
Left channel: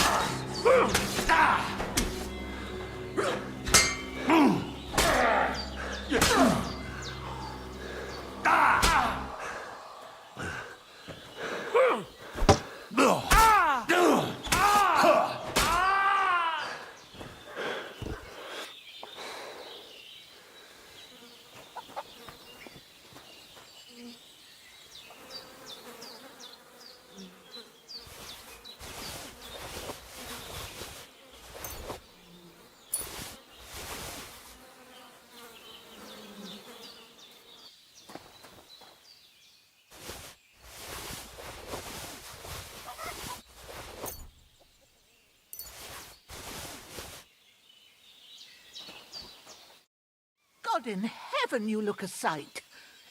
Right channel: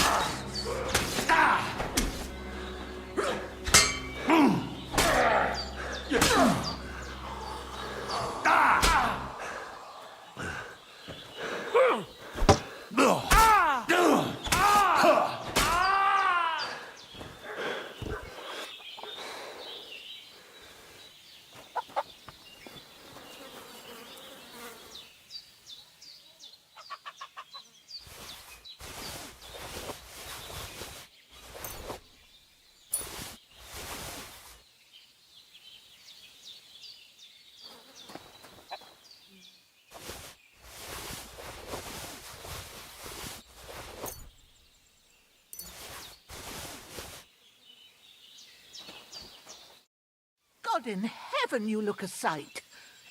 God in heaven, you look a sight.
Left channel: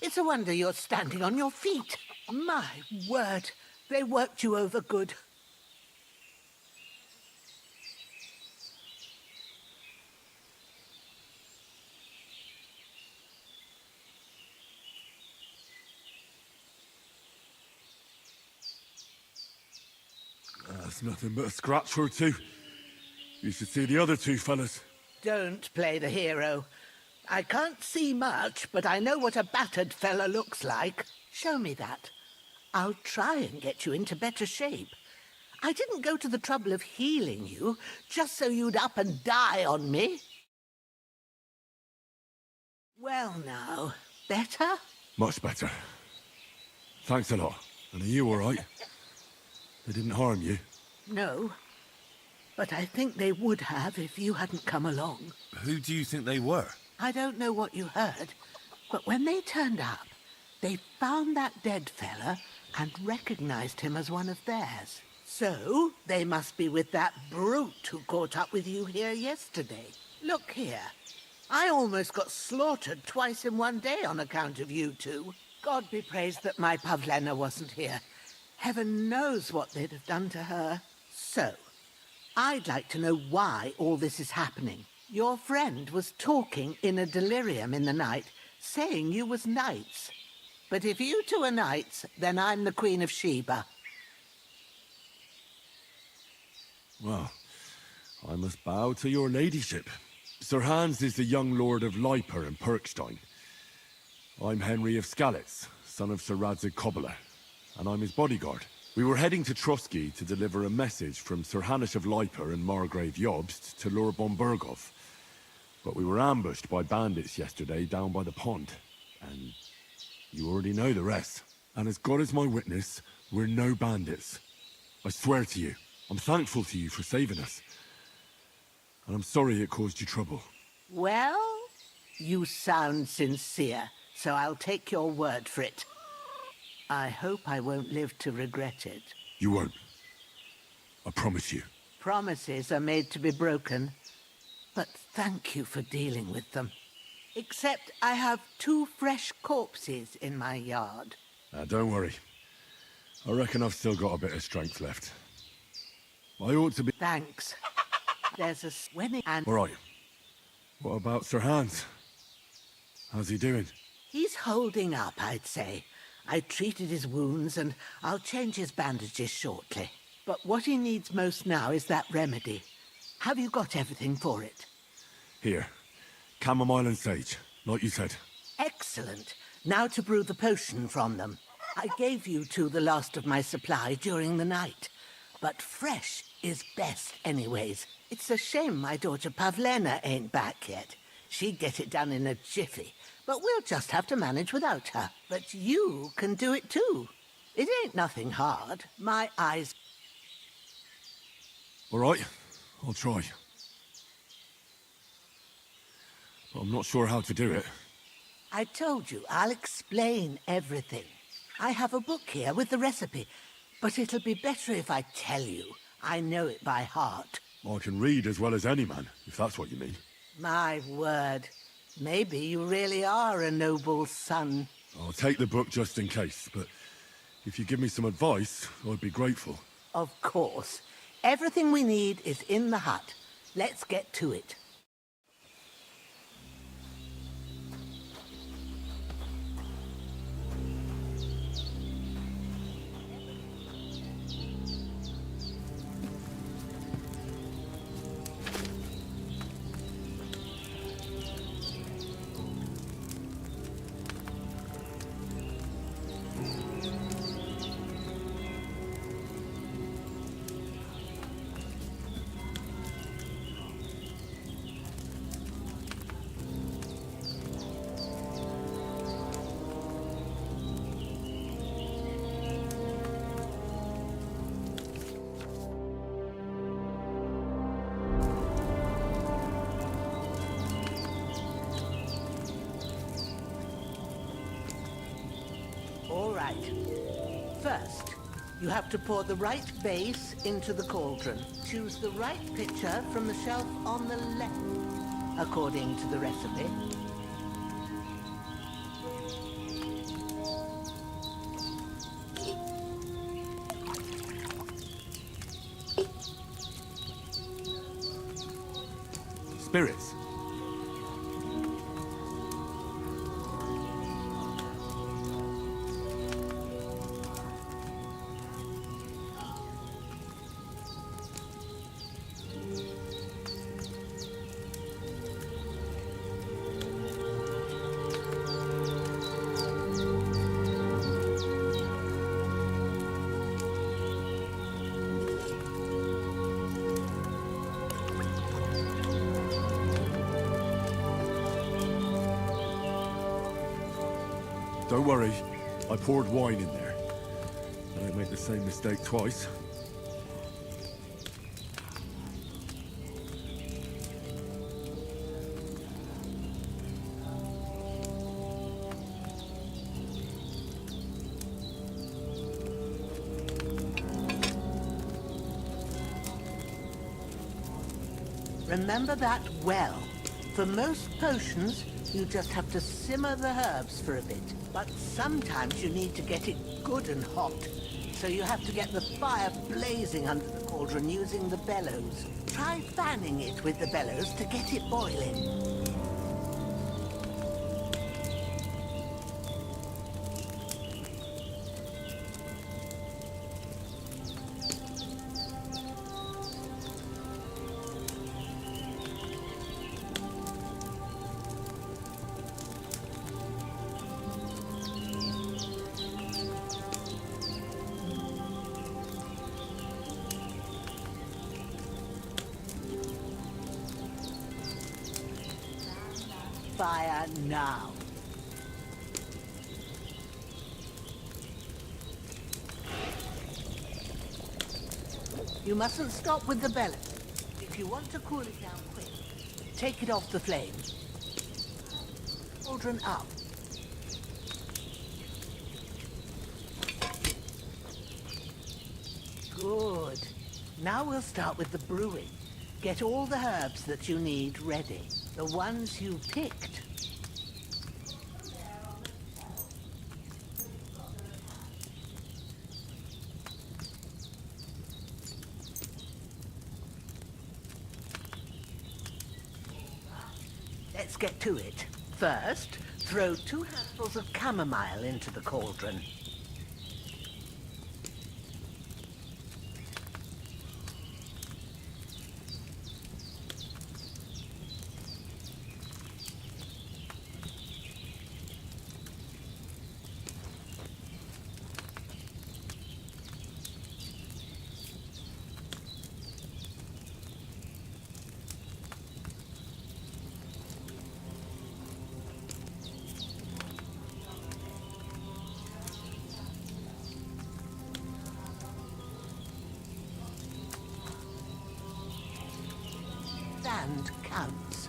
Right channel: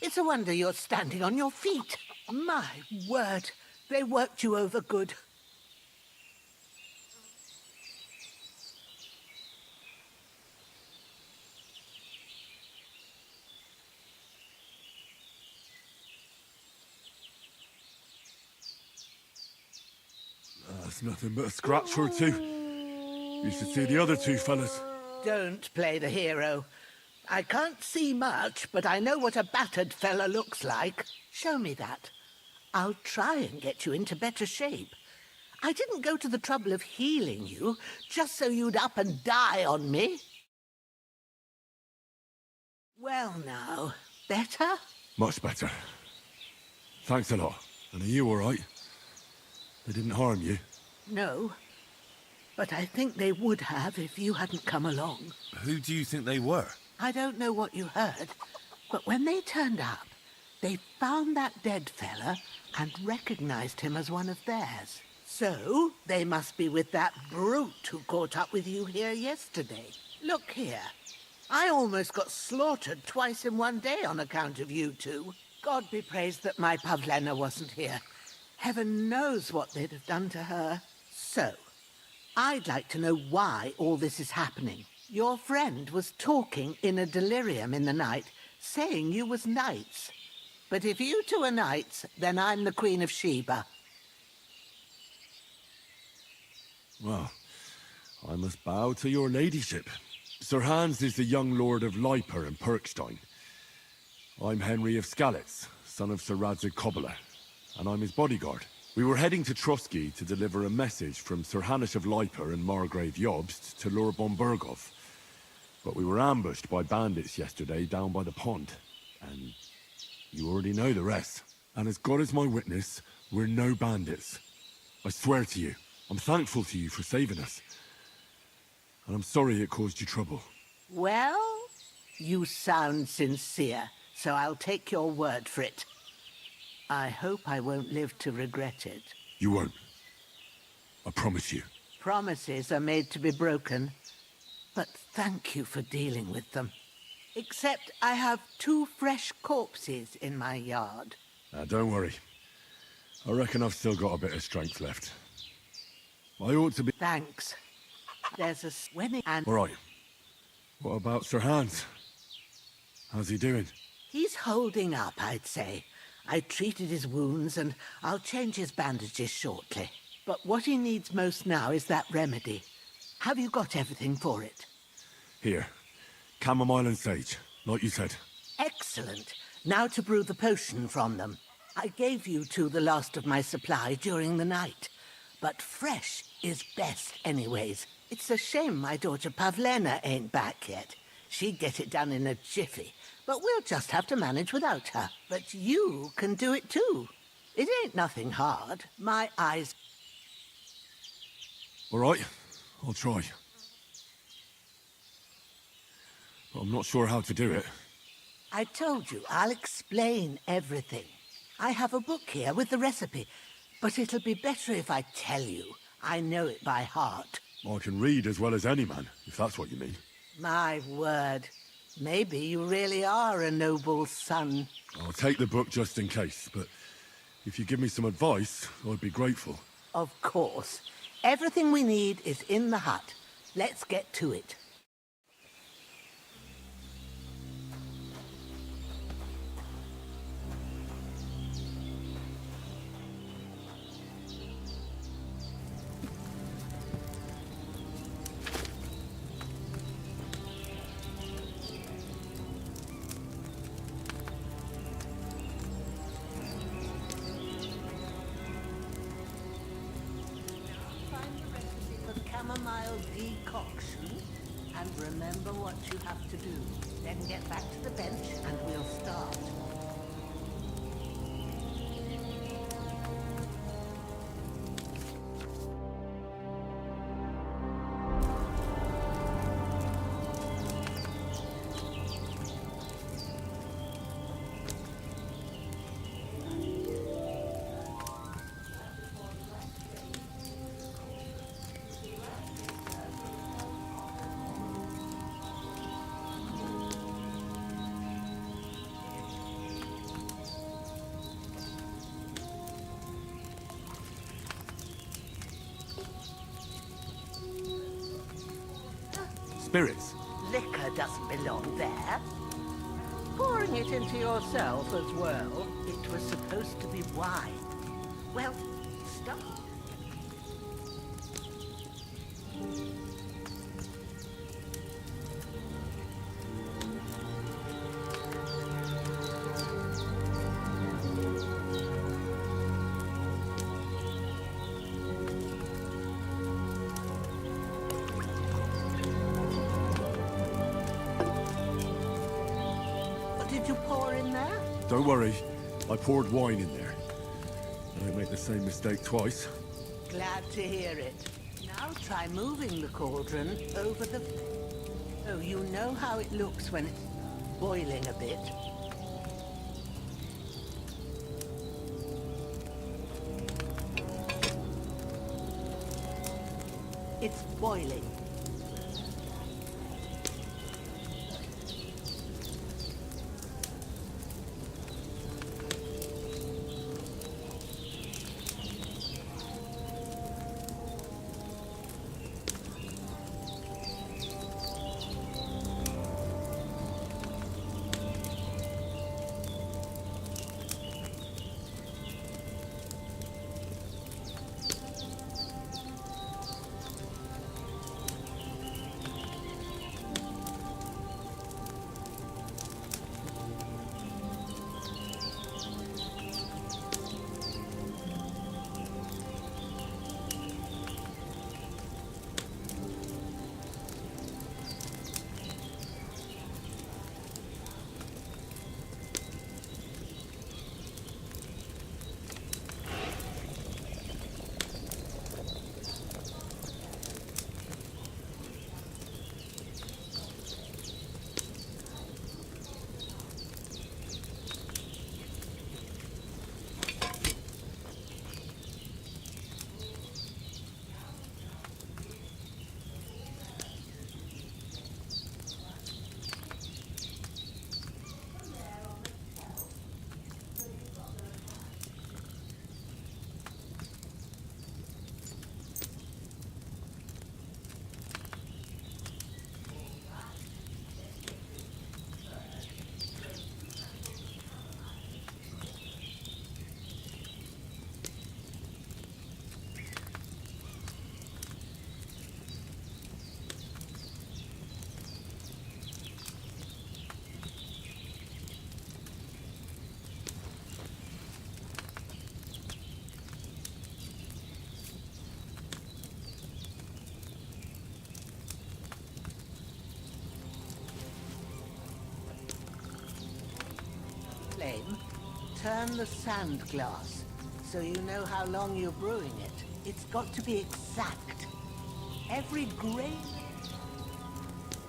It's a wonder you're standing on your feet. My word, they worked you over good. That's nothing but a scratch or two. You should see the other two fellas. Don't play the hero. I can't see much, but I know what a battered fella looks like. Show me that. I'll try and get you into better shape. I didn't go to the trouble of healing you just so you'd up and die on me. Well now, better? Much better. Thanks a lot. And are you all right? They didn't harm you? No, but I think they would have if you hadn't come along. Who do you think they were? I don't know what you heard, but when they turned up, they found that dead fella and recognized him as one of theirs. So, they must be with that brute who caught up with you here yesterday. Look here. I almost got slaughtered twice in one day on account of you two. God be praised that my Pavlena wasn't here. Heaven knows what they'd have done to her. So, I'd like to know why all this is happening. Your friend was talking in a delirium in the night, saying you was knights. But if you two are knights, then I'm the Queen of Sheba. Well, I must bow to your ladyship. Sir Hans is the young lord of Leiper and Perkstein. I'm Henry of Skalitz, son of Sir Radzig Kobyla, and I'm his bodyguard. We were heading to Trotsky to deliver a message from Sir Hanush of Leiper and Margrave Jobst to Lord Bombergov. But we were ambushed by bandits yesterday down by the pond, and you already know the rest. And as God is my witness, we're no bandits. I swear to you, I'm thankful to you for saving us. And I'm sorry it caused you trouble. Well, you sound sincere, so I'll take your word for it. I hope I won't live to regret it. You won't. I promise you. Promises are made to be broken, but thank you for dealing with them. Except I have 2 fresh corpses in my yard. Don't worry. I reckon I've still got a bit of strength left. I ought to be... Thanks. There's a swimming and... All right. What about Sir Hans? How's he doing? He's holding up, I'd say. I treated his wounds and I'll change his bandages shortly. But what he needs most now is that remedy. Have you got everything for it? Here. Chamomile and sage, like you said. Excellent. Now to brew the potion from them. I gave you 2 the last of my supply during the night. But fresh is best anyways. It's a shame my daughter Pavlena ain't back yet. She'd get it done in a jiffy. But we'll just have to manage without her. But you can do it too. It ain't nothing hard. My eyes... All right, I'll try. But I'm not sure how to do it. I told you, I'll explain everything. I have a book here with the recipe, but it'll be better if I tell you. I know it by heart. I can read as well as any man, if that's what you mean. My word. Maybe you really are a noble son. I'll take the book just in case, but if you give me some advice, I'd be grateful. Of course. Everything we need is in the hut. Let's get to it. First, you have to pour the right base into the cauldron. Choose the right pitcher from the shelf on the left, according to the recipe. Spirits? Liquor doesn't belong there. Pouring it into yourself as well. It was supposed to be wine. Well, stop. What did you pour in there? Don't worry, I poured wine in there. I don't make the same mistake twice. Glad to hear it. Now try moving the cauldron over the... Oh, you know how it looks when it's boiling a bit. It's boiling. Remember that well. For most potions, you just have to simmer the herbs for a bit. But sometimes you need to get it good and hot. So you have to get the fire blazing under the cauldron using the bellows. Try fanning it with the bellows to get it boiling. Fire now. You mustn't stop with the bellows. If you want to cool it down quick, take it off the flame. Cauldron up. Good. Now we'll start with the brewing. Get all the herbs that you need ready. The ones you picked. Let's get to it. First, throw 2 handfuls of chamomile into the cauldron. Flame, turn the sand glass so you know how long you're brewing it. It's got to be exact. Every grain of sand counts.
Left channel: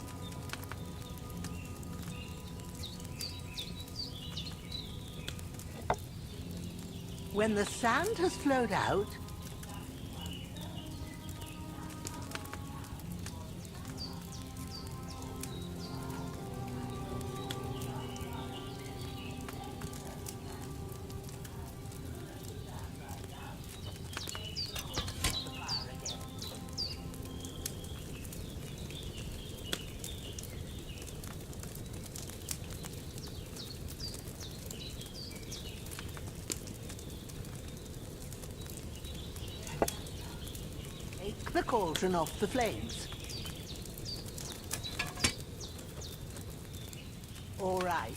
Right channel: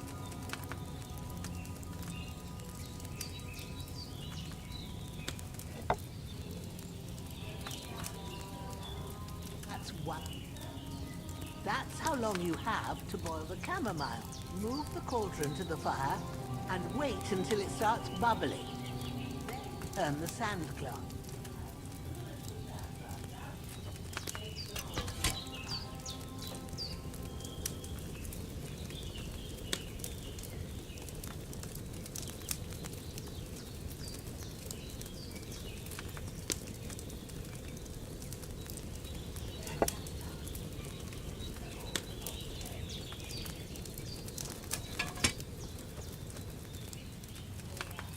When the sand has flowed out, that's 1. That's how long you have to boil the chamomile. Move the cauldron to the fire and wait until it starts bubbling. Turn the sand glass. Take the cauldron off the flames. All right.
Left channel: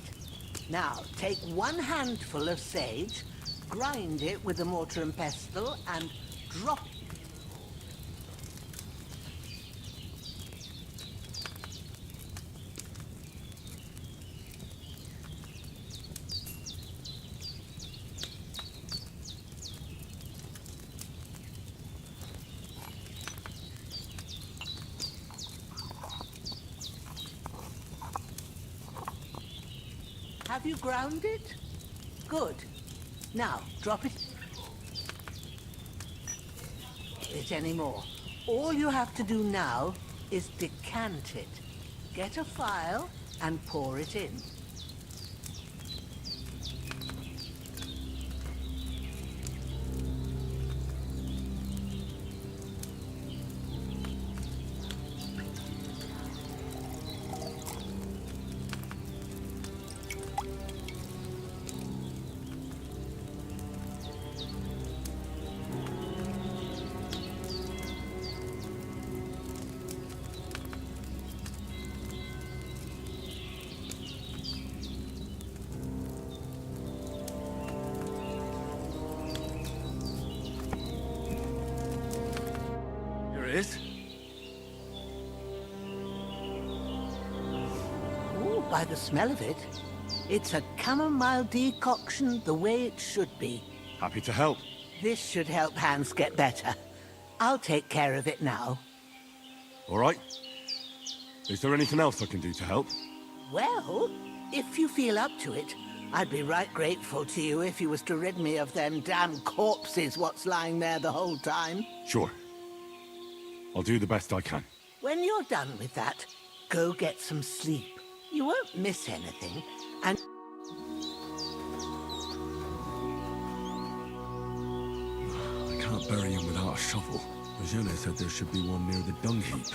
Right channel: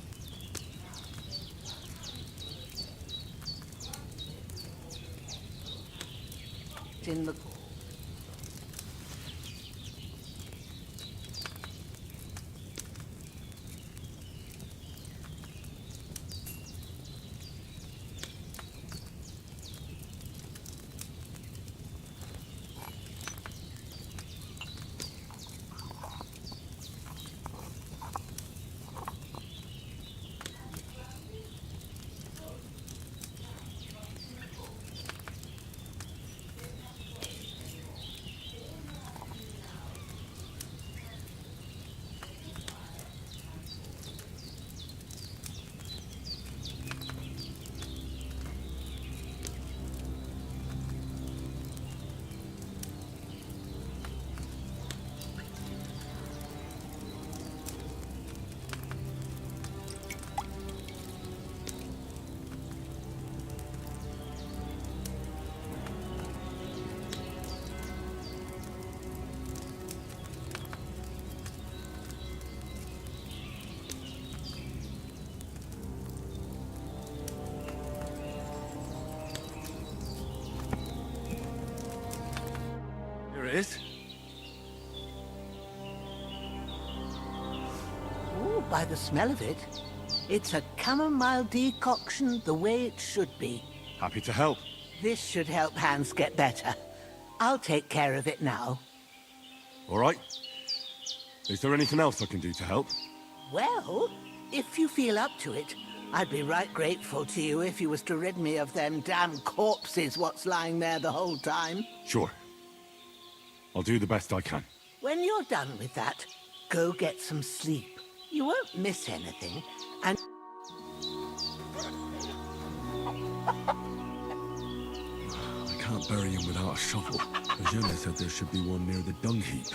Now, take 1 handful of sage, grind it with a mortar and pestle, and drop it in the... Have you ground it? Good. Now, drop it. It anymore. All you have to do now is decant it. Get a phial and pour it in. Here it is. Ooh, by the smell of it, it's a chamomile decoction the way it should be. Happy to help. This should help Hans get better. I'll take care of it now. All right. Is there anything else I can do to help? Well, if you feel up to it, I'd be right grateful to you if you was to rid me of them damn corpses what's lying there the whole time. Sure. I'll do the best I can. When you're done with that, go get some sleep. You won't miss anything, and... I can't bury him without a shovel. Eugenia said there should be one near the dung heap.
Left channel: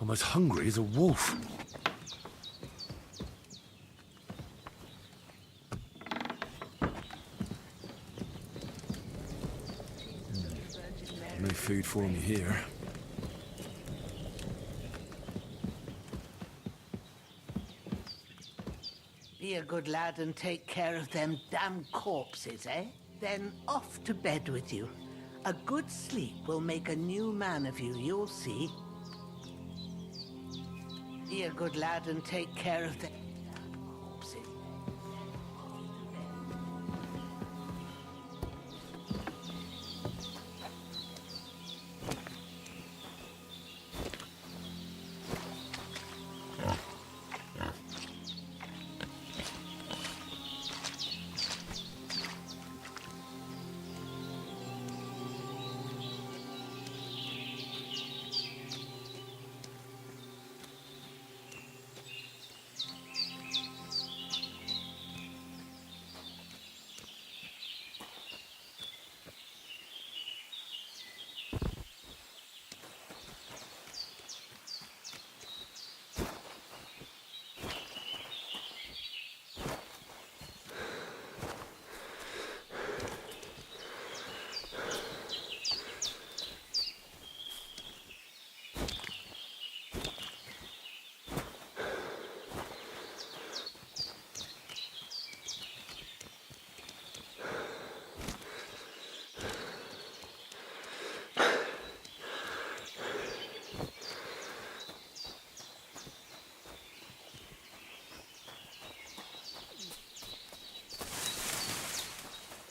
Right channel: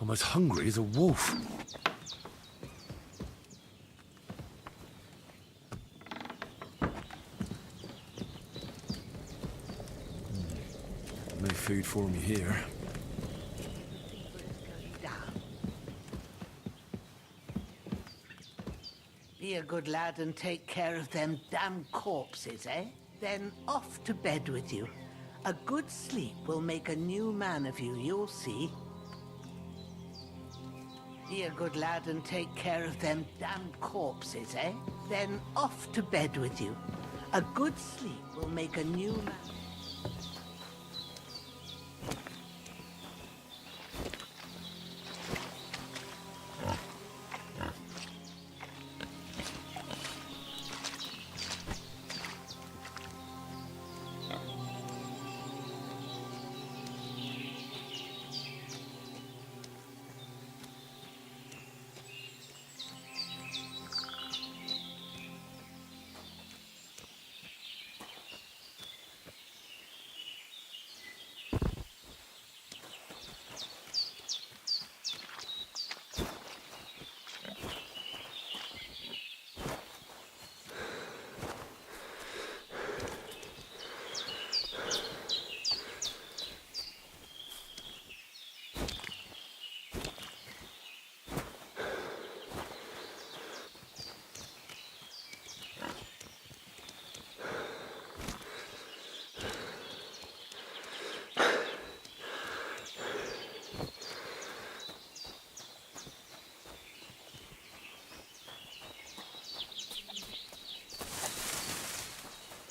I'm as hungry as a wolf. No food for me here. Be a good lad and take care of them damn corpses, eh? Then off to bed with you. A good sleep will make a new man of you, you'll see. Be a good lad and take care of them damn corpses, eh? Then off to bed with you. A good sleep will make a new man.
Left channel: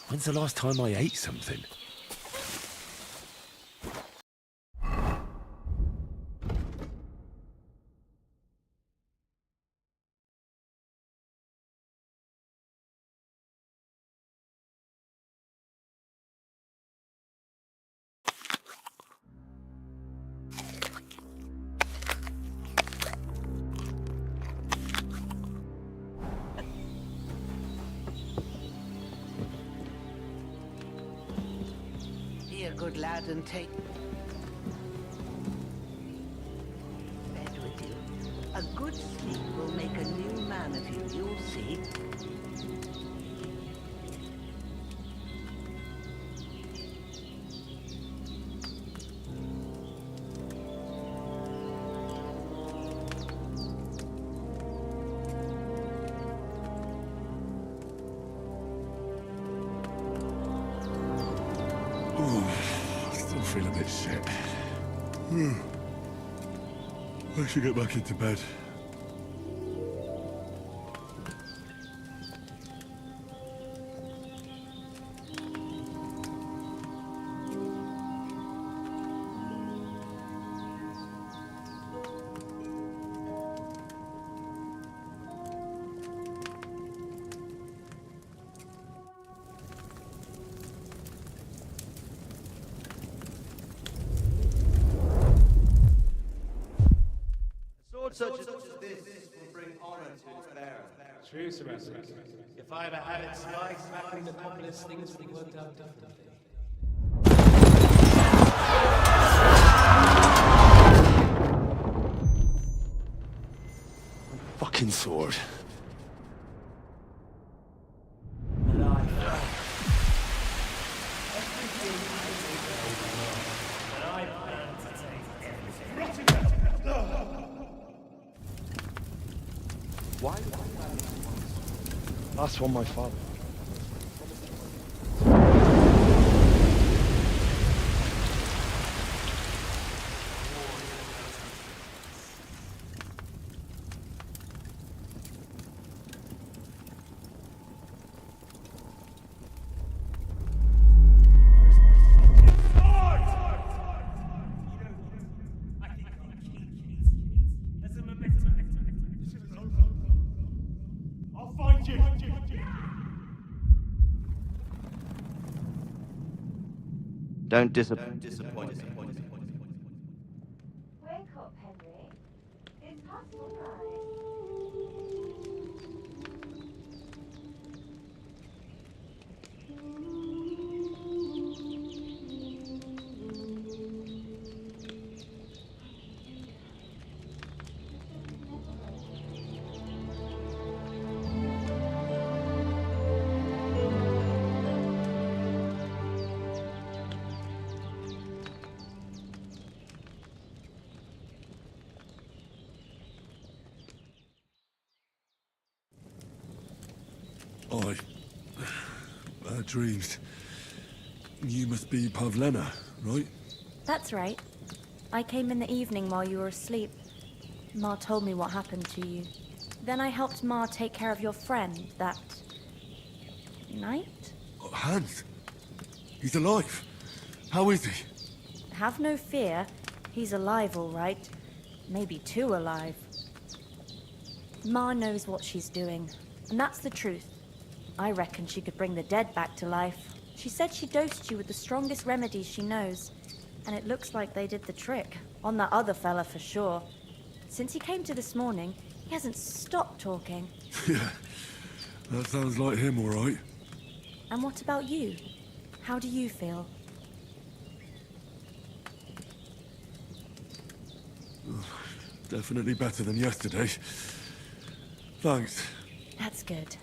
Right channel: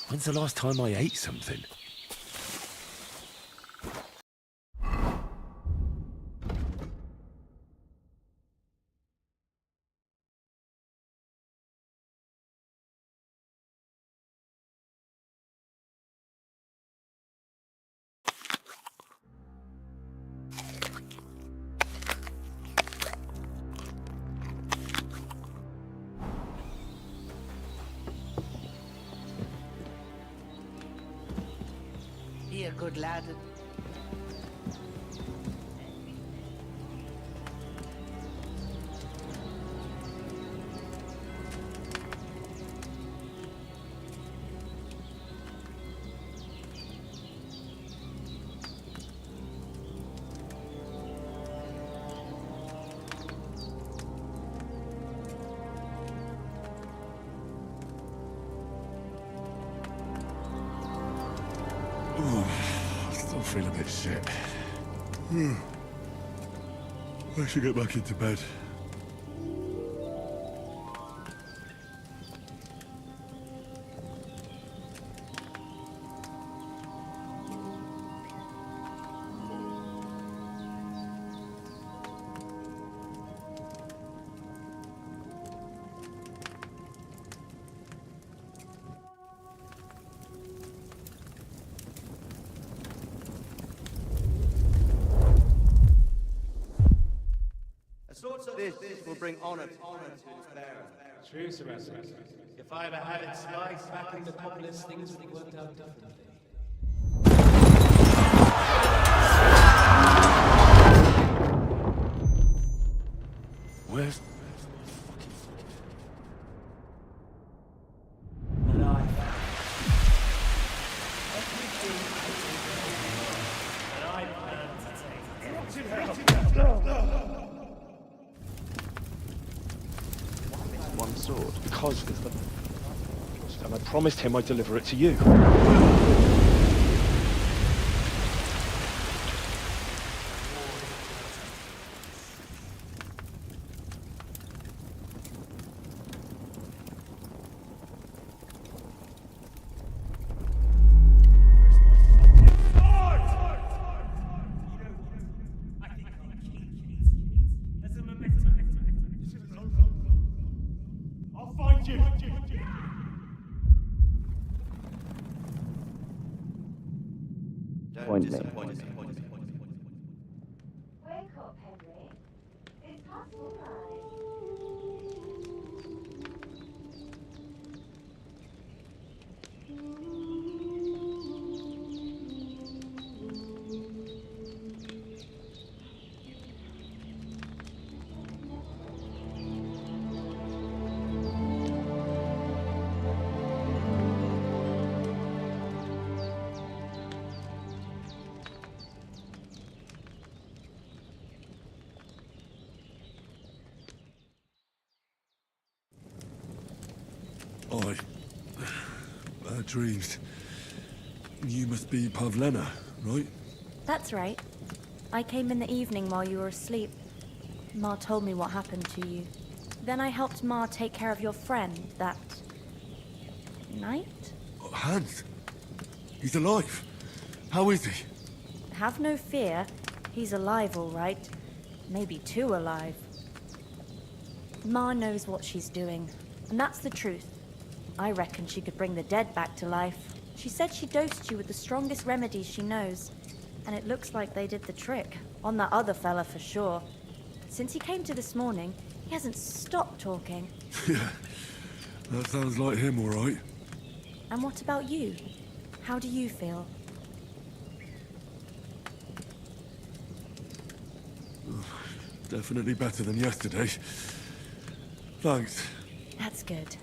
When's the last time I ate something? Be a good lad and take... A good sleep will make a new man of you, you'll see. Ooh, I still feel a bit shit. I should get back into bed. Such as this will bring honor to its bearer. True, Sebastian. If I ever had it sliced back into populace, things would have worked out differently. Where's the fucking sword? And I everything I plan to take everything. Why did I want the sword? Because it's the last one my father had, and I promised him I'd deliver it to you. Don't disappoint me. Wake up, Henry. It's past midnight. Oi. Bad dreams. You must be Pavlena, right? That's right. I came in the evening while you were asleep. Ma told me what happened to you. Then I helped Ma take care of your friend that night? Oh, Hans. He's alive. How is he? Have no fear. He's alive, all right. Maybe too alive. Ma knows what she's doing, and that's the truth. I reckon she could bring the dead back to life. She said she dosed you with the strongest remedies she knows, and it looks like they did the trick. On that other fella for sure. Since he came to this morning, he hasn't stopped talking. Yeah, that sounds like him, all right. And what about you? How do you feel? Definitely better than yesterday. Thanks. That's good.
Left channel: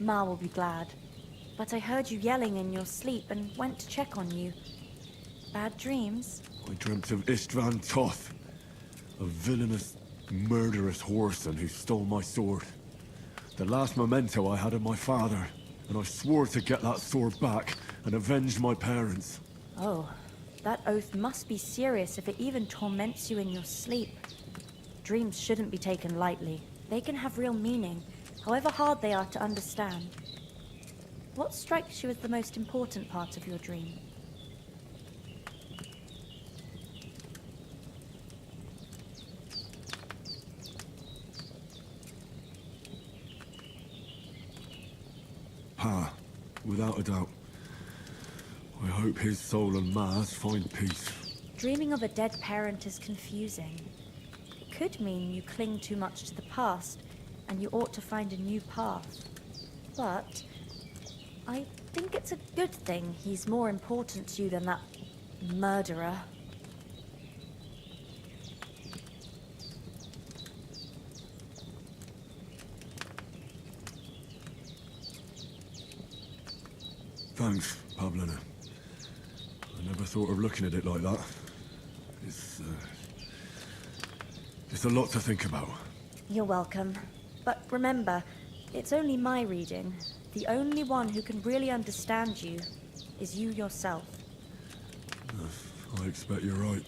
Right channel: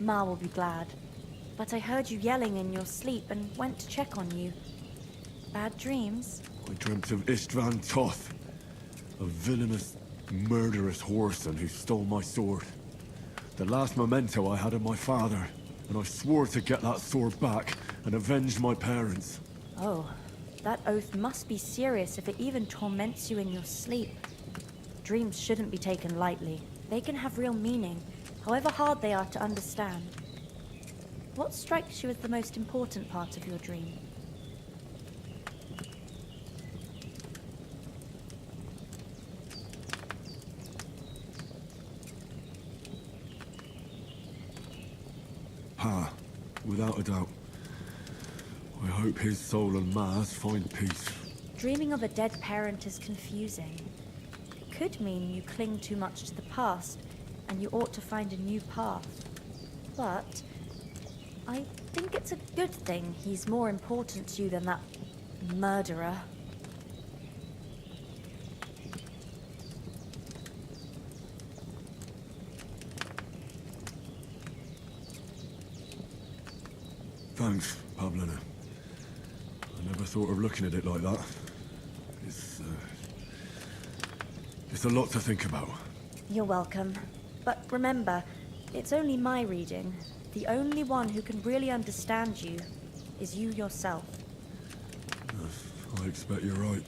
Ma will be glad. But I heard you yelling in your sleep and went to check on you. Bad dreams? I dreamt of Istvan Toth, a villainous, murderous whoreson who stole my sword. The last memento I had of my father, and I swore to get that sword back and avenge my parents. Oh, that oath must be serious if it even torments you in your sleep. Dreams shouldn't be taken lightly. They can have real meaning, however hard they are to understand. What strikes you as the most important part of your dream? Pa, without a doubt. I hope his soul and Ma's find peace. Dreaming of a dead parent is confusing. It could mean you cling too much to the past, and you ought to find a new path. But I think it's a good thing he's more important to you than that murderer. Thanks, Pavlina. I never thought of looking at it like that. It's a lot to think about. You're welcome. But remember, it's only my reading. The only one who can really understand you is you yourself. I expect you're right.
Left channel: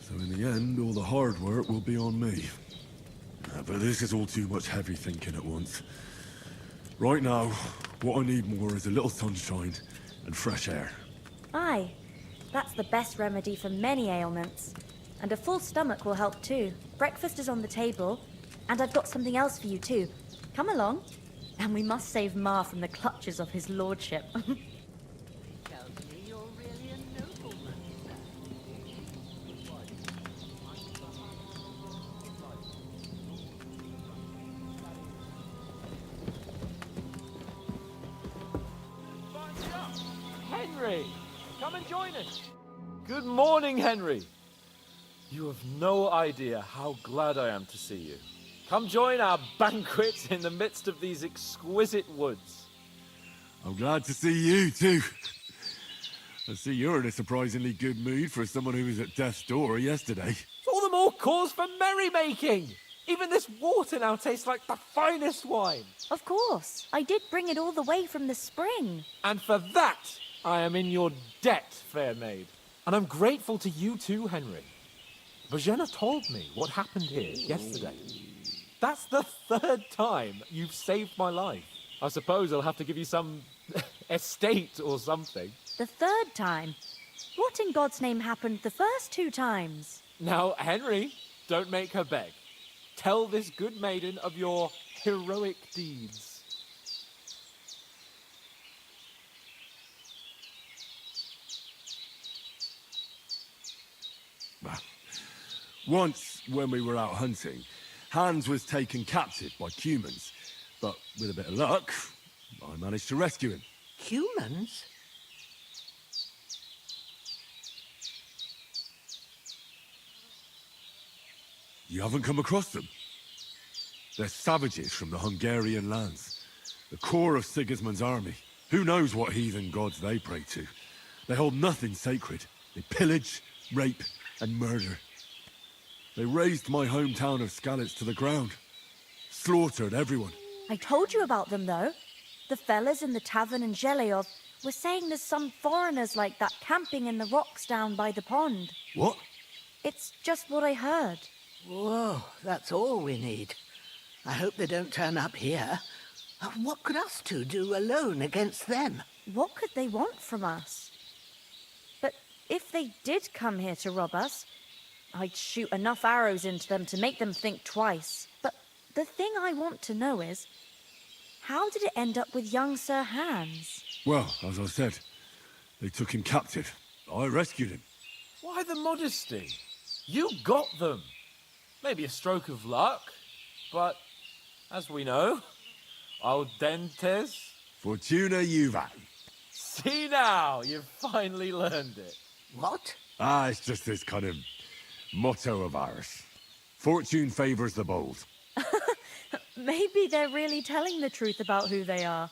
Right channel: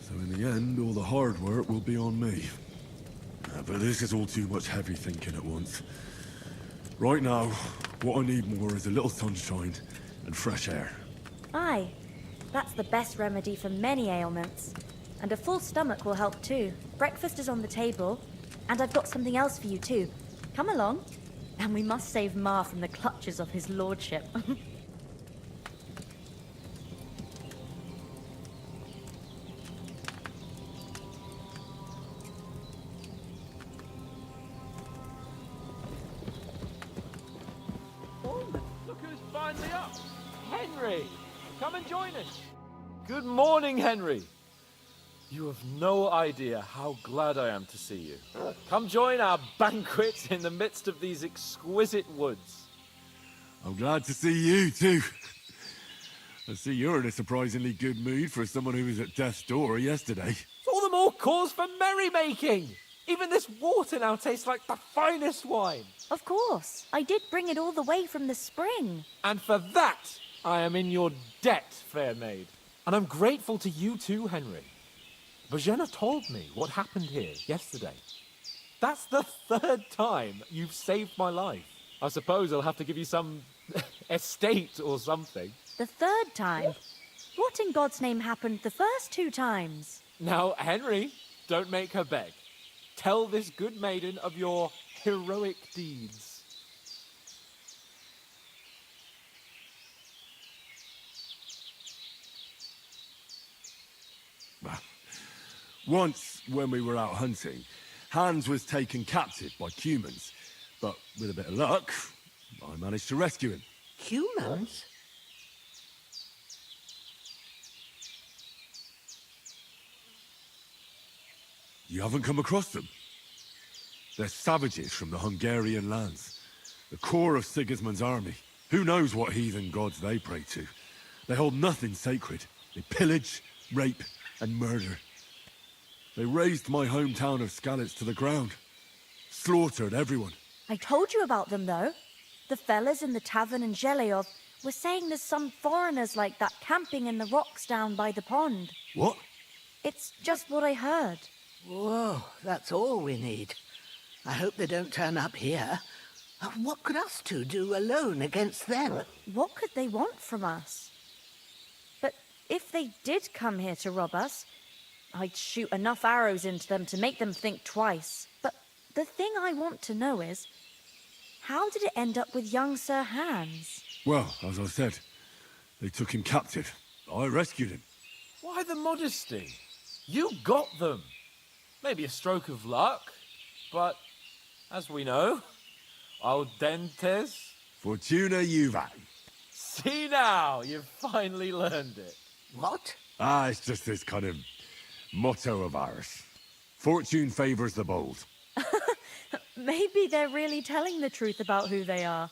So in the end, all the hard work will be on me. But this is all too much heavy thinking at once. Right now, what I need more is a little sunshine and fresh air. Aye, that's the best remedy for many ailments. And a full stomach will help too. Breakfast is on the table, and I've got something else for you too. Come along, and we must save Ma from the clutches of his lordship. Look who's finally up! Henry! Come and join us! Good morning, Henry! You have no idea how glad I am to see you. Come join our banquet in the midst of these exquisite woods. I'm glad to see you too. I see you're in a surprisingly good mood for someone who was at death's door yesterday. It's all the more cause for merrymaking! Even this water now tastes like the finest wine. Of course, I did bring it all the way from the spring. And for that, I am in your debt, fair maid. And I'm grateful to you too, Henry. Bojena told me what happened here yesterday. That's the third time you've saved my life. I suppose I'll have to give you some estate or something. The third time? What in God's name happened the first 2 times? Now, Henry, don't make her beg. Tell this good maiden of your heroic deeds. It Once, when we were out hunting, Hans was taken captive by humans. But with a bit of luck, I managed to rescue him. Humans? You haven't come across them? They're savages from the Hungarian lands. The core of Sigismund's army. Who knows what heathen gods they pray to? They hold nothing sacred. They pillage, rape, and murder. They razed my hometown of Skalitz to the ground. Slaughtered everyone. I told you about them, though. The fellas in the tavern in Zheleov were saying there's some foreigners like that camping in the rocks down by the pond. What? It's just what I heard. Whoa, that's all we need. I hope they don't turn up here. What could us two do alone against them? What could they want from us? But if they did come here to rob us, I'd shoot enough arrows into them to make them think twice. But the thing I want to know is, how did it end up with young Sir Hans? Well, as I said, they took him captive. I rescued him. Why the modesty? You got them. Maybe a stroke of luck, but as we know, al dentes. Fortuna juvat. See now, you've finally learned it. What? It's just this kind of motto of ours. Fortune favors the bold. Maybe they're really telling the truth about who they are.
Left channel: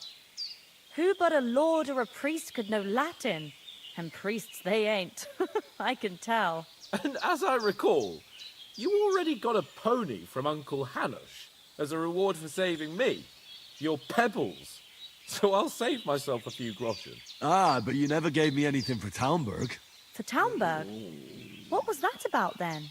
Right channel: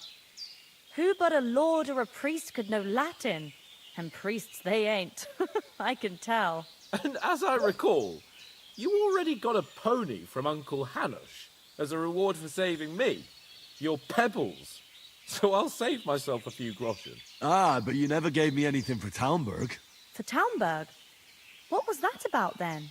Who but a lord or a priest could know Latin? And priests they ain't. I can tell. And as I recall, you already got a pony from Uncle Hanush as a reward for saving me. Your pebbles. So I'll save myself a few groschen. But you never gave me anything for Talmberg. For Talmberg? What was that about then?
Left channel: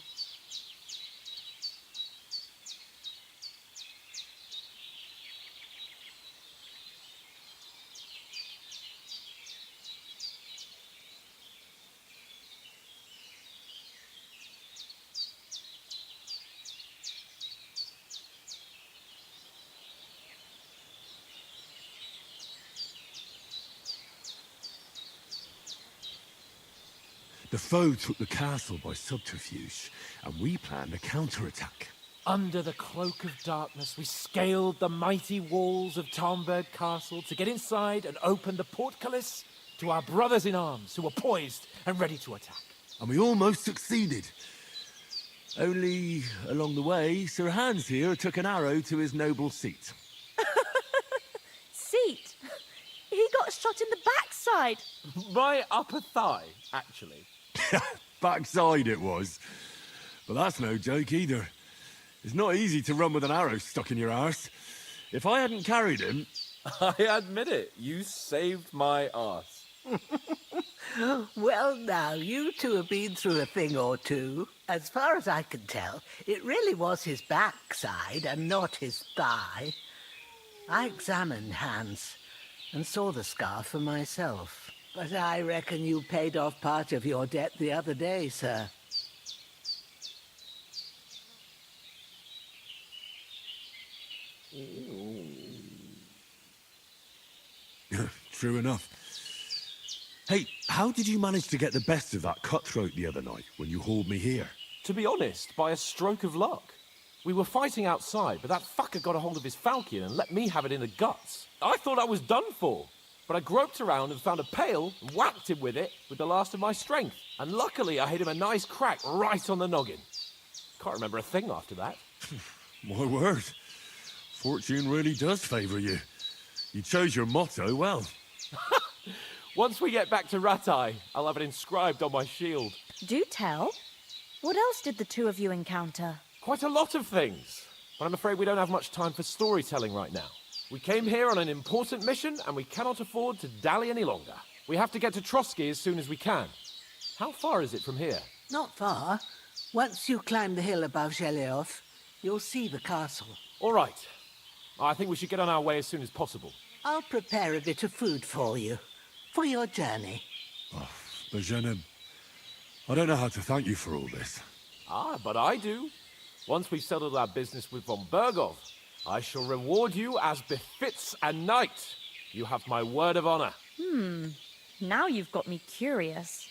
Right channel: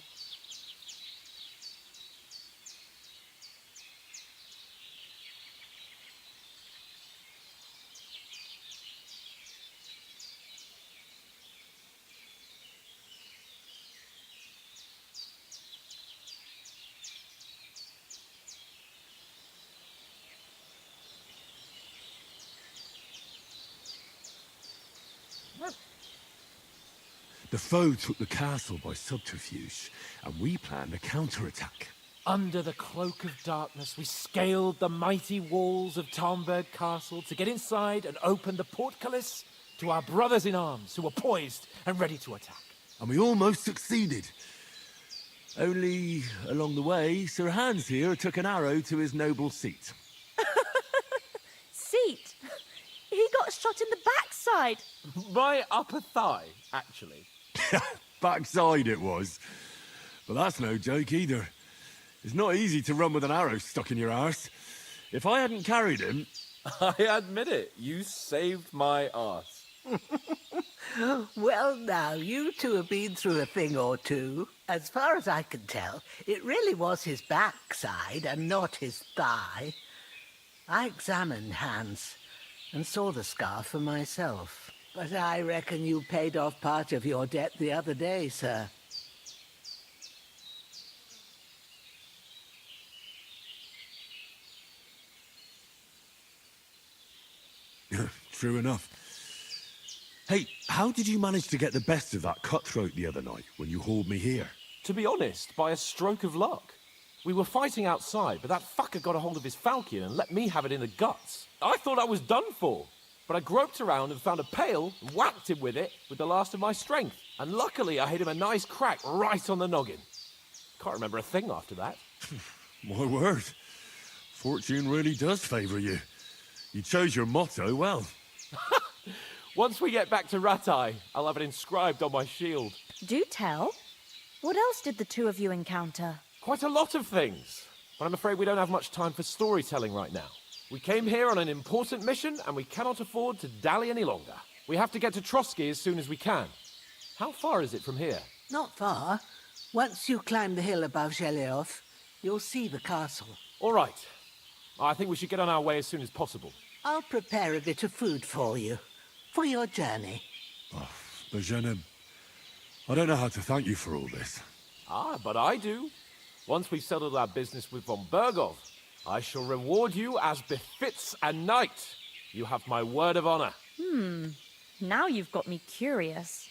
The foe took the castle by subterfuge, and we planned a counterattack. Under the cloak of darkness, we scaled the mighty walls of Talmberg Castle to get inside and open the portcullis to our brothers in arms who were poised and ready to attack. And we almost succeeded. Only, along the way, Sir Hans here took an arrow to his noble seat. Seat? He got shot in the backside. My upper thigh, actually. Backside it was. But that's no joke either. It's not easy to run with an arrow stuck in your arse. If I hadn't carried him... I admit it, you saved my arse. Well, now, you two have been through a thing or two. As far as I can tell, it really was his backside and not his thigh. I examined Hans and saw the scar for myself. But I reckon you paid off part of your debt the other day, sir. True enough. Hey, how did you manage to get the best of that cutthroat the other night when you hauled me here? To be honest, by a stroke of luck. We were fighting outside, but that fucker got a hold of his falchion and let me have it in the guts. I thought I was done for. But I groped around and found a pail and whacked him with it with the last of my strength. And luckily I hit him a nice crack right on the noggin. Can't remember a thing after that. My word. Fortune really does favour you. You chose your motto well. Once we get back to Ratai, I'll have it inscribed on my shield. Do tell. What else did the two of you encounter? Quite a lot of things. But I'm afraid we don't have much time for storytelling right now. We came here on an important mission, and we cannot afford to dally any longer. We have to get to Trotsky as soon as we can. How far is it from here? Not far. Once you climb the hill above Zheleov, you'll see the castle. All right. I think we should get on our way as soon as possible. I'll prepare a bit of food for you, for your journey. Oh, Bajenim, I don't know how to thank you for all this. But I do. Once we've settled our business with von Bergov, I shall reward you as befits a knight. You have my word of honor. Now you've got me curious.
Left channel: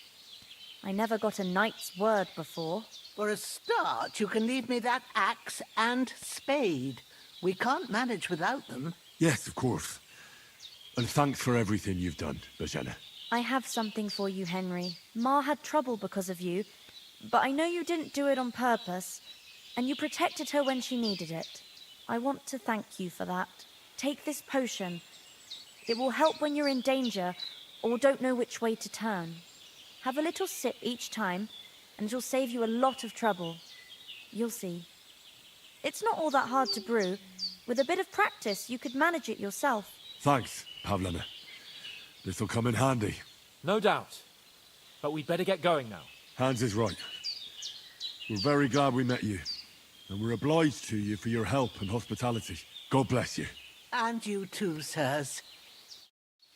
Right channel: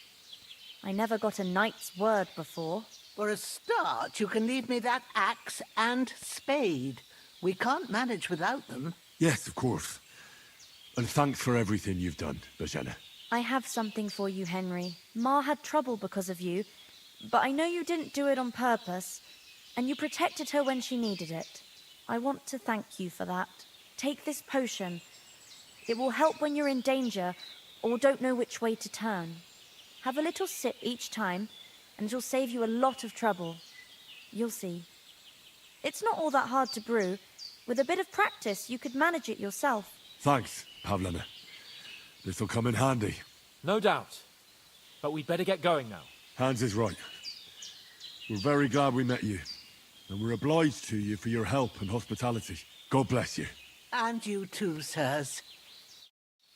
I never got a knight's word before. For a start, you can leave me that axe and spade. We can't manage without them. Yes, of course. And thanks for everything you've done, Bajena. I have something for you, Henry. Ma had trouble because of you, but I know you didn't do it on purpose, and you protected her when she needed it. I want to thank you for that. Take this potion. It will help when you're in danger or don't know which way to turn. Have a little sip each time, and it'll save you a lot of trouble. You'll see. It's not all that hard to brew. With a bit of practice, you could manage it yourself. Thanks, Pavlena. This'll come in handy. No doubt. But we'd better get going now. Hans is right. We're very glad we met you. And we're obliged to you for your help and hospitality. God bless you. And you too, sirs.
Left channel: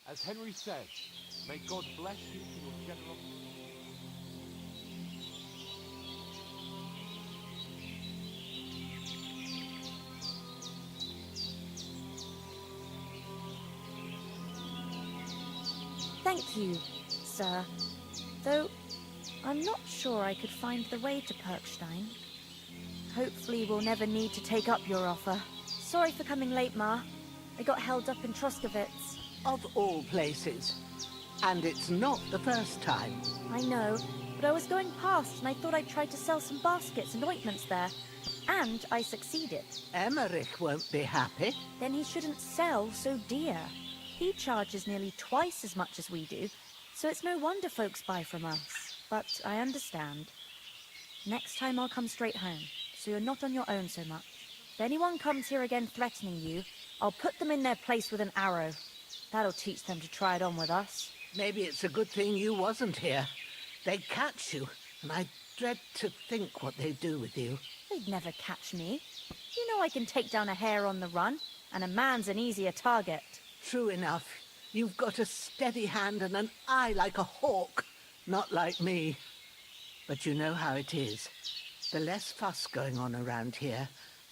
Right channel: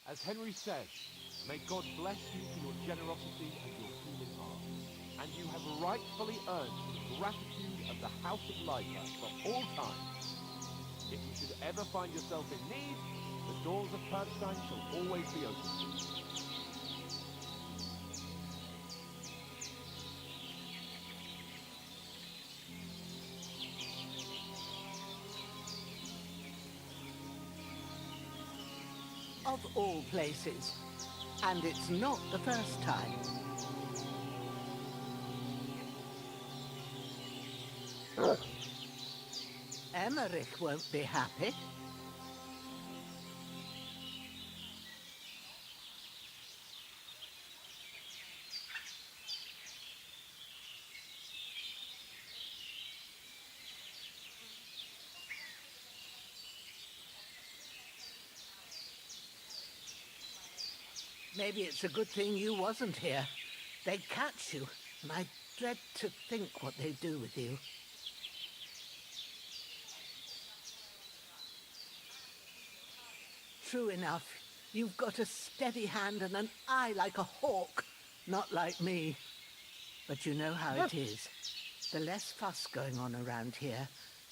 As Henry says, may God bless you for your generosity and your good heart. And you have rightfully earned the gratitude of the House of Liger for all time. If you should ever find yourself in need, the doors of Perkstein shall always be open. Thank you, sir. Though, I'm not sure I could find the way to Perkstein. Hopefully we'll never need to take up your offer. Sorry for coming late, Ma. I got held up in Troskovitz. Of all places. And it's not the first time. I know, but I was going past and I thought I'd try to sell some baskets and ointments there. And I succeeded. Emmerich won't be happy. Then he shouldn't sell so dear. He charges nearly twice as much as we do, so it's no wonder folks buy from us. But I understand. Next time I'll come straight home, so you're not on your own so much. If anyone comes here again threatening you, I'll put them in their place with an arrow. That'll teach them to try it on with us. Maybe it's a good thing you wasn't here. They'd catch you, and I dread to think what they'd do with you. They'd never catch me. You know I can take down a hare on the run, and a man's an easier target. True enough. You've got a steady hand and an eye like a hawk. Not like me. But you know how it is. The less fuss going on around here,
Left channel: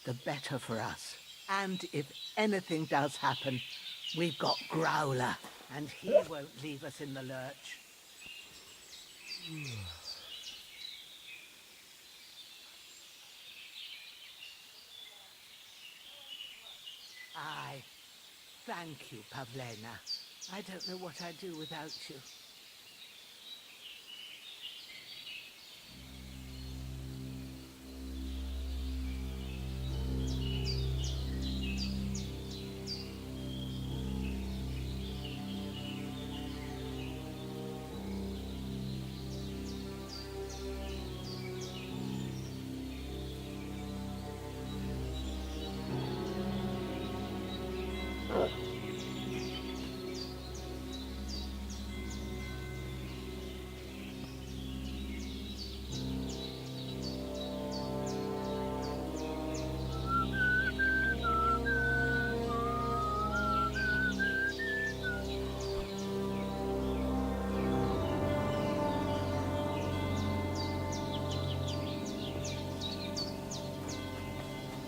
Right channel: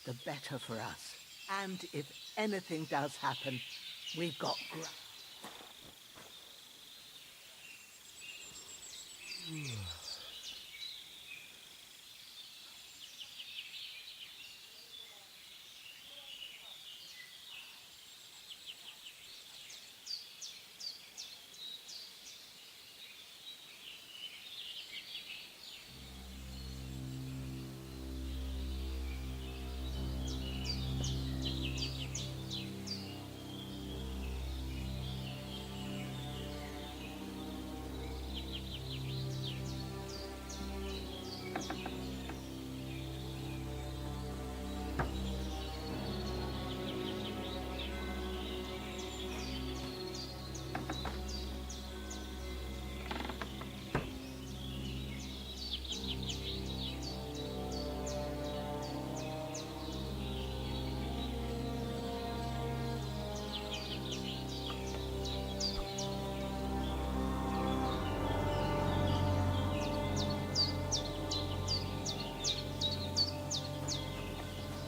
the better for us. And if anything does happen, we've got Growler, and he won't leave us in the lurch. Aye. Thank you, Pavlena. I don't know what I'd do without you.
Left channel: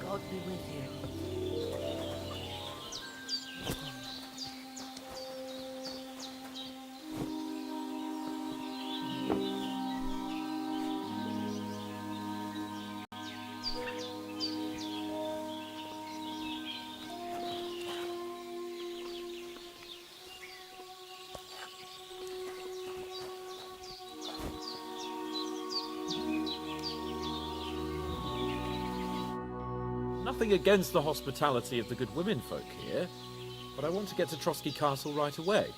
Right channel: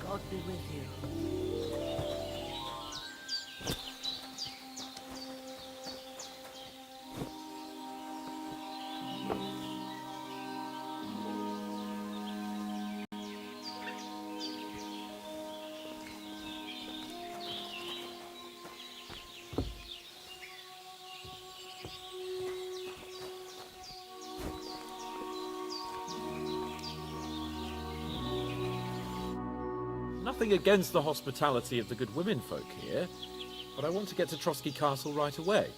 God be with you. Nothing against the hospitality of the good women folk here, but I want to get to Trotsky Castle right away.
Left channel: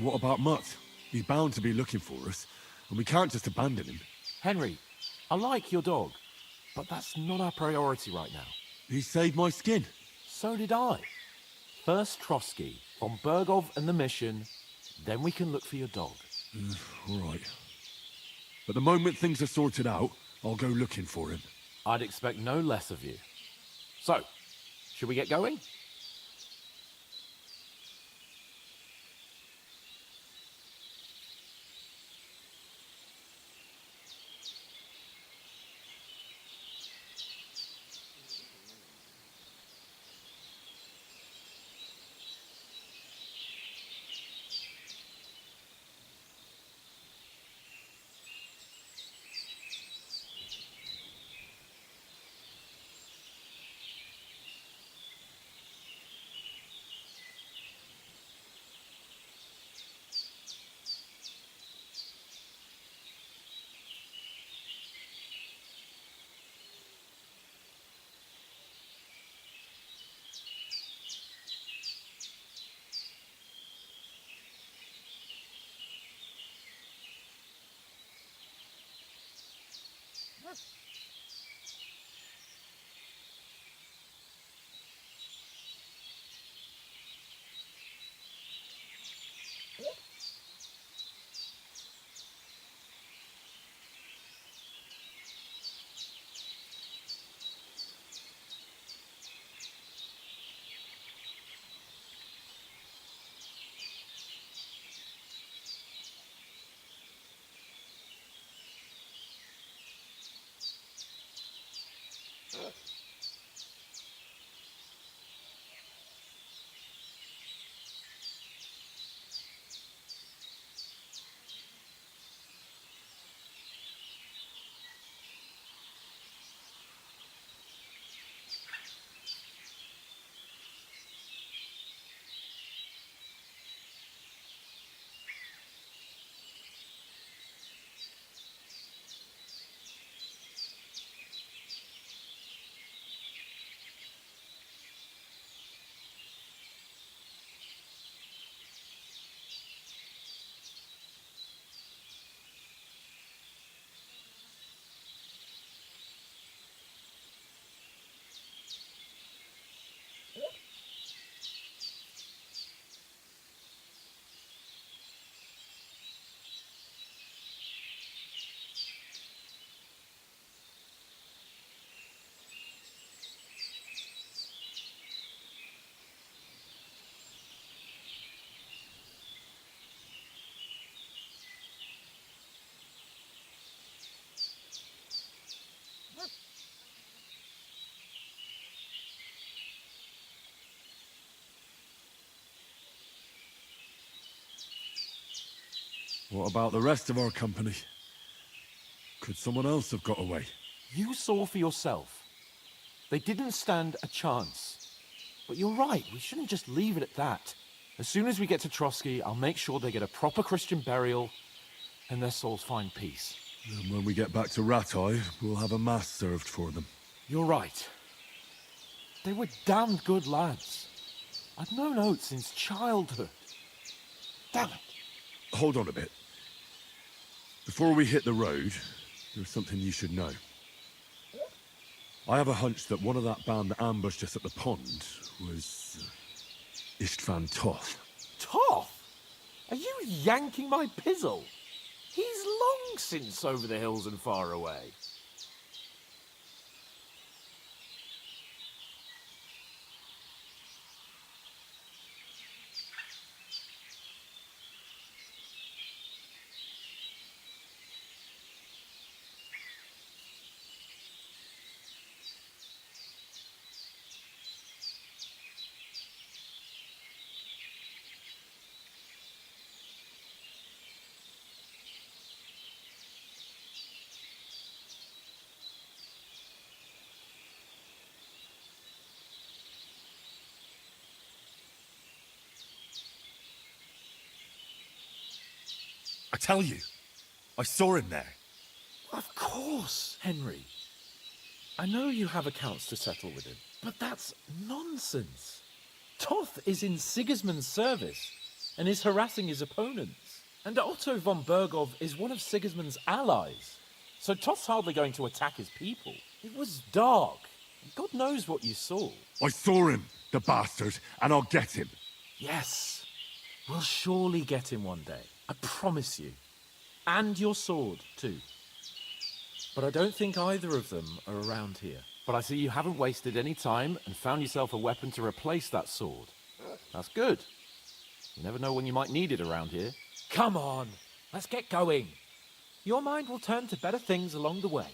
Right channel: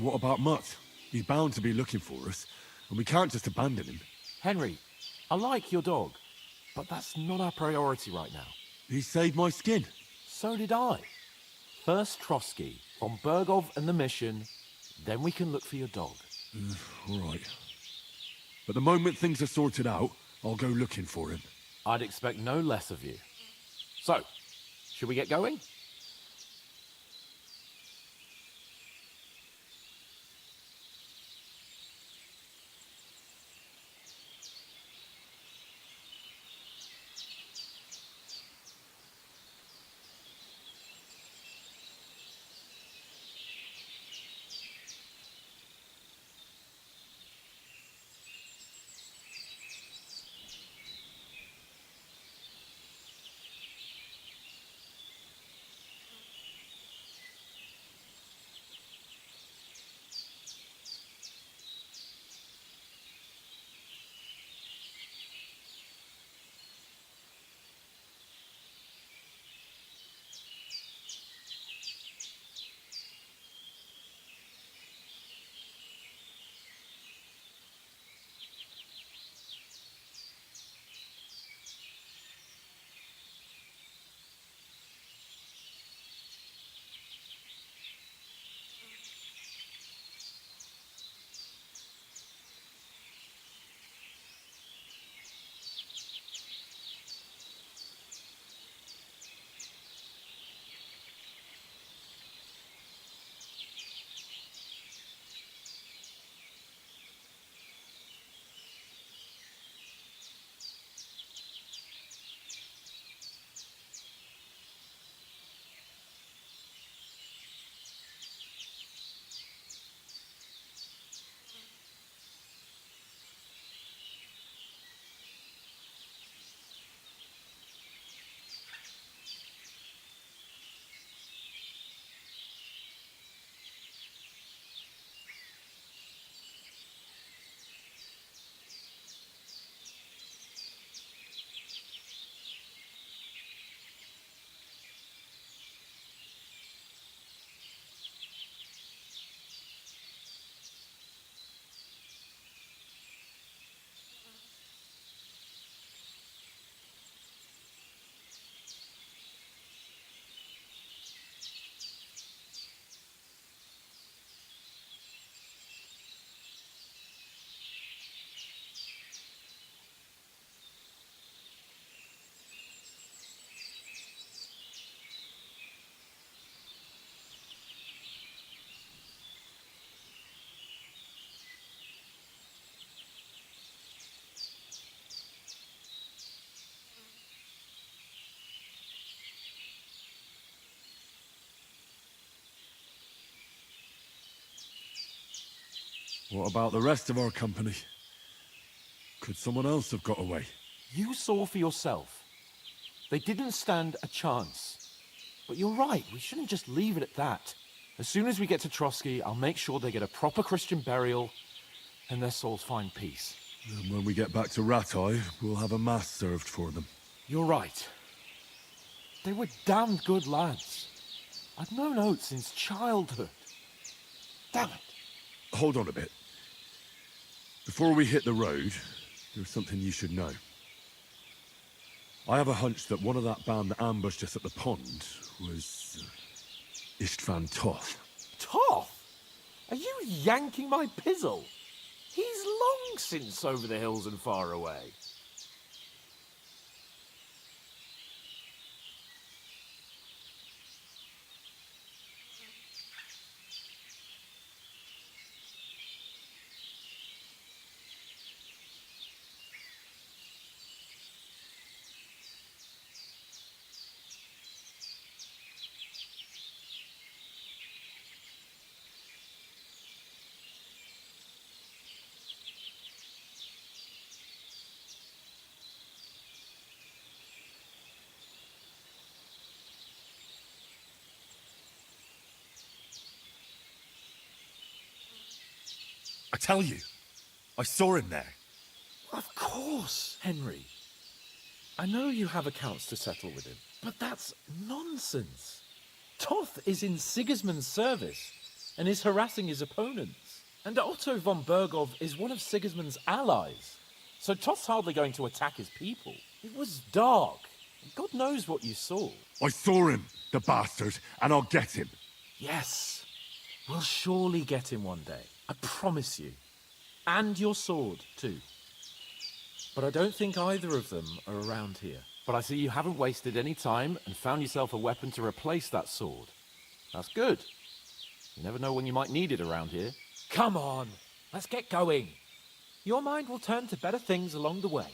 What about Mutt? He's bound to be looking for us, and we can't just abandon him. Henry, I like your dog, but that's not our priority right now. He saved my skin. So did I. First Trotsky, von Bergov and the mission, then we can look for your dog. All right. But the moment things are sorted out, I'll go looking for him. I'd expect no less of you. So, should we get going? What about the rest of our company? Could someone else have got away? You saw for yourself. They didn't stand a chance. But you're right, we shouldn't just leave it at that. As soon as we get to Trotsky, I'll make sure they get a proper Christian burial and their souls find peace. And when we get back to Ratai, we'll have a mass served for them. You're right. They were damned good lads. I've known Oates since childhood. Damn it. Hold on a bit. Before we hit the road, there's something you should know. I have a hunch that one of that band that ambushed us at the pond was Istvan Toth. Toth? Are you yanking my pizzle? He's long since over the hills and far away. I tell you, I saw him there. Of course, Henry. I know you have accounts to settle with him, but that's nonsense. Toth is in Sigismund's service, and is harassing his opponents. And Otto von Bergov is one of Sigismund's allies. So Toft's hardly going to attack his people. It was dark. God knows what you saw. I saw him, the bastard, and I'll get him. Yes. We'll surely get him one day. I promise you. And your sword, too. But I don't think either of them are around here. But I see you haven't wasted any time and found yourself a weapon to replace that sword. That's good. You never know when you might need it around here. Come on, let's get going. Your mind will turn to better things along the way.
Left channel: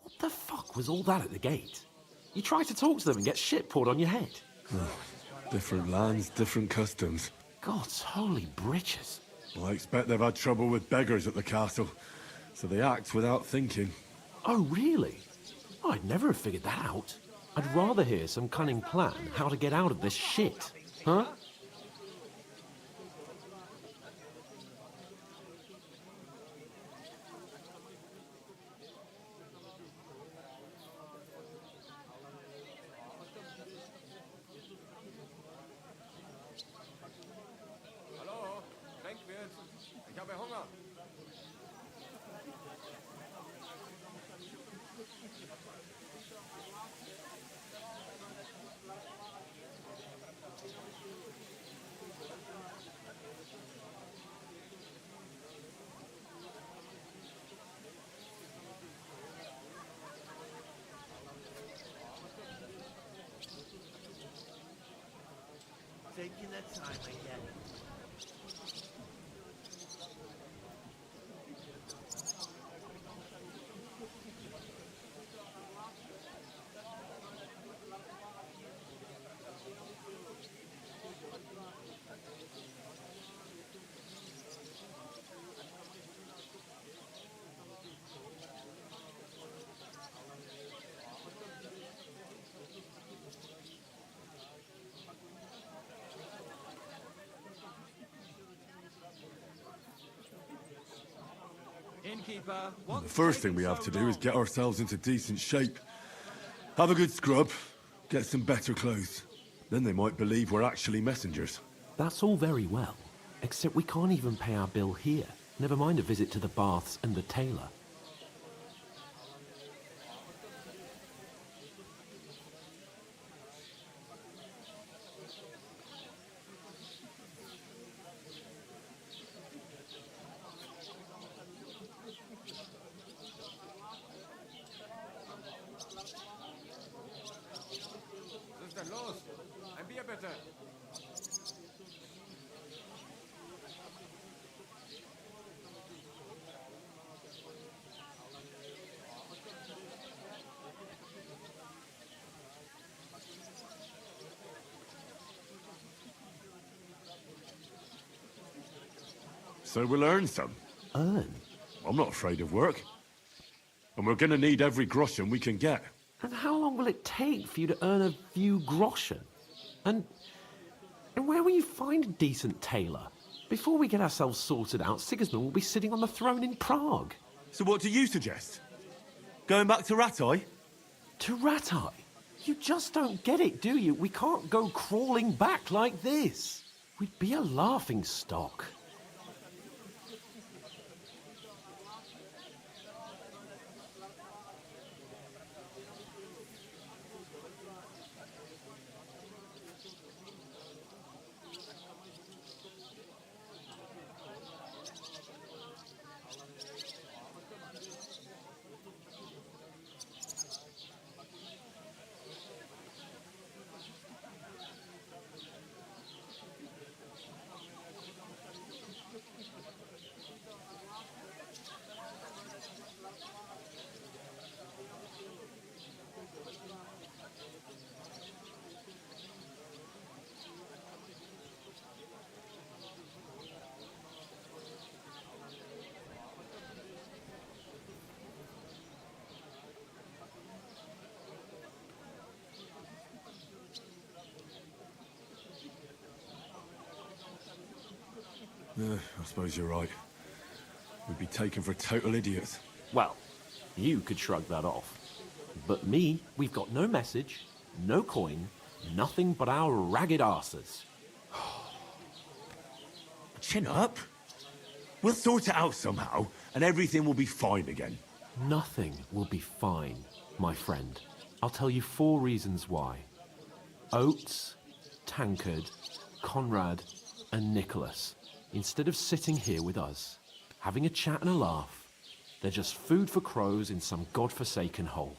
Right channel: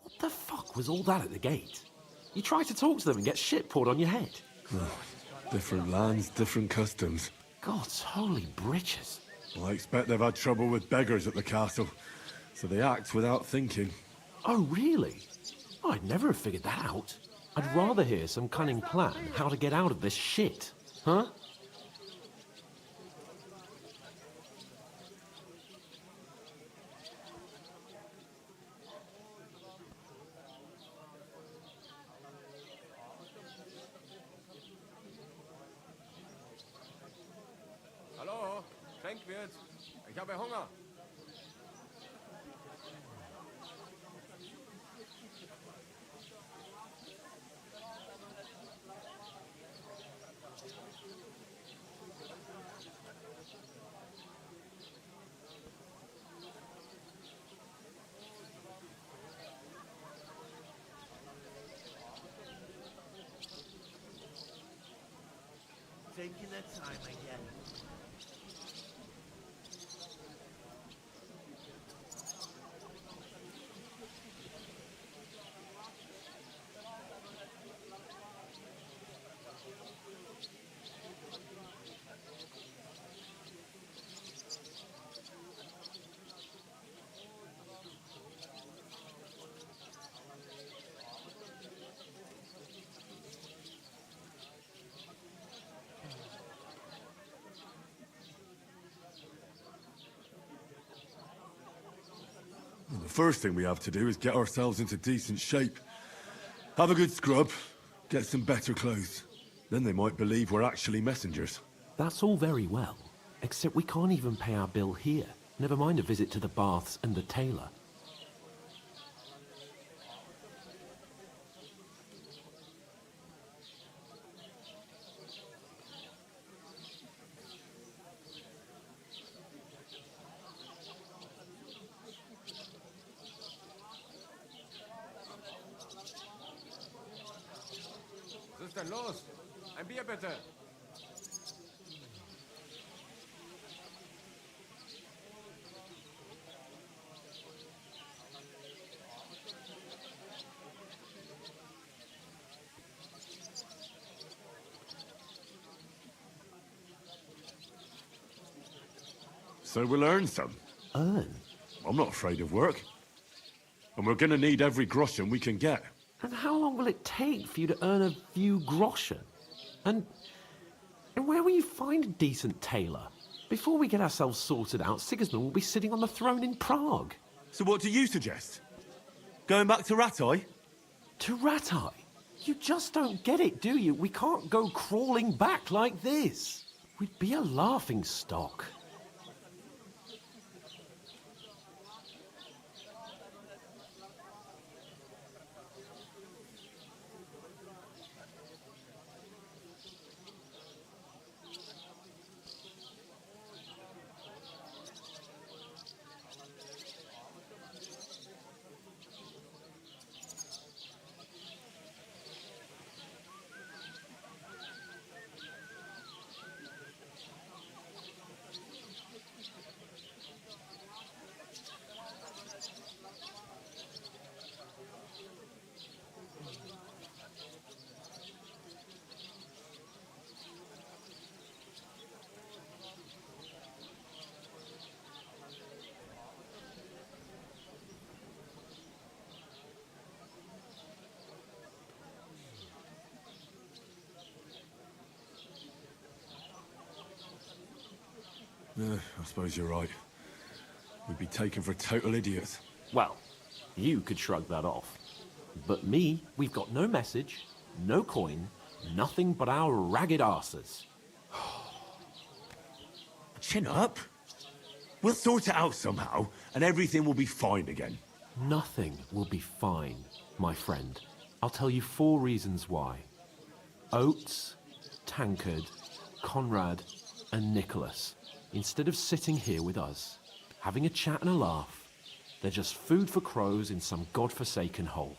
What the fuck was all that at the gate? You try to talk to them and get shit poured on your head. Different lands, different customs. God's holy britches. I expect they've had trouble with beggars at the castle, so they act without thinking. Oh, really? I'd never have figured that out. I'd rather hear some cunning plan how to get out of this shit. Huh? Hallo, Schenkwirt. Ich habe Hunger. Taking their time again. The first thing we have to do is get ourselves into decent shape. Have a good scrub, get some better clothes. Then they might believe we're actually messengers. That's all very well, except we can't even pay our bill here. Never mind a visit to the baths and the tailor. Was ist denn los? Ein Bier bitte. So we'll earn some. Earn? I'm not afraid of work. And we're gonna need every groschen we can get. And how long will it take for you to earn a few groschen? And where will you find a decent tailor? Before we get ourselves sorted out, Sigismund will be sitting on the throne in Prague. So what do you suggest? Going back to Ratai? To Ratai? You just don't get it, do you? We can't go crawling back like this. We'd be a laughing stock. I suppose you're right. We'd be taken for total idiots. Well, you could shrug that off. But me, we've got no message, no coin, nothing but our ragged arses. Chin up. We'll sort it out somehow, and everything will be fine again. Nothing will be fine, my friend. I'll tell you 4 reasons why. Oates, Tankard, Conrad, and Nicholas, instead of sitting here with us, having a chat and a laugh, they're just food for crows in some godforsaken hole.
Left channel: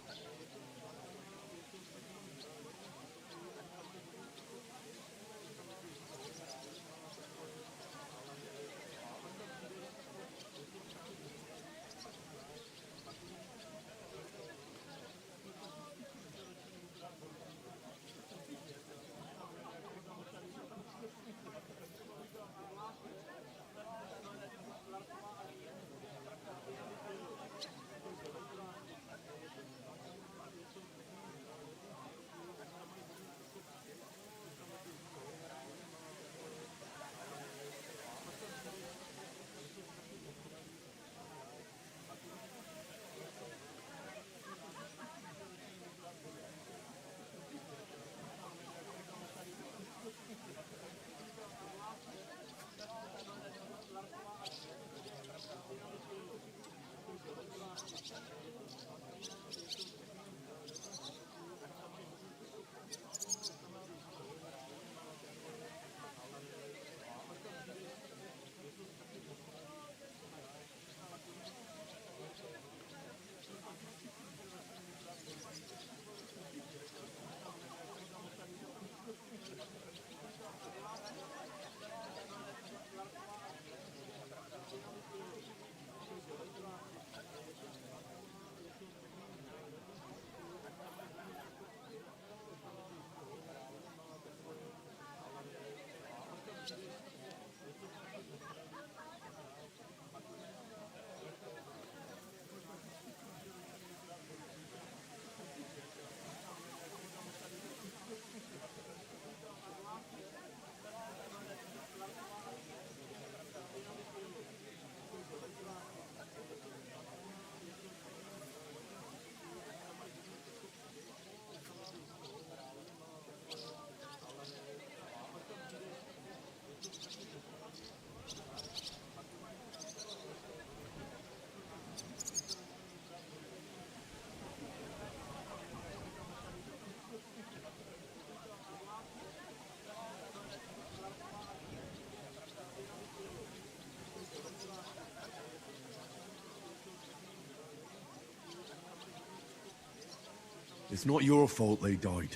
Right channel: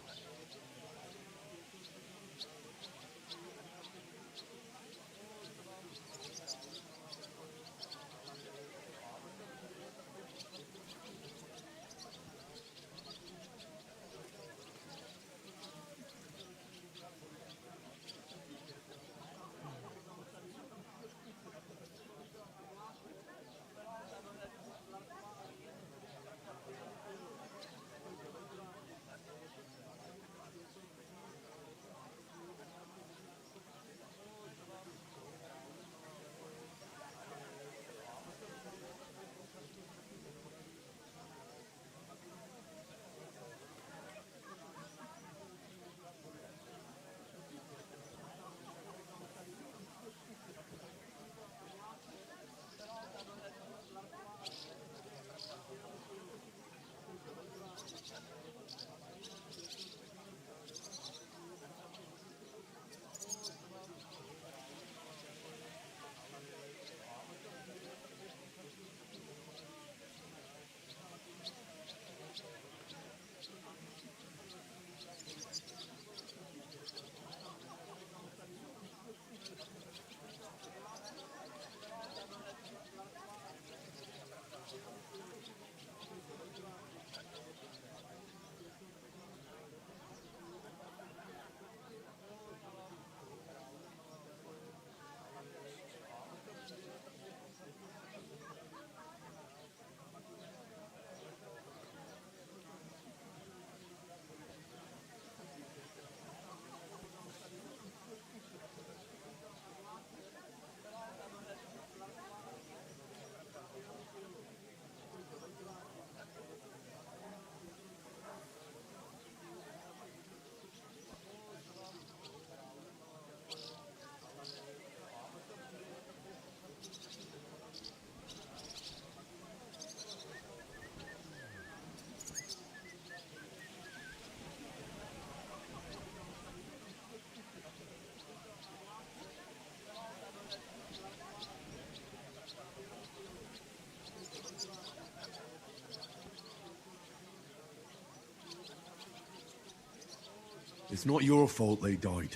It's not your fault they died.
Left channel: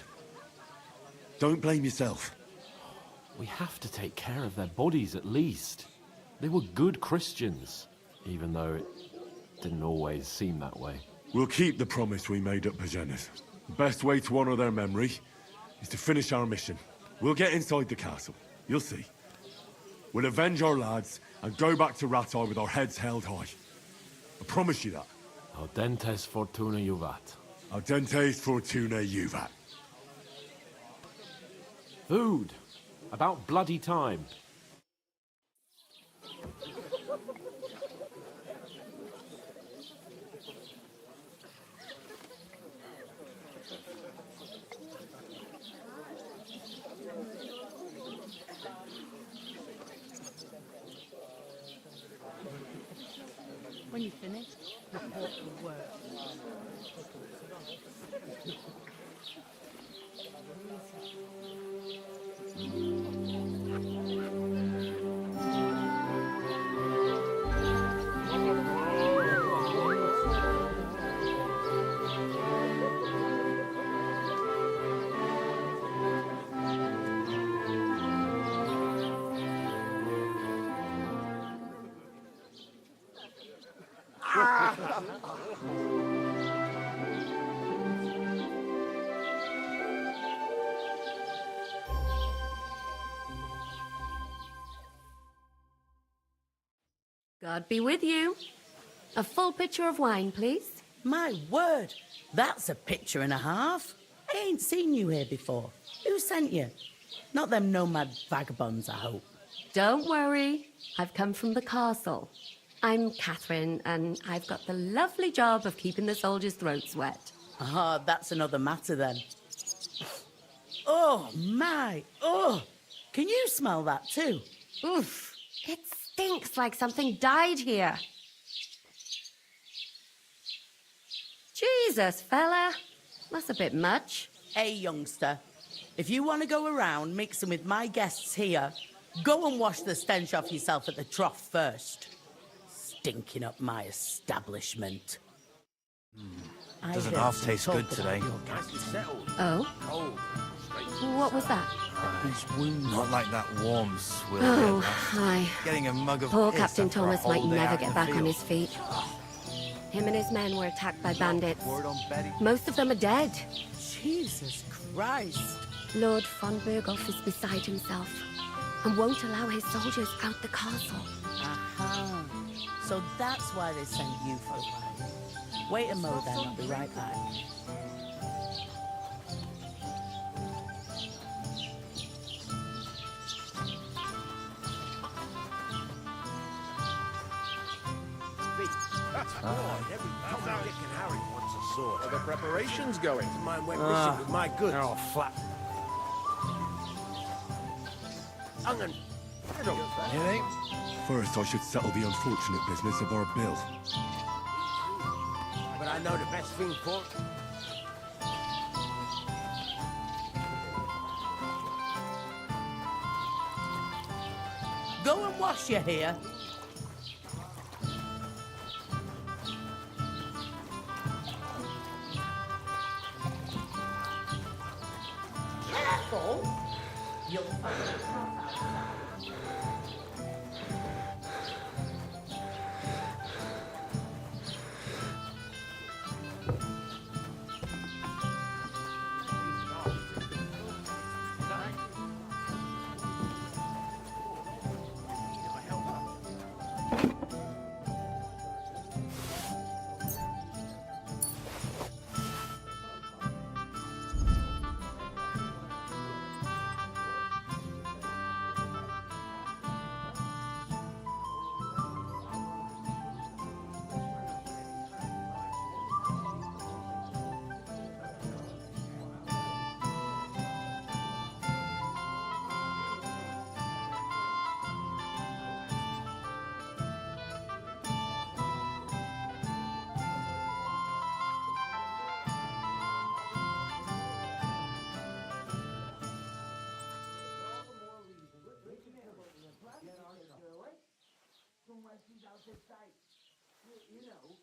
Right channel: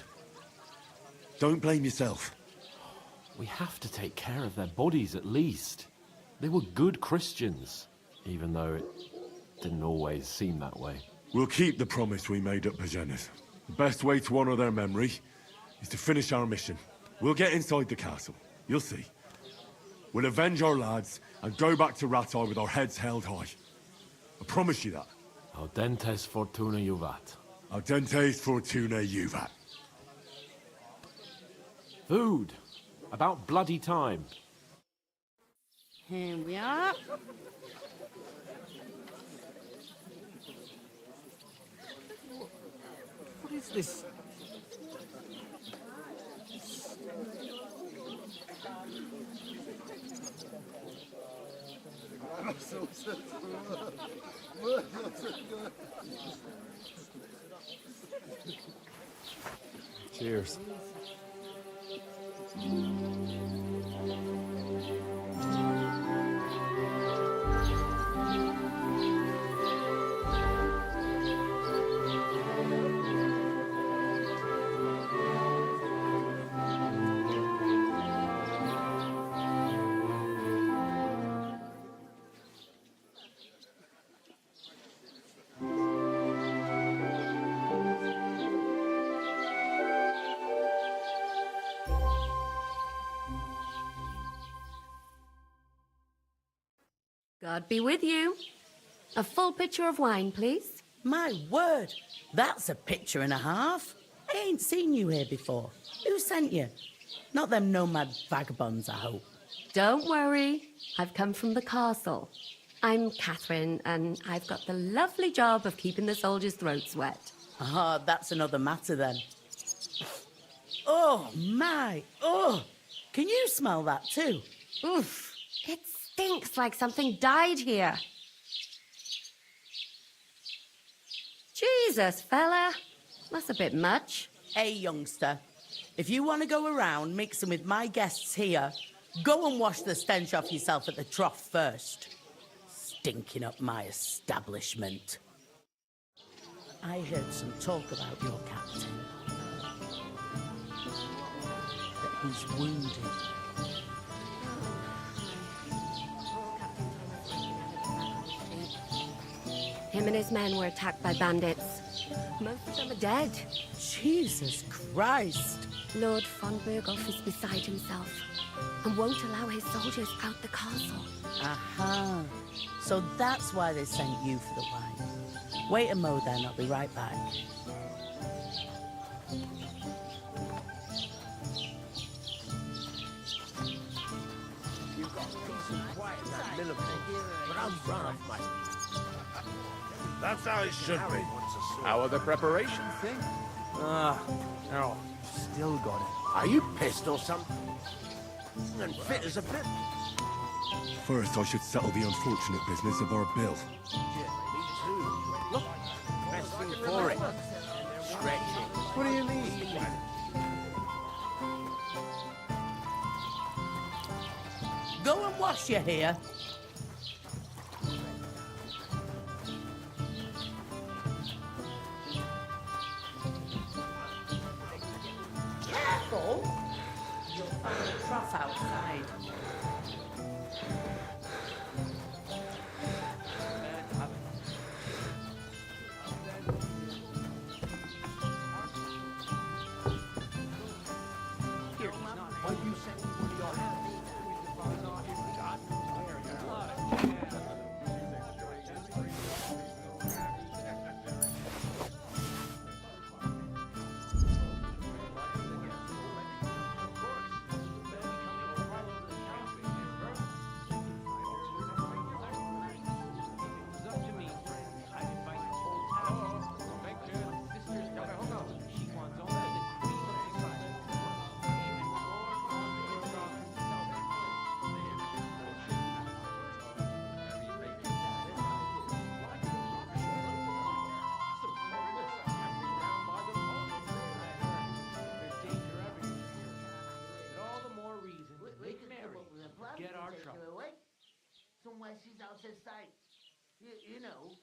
Don't blame yourself. We have to take care of their bodies at least. They were good Christians, even though it didn't always seem that way. We'll keep the promise we made at Pagenis. The best way to honor their memory is to finish our mission. We'll get inside the castle. You'll see. We'll avenge our lads and go back to Ratar with our heads held high. I promise you that. Audentes fortuna juvat. Audentes fortuna juvat. Food. About bloody time. Here we are. What is this? When you finish. Cheers. God be with you. A full pitcher of wine, please. My word, that's a picture and a half. I ain't seen you here before. Who sent you? Not them nomad vagabonds, I hope. Don't worry. I've come from the castle. I'm Catherine, and I've got the lovely job of keeping the soldiers' throats wet. Ah, that's another matter then. Oh, my. Oh, can you smell that too? Oof. It stinks like something died here. Jesus, fella. That's a bit much. Hey, youngster. If you want to go around mixing with my guests here, go and wash the stench off yourself at the trough first. Stinking up my establishment. I Doesn't heard half some taste talk good about today. your captain. Oh? What was that? He's wounded. Not like that warm swill. Oh, aye. Getting a mug of Poor piss Captain after a Thomas might whole day never out in get the back on field. his feet. Him and his men were attacked by bandits. Most of them are dead. Jesus Christ. Lord von Berghoff is beside himself and won't allow his soldiers out the castle. Aha. So that's why they sent you for the wine. Wait a mo then, I'll be right back. That's how it should be. How are the preparations going? They're all flat still gone. Are you pissed or something? I'm unfit as a fiddle. You think? First, I should settle the unfortunate business of our bill. Look, but I know the best thing for it. Stretch it. What do you mean? Go and wash your hair. Careful! You'll find a cross outside. Somewhere she's out of sight. You know.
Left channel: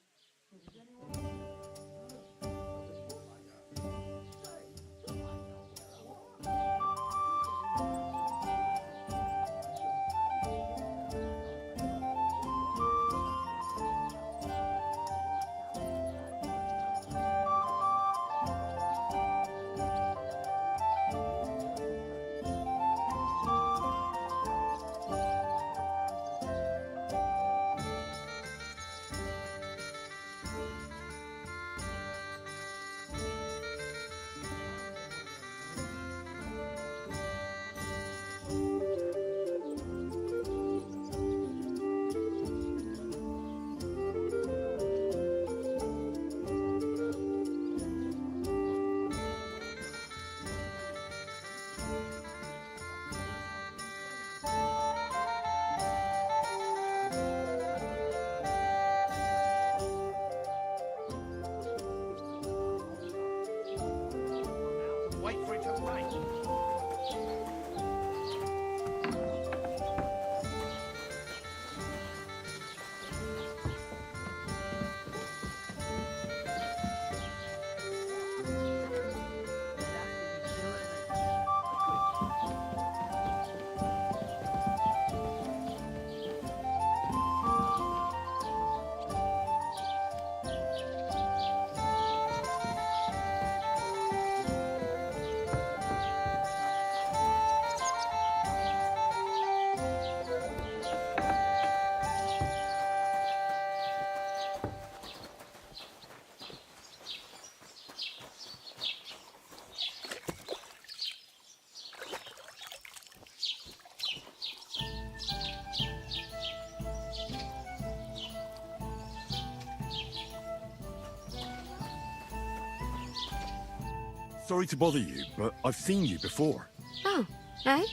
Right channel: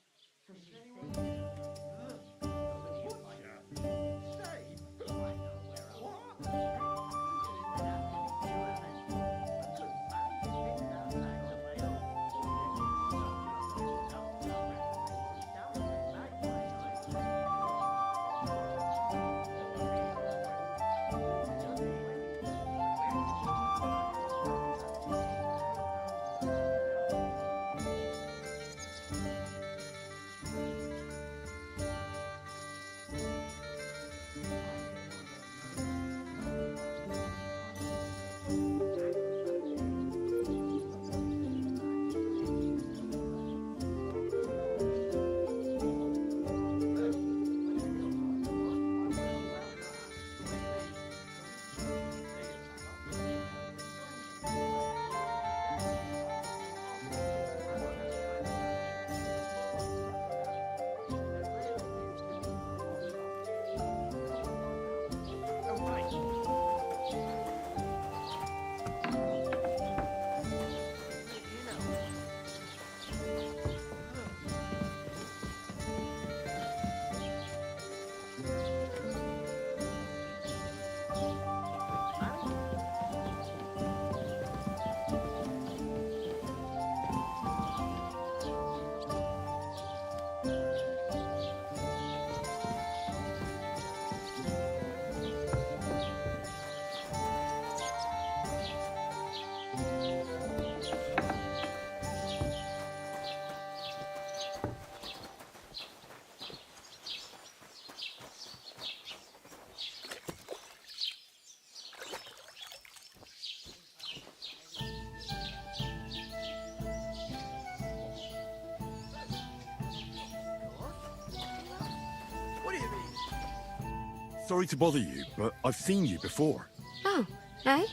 Sorry to bother you, but I've seen you before. Oh, eh?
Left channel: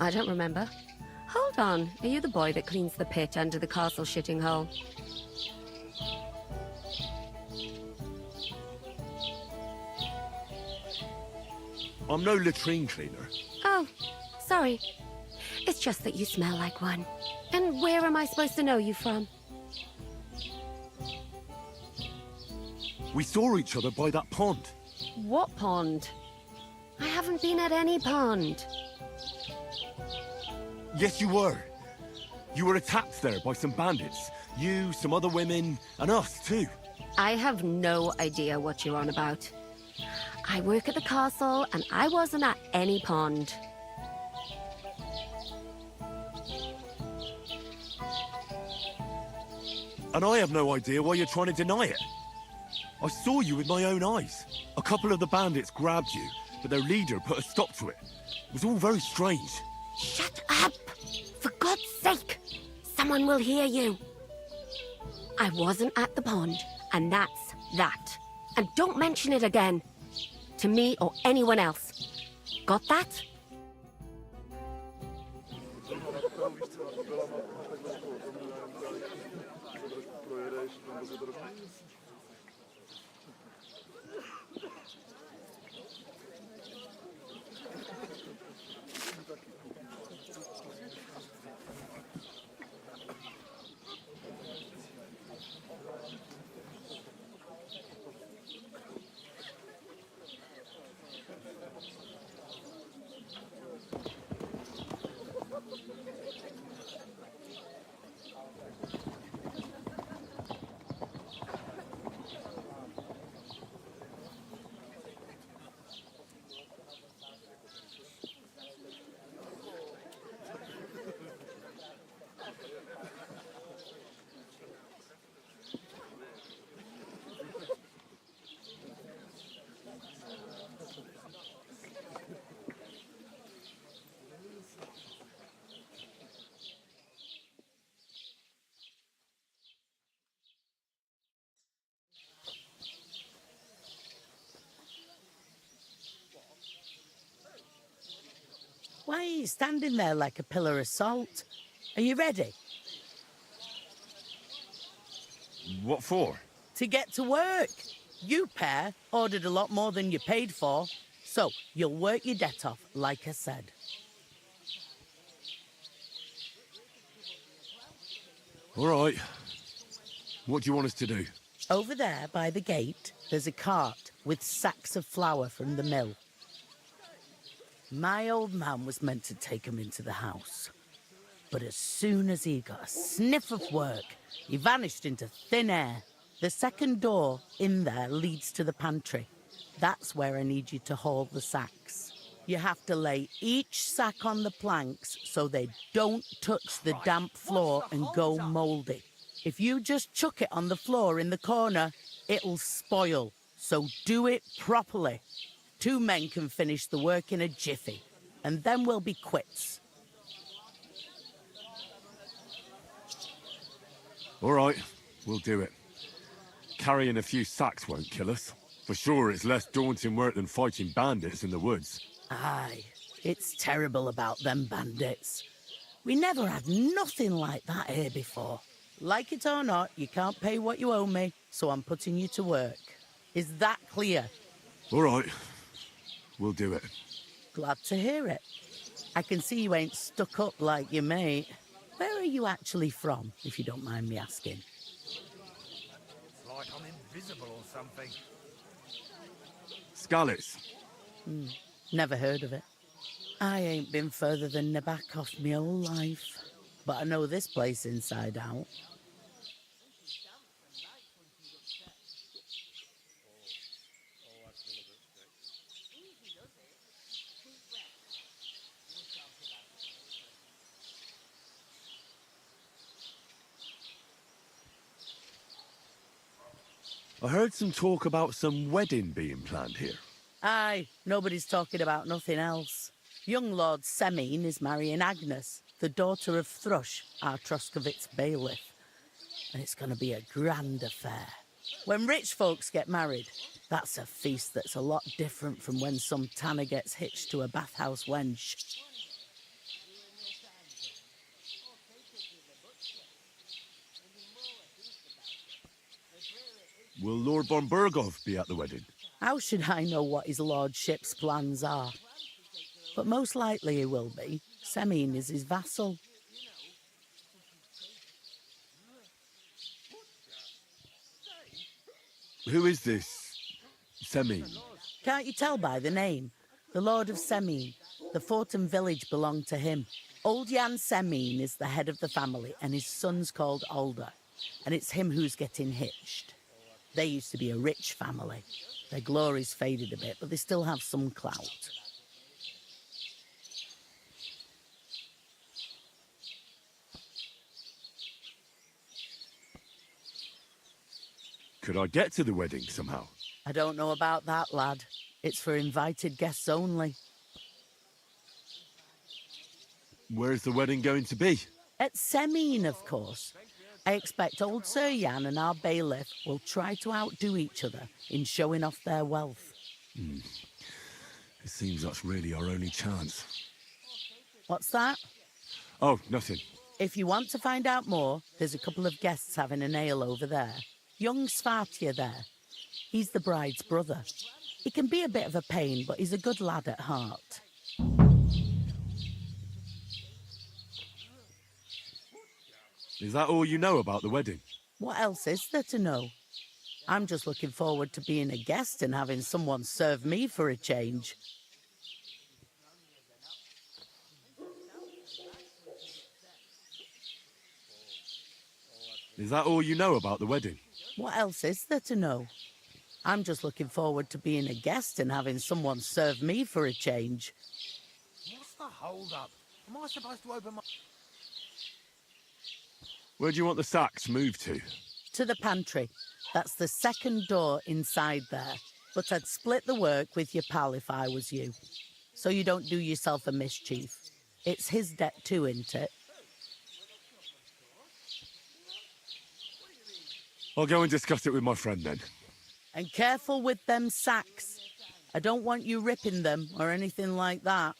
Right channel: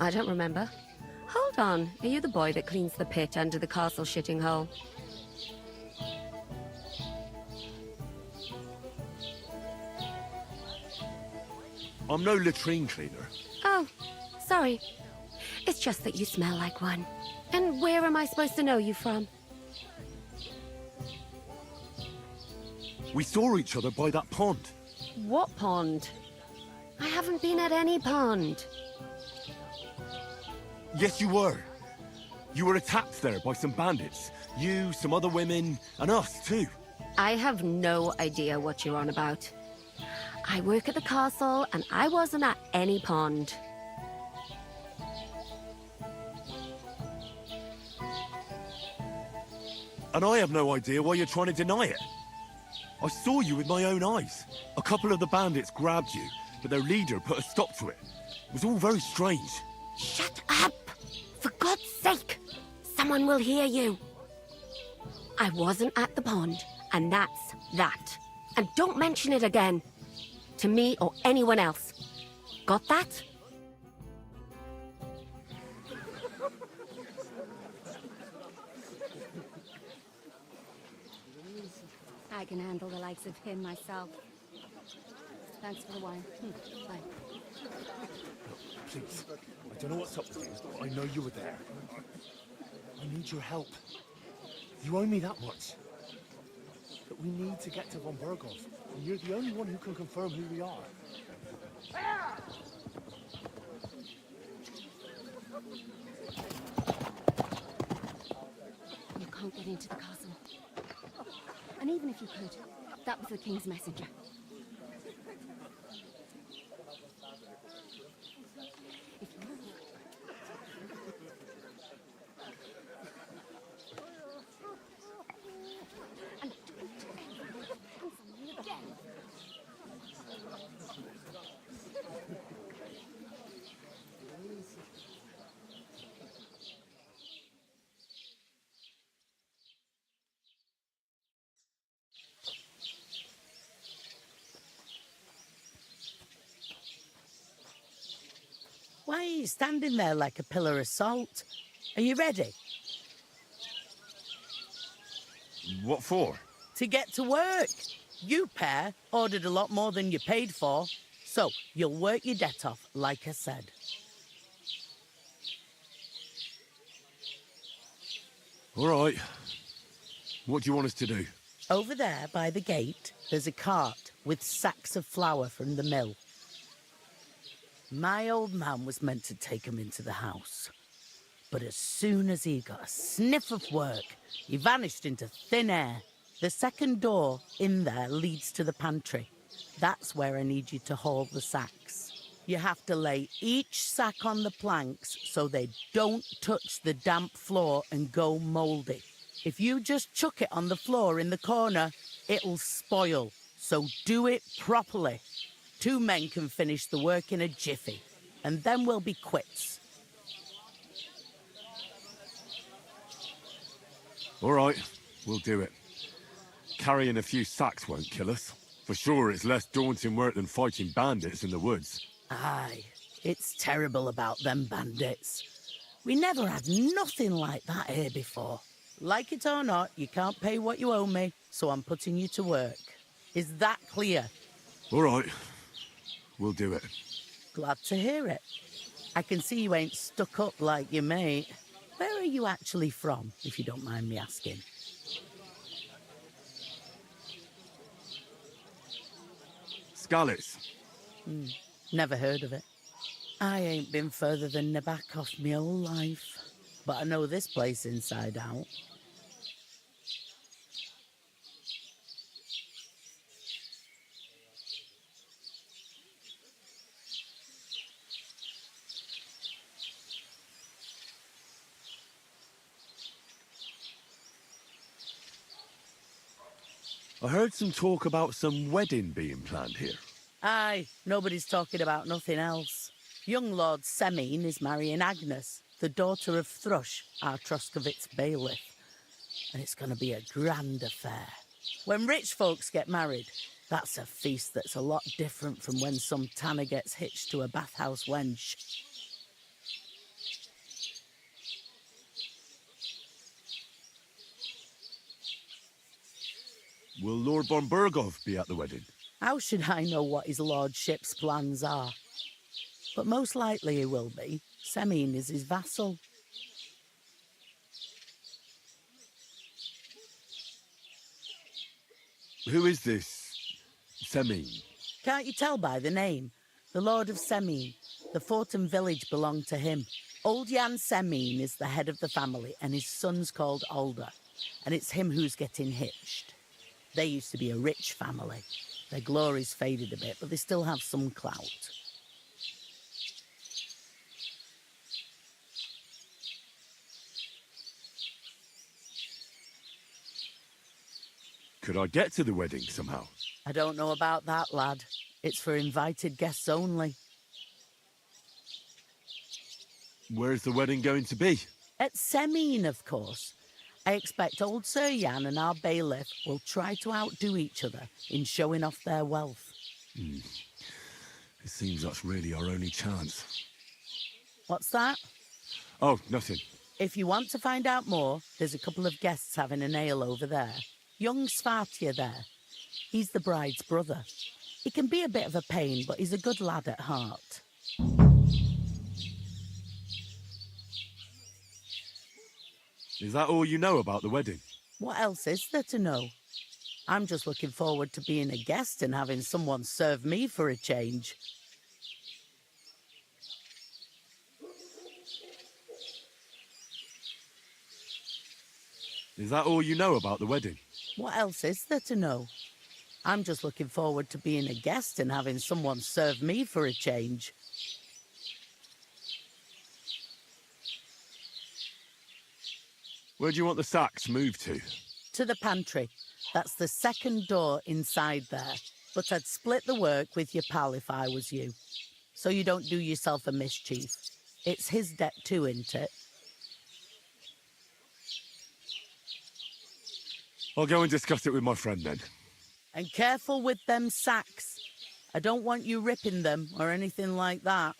I don't remember. Hold on, are you the boy that cleans the pit under the castle shitting hole? I'm no latrine cleaner. Oh, sorry. It's just that you smell like one. And where am I supposed to know you from? We saw each other by that pond. What pond? I haven't been at any pond. Yes, you were. You were attacked there by some bandits. You, some other women, and us too. I have no idea what you're on about. I work at the castle, and I wasn't at any pond. And I have no idea why you're trying to deny it. I saw you with my own eyes. A couple of the bandits grabbed you, but their leader put a stop to it. It was all very strange. Shut up! For God's sake! Someone will hear you. I wasn't at the pond, and that's that. And don't mention it again. To me or anyone else. Got that? I can handle the likes of him myself. Thanks for the wine. I don't know what's up. I know you were there. I need your help. You owe me that much. We need to get to Von Burgos, and you're the only one who can confirm who we are. You can't get into the castle. And even if you could, that was the king's messenger. Why are you standing there like a pillar of salt? Are you ready? What for? To get to work. You pair ordered a lot more than you paid for, so you'll work your debt off, like I said. All right. What do you want us to do? Over there by the gate, there's a cart with sacks of flour from the mill. My old man was meant to take 'em into the house. But as soon as he got a sniff of work, he vanished into thin air. The second door in there leads to the pantry. That's where I need you to haul the sacks. You have to lay each sack on the planks so they don't touch the damp floor and go mouldy. If you just chuck it on the floor in the corner, it'll spoil. So do it properly. 2 men can finish the work in a jiffy, and then we'll be quits. All right, we'll do it. Carrying a few sacks won't kill us. For sure, it's less daunting work than fighting bandits in the woods. Aye, it's terrible about them bandits. We never had nothing like that here before. Like it or not, you can't pay what you owe me, so I'm putting you to work. Is that clear? All right, we'll do it. Glad to hear it. I can see you ain't stuck up like your mate. Where are you actually from, if you don't mind me asking? Scallis. Never heard of it. I ain't been further than Nabakov my whole life, but I know this place inside out. I heard some talk about some wedding being planned here. Aye, nobody's talking about nothing else. Young Lord Semine is marrying Agnes, the daughter of Thrush, our Troskovitz bailiff. And it's going to be a grand affair. When rich folks get married, That's a feast that's a lot different from when some tanner gets hitched to a bathhouse wench. Will Lord von Burgov be at the wedding? How should I know what his lordship's plans are? But most likely he will be. Semine is his vassal. Who is this Semine? Can't you tell by the name? The Lord of Semine. The fort and village belong to him. Old Jan Semine is the head of the family, and his son's called Alder. And it's him who's getting hitched. They used to be a rich family. Their glory's faded a bit, but they still have some clout. Could I get to the wedding somehow? I don't know about that, lad. It's for invited guests only. Where's the wedding going to be? At Semine, of course. I expect old Sir Jan and our bailiff will try to outdo each other in showing off their wealth. It seems that's really our only chance. What's that? Oh, nothing. If you want to find out more, there's a couple of guests having an ale over there. Young Svartje there. He's the bride's brother. He can be a bit of a pain, but he's a good lad at heart. Is that all you know about the wedding? What else is there to know? I'm just looking forward to being a guest and having someone serve me for a change. Is that all you know about the wedding? What else is there to know? I'm just looking forward to being a guest and having someone serve me for a change. What's the hold up? Am I supposed to open my... Where do you want the sacks moved to? To the pantry. That's the second door inside there. But I'd split the work with your pal if I was you. So you don't do yourself a mischief. It's his debt too, isn't it? I'll go and discuss it with my friend then. And careful with them sacks. I don't want you ripping them or anything like that.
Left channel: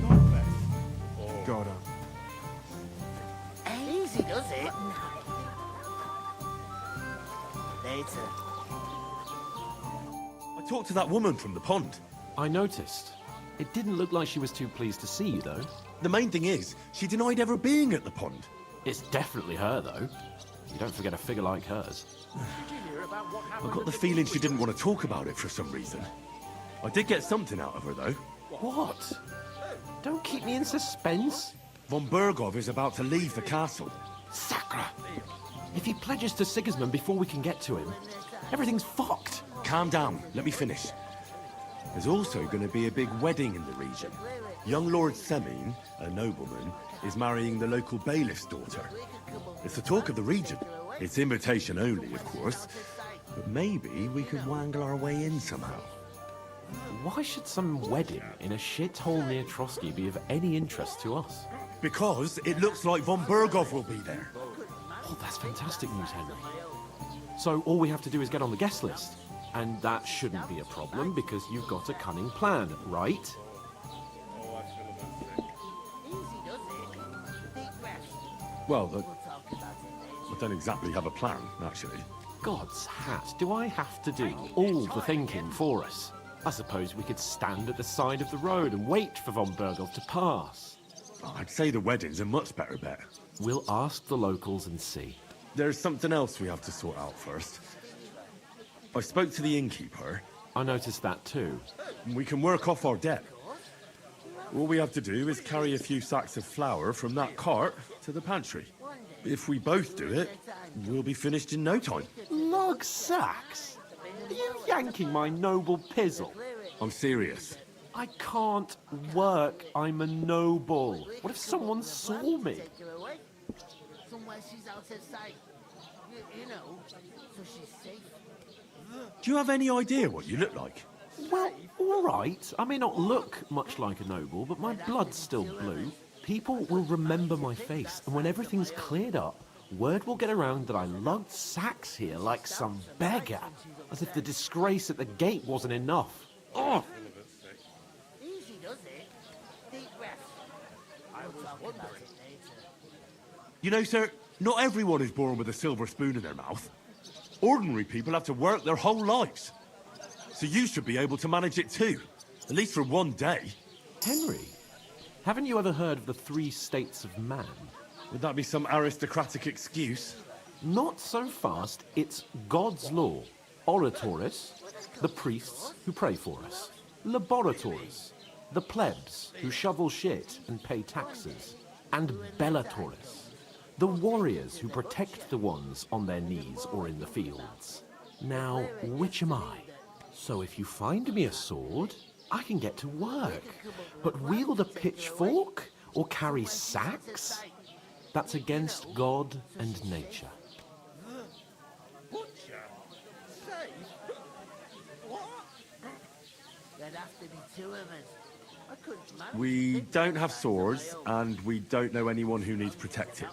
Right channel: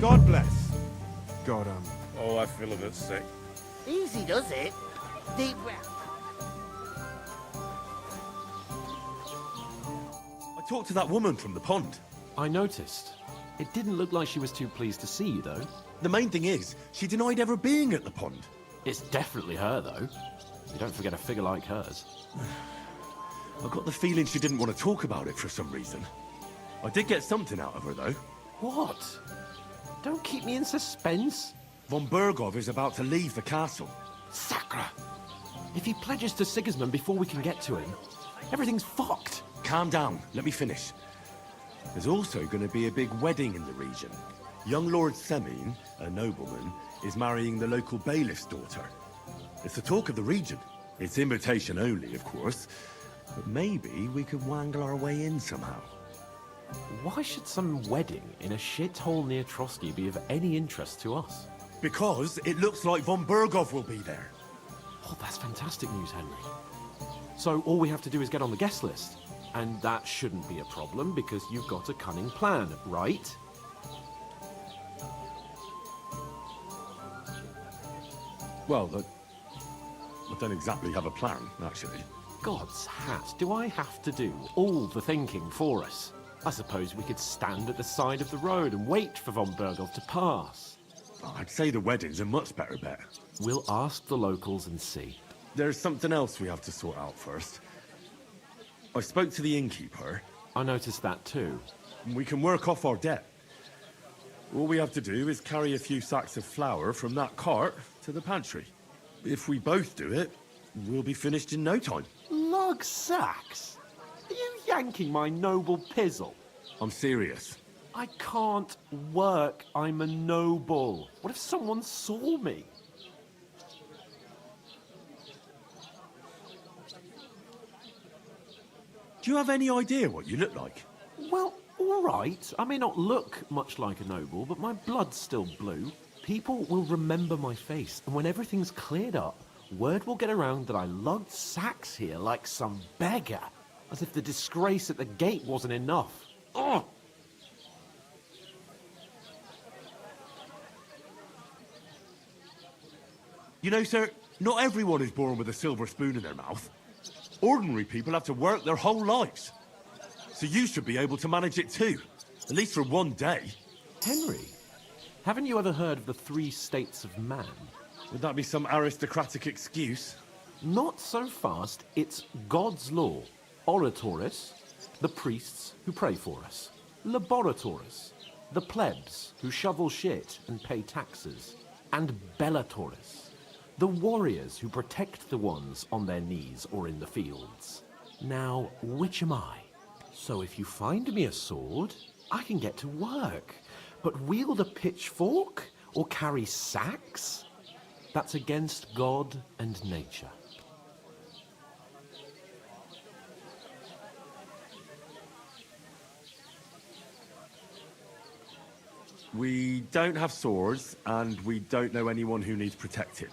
God bless. God, Oh, I feel a bit sick. Easy does it. Deep breath. I talked to that woman from the pond. I noticed. It didn't look like she was too pleased to see you, though. The main thing is, she denied ever being at the pond. It's definitely her, though. You don't forget a figure like hers. I got the feeling she didn't want to talk about it for some reason. I did get something out of her, though. What? Don't keep me in suspense. Von Burgov is about to leave the castle. Sacra! If he pledges to Sigismund before we can get to him, everything's fucked. Calm down, let me finish. There's also going to be a big wedding in the region. Young Lord Semine, a nobleman, is marrying the local bailiff's daughter. It's the talk of the region. It's invitation only, of course. But maybe we could wangle our way in somehow. Why should some wedding in a shithole near Trotsky be of any interest to us? Because it looks like von Burgov will be there. Oh, that's fantastic news, Henry. So all we have to do is get on the guest list. And that shouldn't be a problem because you've got a cunning plan, right? Well, I don't exactly have a plan, actually. God's hat, do I have to do all the thinking for us? I suppose we could stand at the side of the road and wait for von Burgov to pass. I'd say the wedding's a much better bet. We'll ask the locals and see. There's something else we have to sort out first. I spoke to the innkeeper. I noticed that too. We can work off our debt. All we have to do is carry a few sacks of flour from that cart to the pantry. If we both do it, we'll be finished in no time. Log sacks? Are you yanking my noble pizzle? I'm serious. I can't work. I'm a noble. What if someone saw me? Do you have any idea what you look like? Well, all right. I may not look much like a noble, but my blood's still blue. People will remember my face, and when everything's cleared up, word will get around that I lugged sacks here like some beggar, as if the disgrace at the gate wasn't enough. Ugh! You know, sir, not everyone is born with a silver spoon in their mouth. Ordinary people have to work their whole lives. So you should be able to manage it too, at least for one day. Henry, haven't you ever heard of the 3 states of man? Would that be some aristocratic excuse? Not so fast. It's God's law. Oratoris, the priests who pray for us. Laboratoris, the plebs who shovel shit and pay taxes. And Bellatoris, the warriors who protect the ones on their knees or in the fields. Now, which am I? So if you find me a sword, I can get to work. But wield a pitchfork or carry sacks? That's against God and nature. We don't have swords, and we don't know anyone who needs protecting.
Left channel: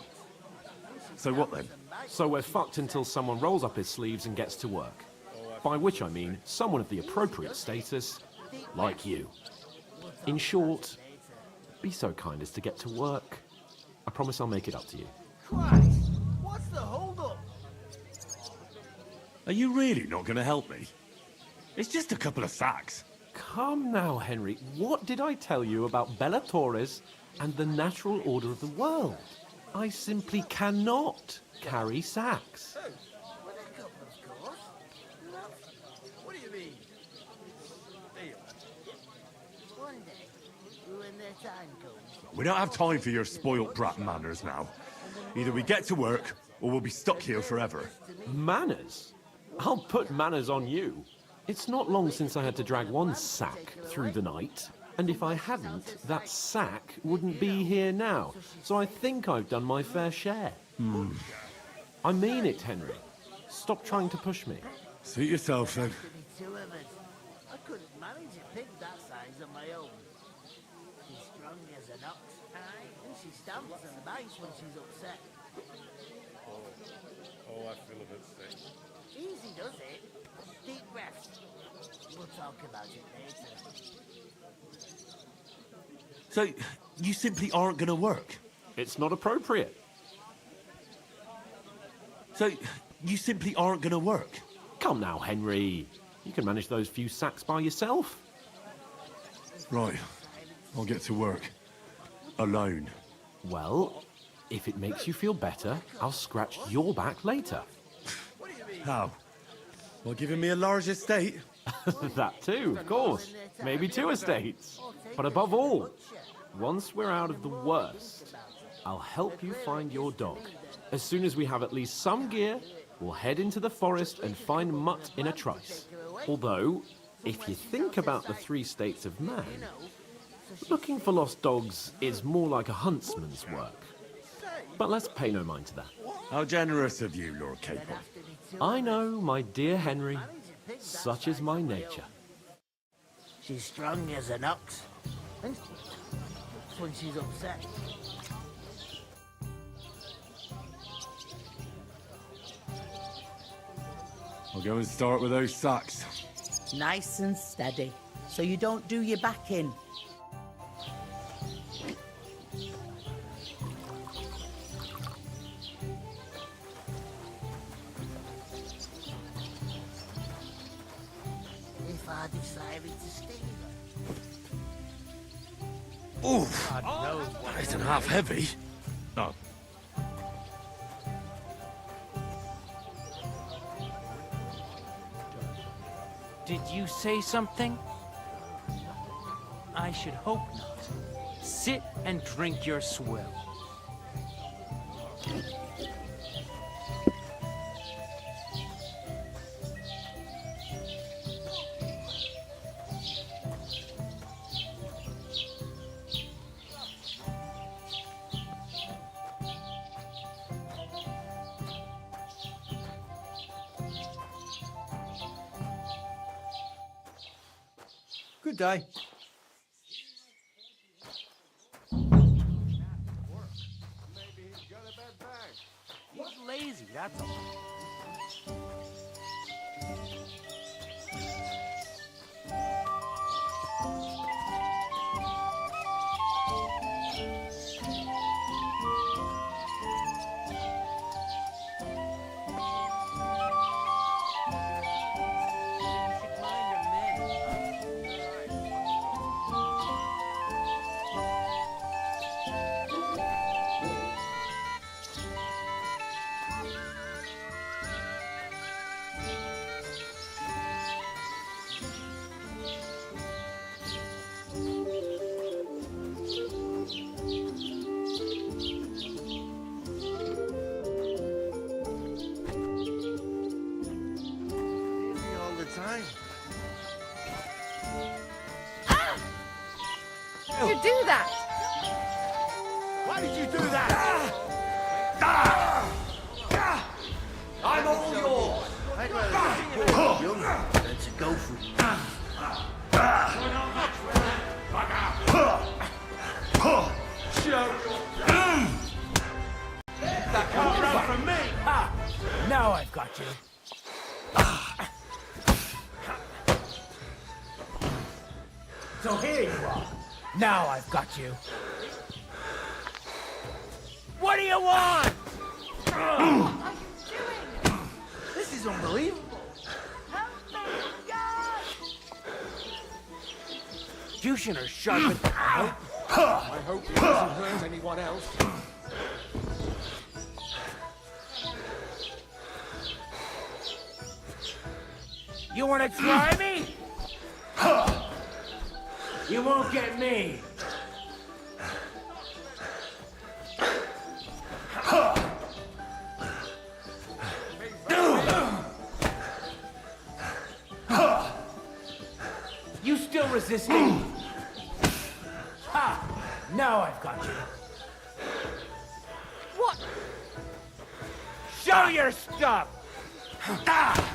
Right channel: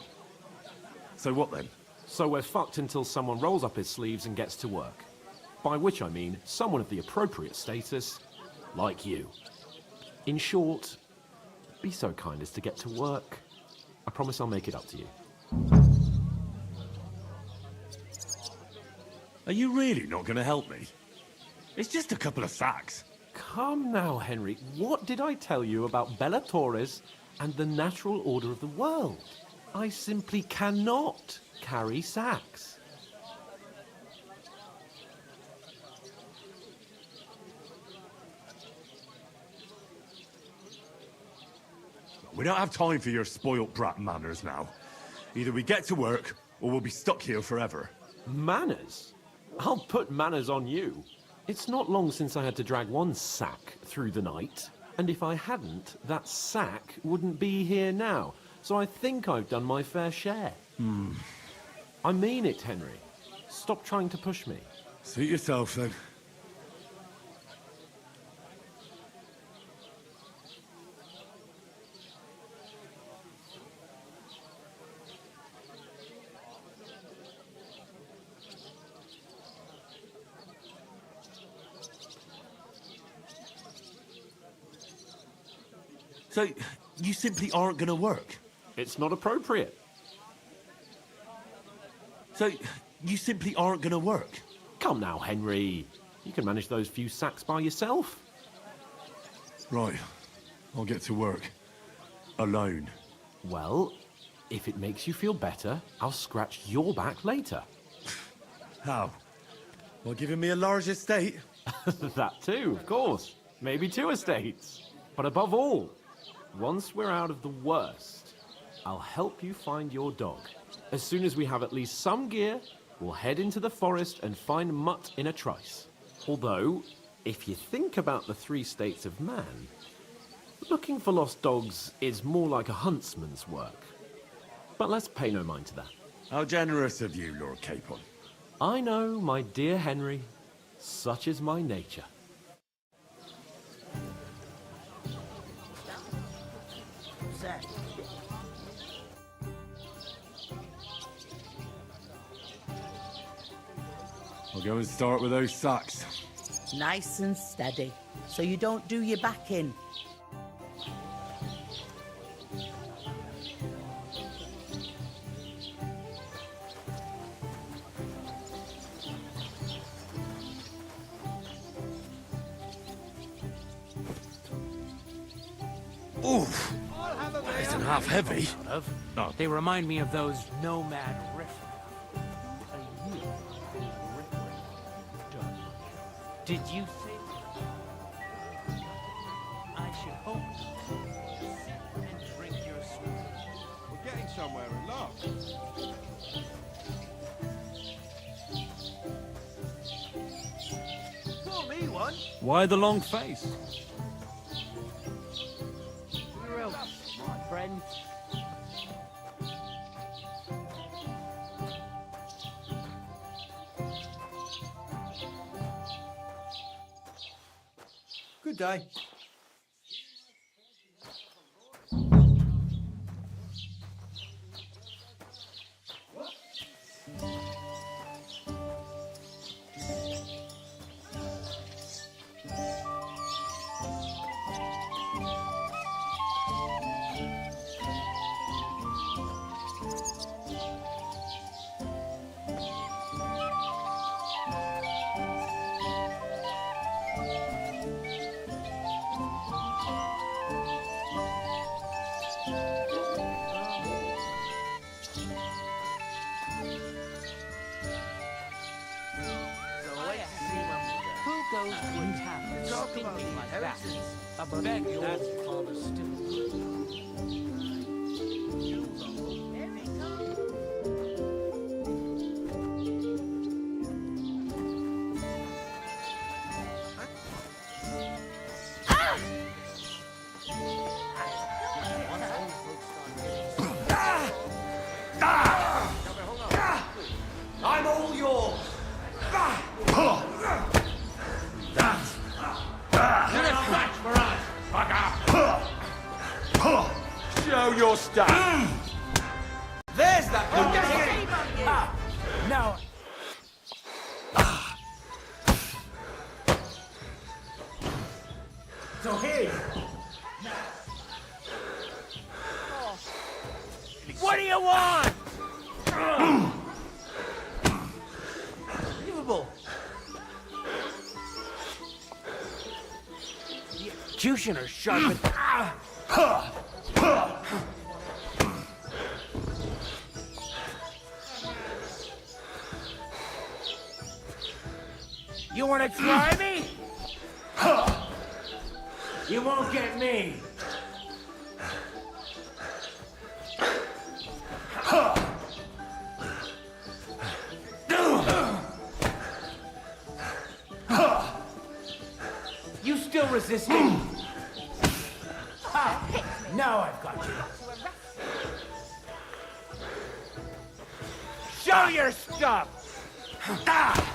So what then? So we're fucked until someone rolls up his sleeves and gets to work. By which I mean someone of the appropriate status, like you. In short, be so kind as to get to work. I promise I'll make it up to you. Are you really not going to help me? It's just a couple of sacks. Come now, Henry. What did I tell you about Bellatoris and the natural order of the world? I simply cannot carry sacks. We don't have time for your spoilt brat manners now. Either we get to work, or we'll be stuck here forever. Manners? I'll put manners on you. It's not long since I had to drag one sack through the night, and if I hadn't, that sack wouldn't be here now. So I think I've done my fair share. I mean it, Henry. Stop trying to push me. Suit yourself, then. So, you simply aren't going to work? It's not appropriate. So, you simply aren't going to work? Come now, Henry. You can manage those few sacks by yourself. Right. I'll get to work. Alone. Well, if it makes you feel better, I'll scratch your back later. How? By giving me a large estate? That too, of course. Maybe 2 estates. But above all, once we're out of the worst, I'll help you find your dog. As soon as we have at least some gear, we'll head into the forest and find Mutt in a trice. Although, if you think about the 3 states of man, looking for lost dogs is more like a huntsman's work. But let's pay no mind to that. How generous of you, Lord Capon. I know, my dear Henry. Such is my nature. She's strong as an ox. When she's upset. I'll go and start with those sacks. Nice and steady, so you don't do your back in. Oof! That isn't half heavy. Oh. They remind me of those nomad Did you say something? I should hope not. Sit and drink your swill. We're getting somewhere at last. Why the long face? Real smart friend. Good day. He's lazy, that's all. You do that! Why did you do that? I'm all yours. Show your stuff. There's that one. Ah, now I've got you. So here you are. Now I've got you. What do you want? This is unbelievable. Executioner's sharp. Anyone else? You want to try me? You won't get me. You still resisting? Ha! Now I've got you. What? Show your stuff! Ah!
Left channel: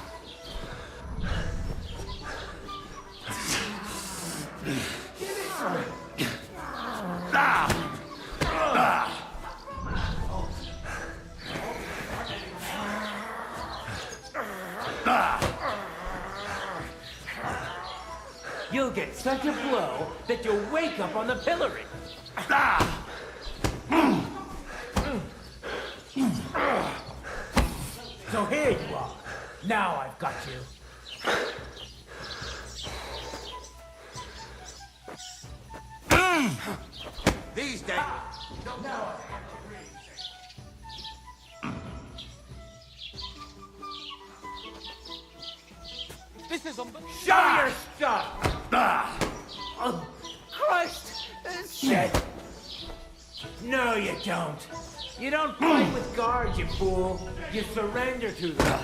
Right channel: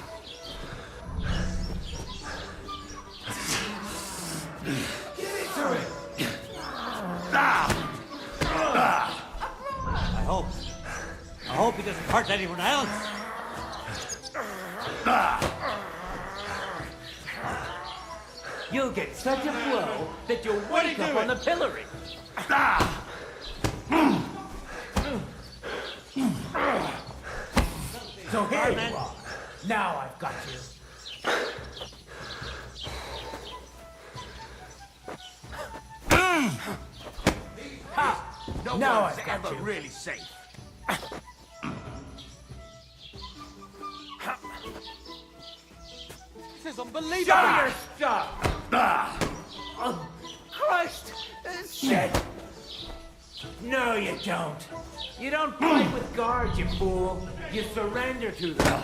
I hope he doesn't hurt anyone else. You'll get such a blow that you'll wake up on the pillory. So here you are. Now I've got you. These days, no Now one's I've got ever you. really safe. This is unbelievable. Show your stuff! Oh, Christ! Shit! No, you don't. You don't fight with guards, you fool. You surrender to them.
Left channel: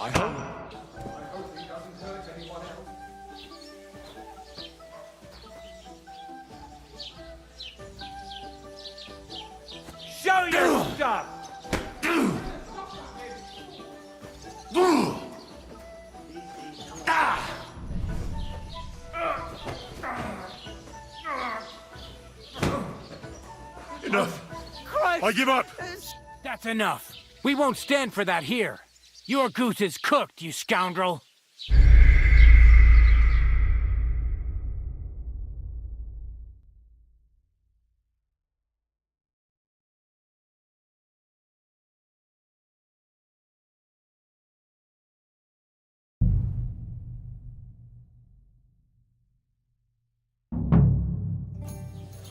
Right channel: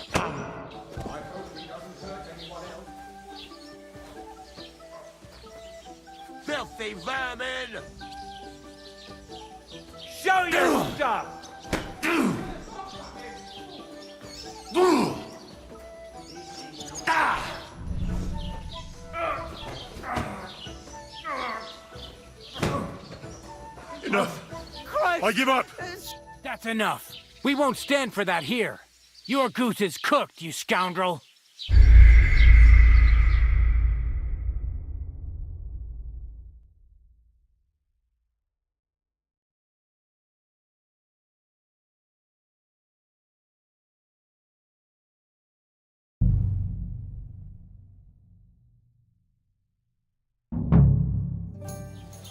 I hope. Filthy vermin! Show your stuff! Enough. Christ! I give up. That's enough. We won't stand for that here. Your goose is cooked, you scoundrel.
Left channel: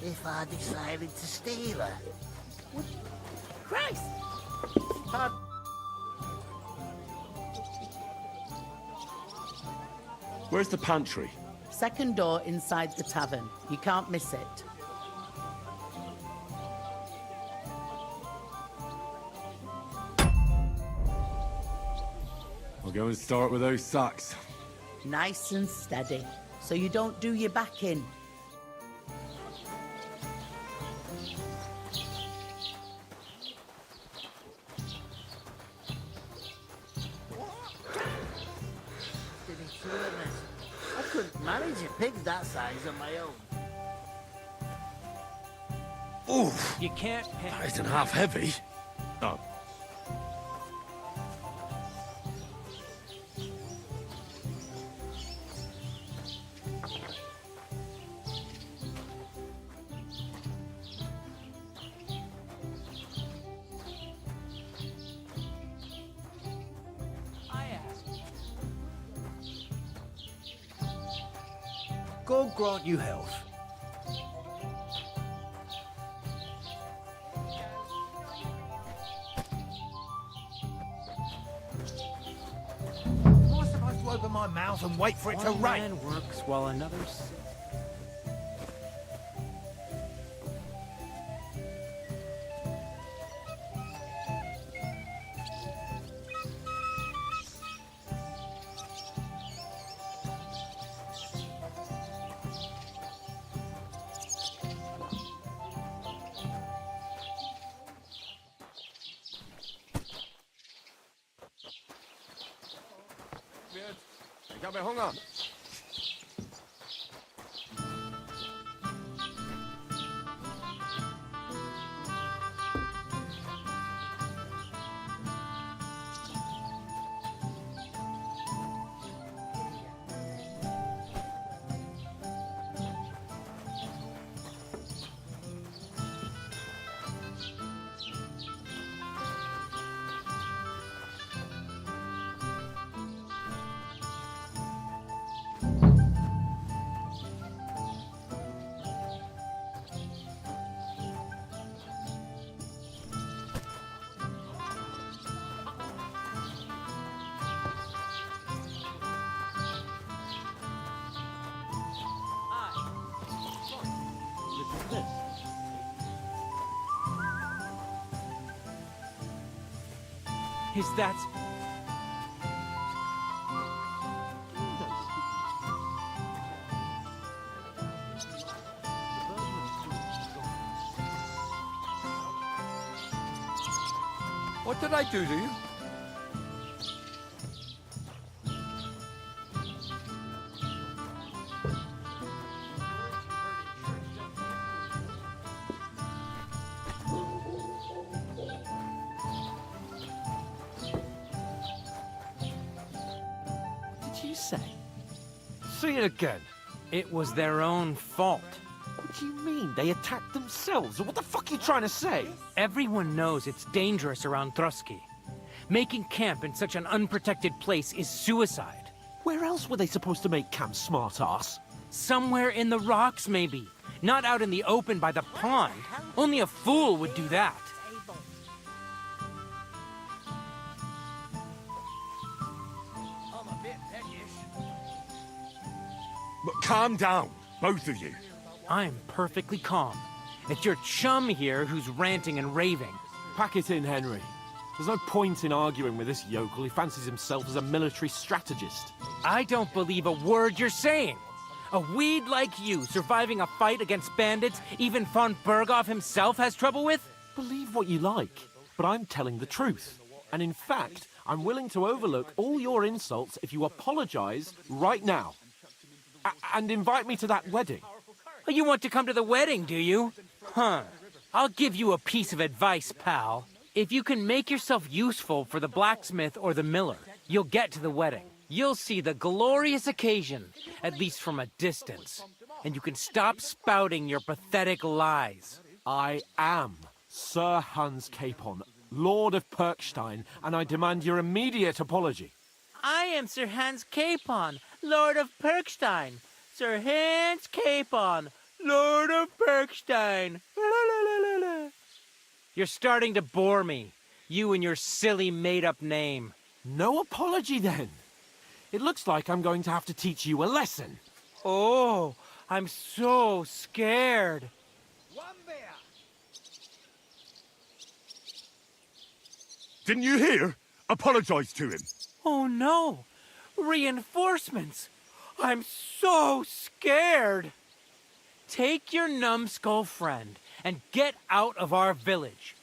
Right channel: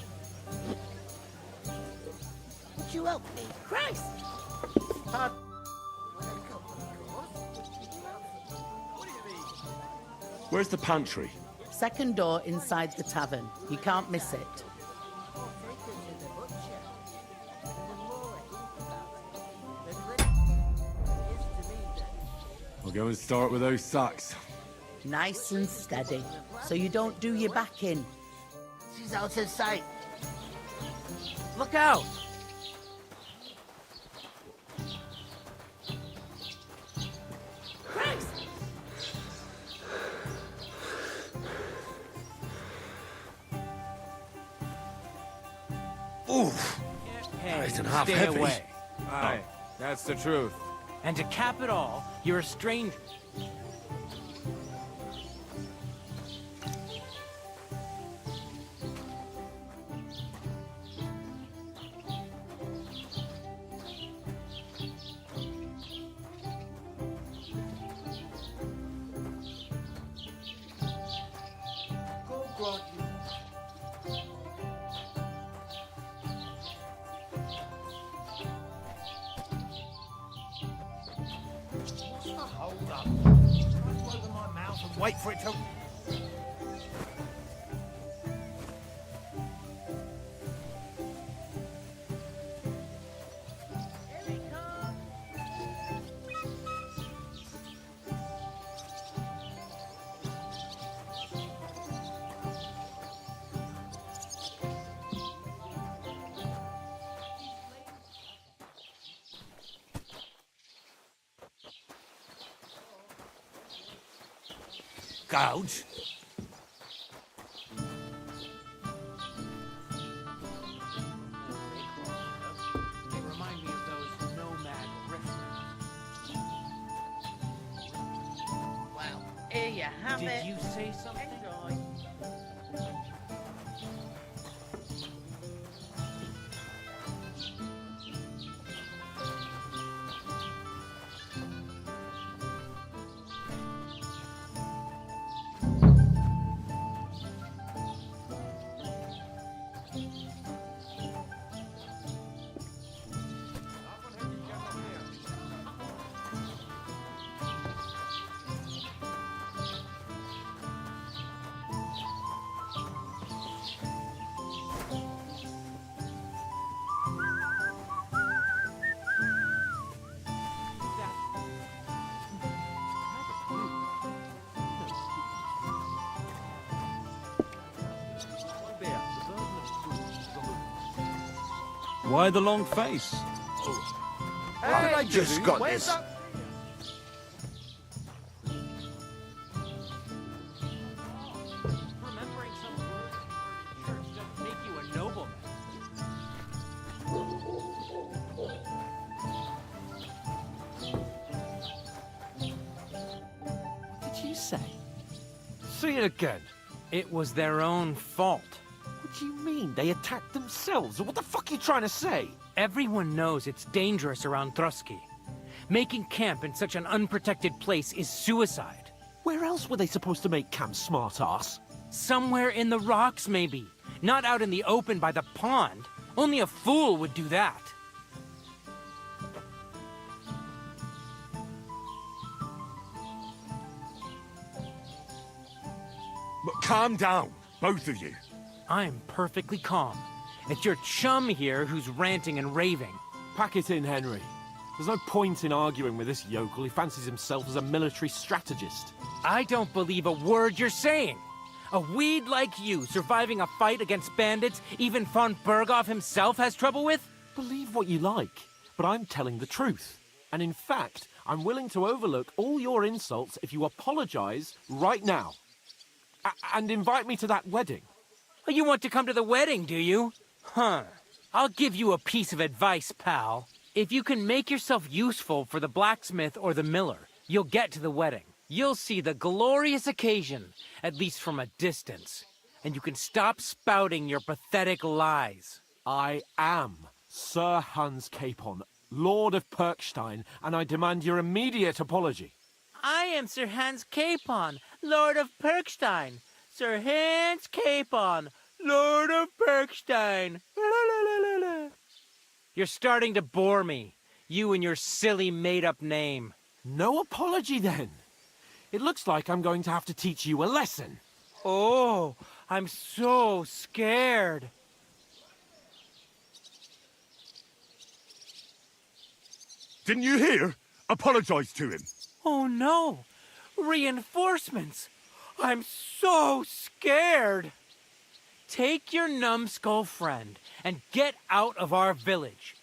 If I decided to steal her, would you help me? Christ! Where's the pantry? Second door inside the tavern. You can't miss it. I'll go and start with those sacks. Nice and steady, so you don't do your back in. She's out of sight. Look out! I couldn't manage a pig that size on my own. Oof! You can't pay. That isn't to half stay heavy. away. Aye, that's the truth. And to cap it all, you're a stranger. God grant you health. Am I supposed to open my mouth and wait for it to One rain? man works while another Gouge. Here you have Did it. you say something? Is that... Why the long face? What did I do? Just got Where's this. that? What did you say? Say it again. It was their own fault. What do you mean? They attacked themselves? What the fuck are you trying to say? Everyone knows it's dangerous around Trotsky. Making camp in such an unprotected place is suicide. Where else were they supposed to make camp, smart-ass? Somewhere in the rocks, maybe. Not out in the open by the pond. Only a fool would do that. But calm down, both of you. I'm perfectly calm. It's your chum here who's ranting and raving. Pack it in, Henry. There's no point in arguing with this yokel. He fancies himself as a military strategist. I don't believe a word you're saying. A weed like you surviving a fight against bandits even von Berghoff himself has trouble with? Believe what you like, but I'm telling the truth. And in fact, I'm willing to overlook all your insults if you apologize right now. And invite me to that wedding. Oh, you want to come to the wedding, do you? Huh. I'll give you a piece of advice, pal. If you can make yourself useful for the blacksmith or the miller, you'll get to the wedding. You'll see the glorious occasion, at least from a distance. And you can stop spouting your pathetic lies. I am Sir Hans Capon, Lord of Perkstein, and I demand your immediate apology. I am Sir Hans Capon, Lord of Perkstein. Sir Hans Capon, Lord of Perkstein. You're starting to bore me. You and your silly made-up name. No apology, then. It looks like I'm going to have to teach you a lesson. Oh, I'm so scared. Didn't you hear? Apologize to him. Oh no! Reinforcements! I'm so scared! Take your numbskull friend and get out of our village.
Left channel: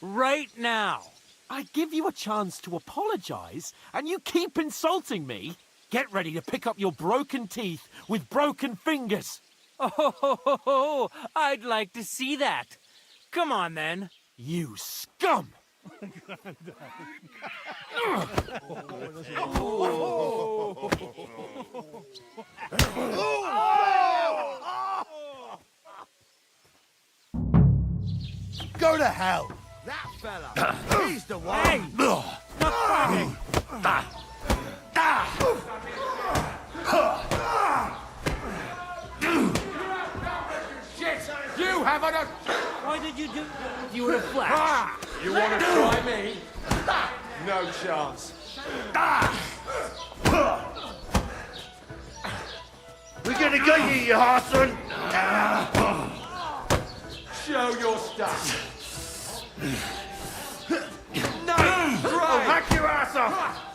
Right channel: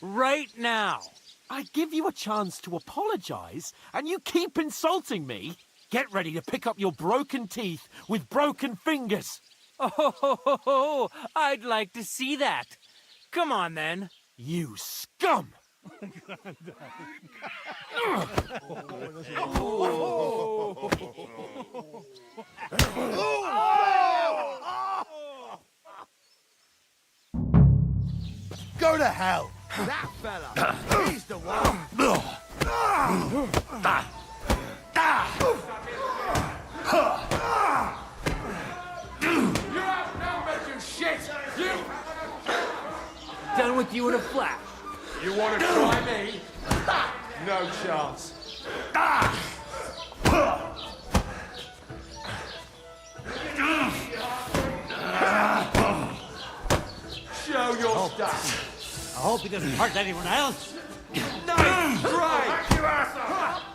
Right now! I give you a chance to apologize, and you keep insulting me? Get ready to pick up your broken teeth with broken fingers. Oh, I'd like to see that. Come on then. You scum! Go to hell! That fella, he's the one! Shit! You haven't a... Why did you do done with you in a flash? You want to try me? No chance. We're gonna get you, you harson! Show your stuff. I hope he doesn't hurt anyone else. Nice I'll try! hack your ass off!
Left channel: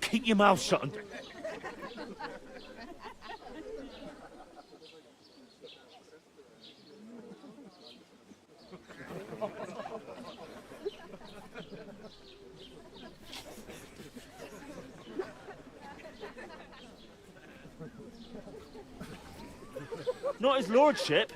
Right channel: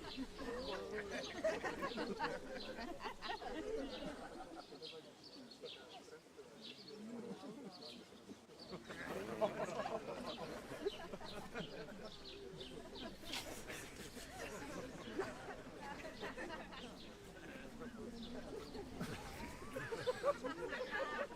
Keep your mouth shut. Not his lordship.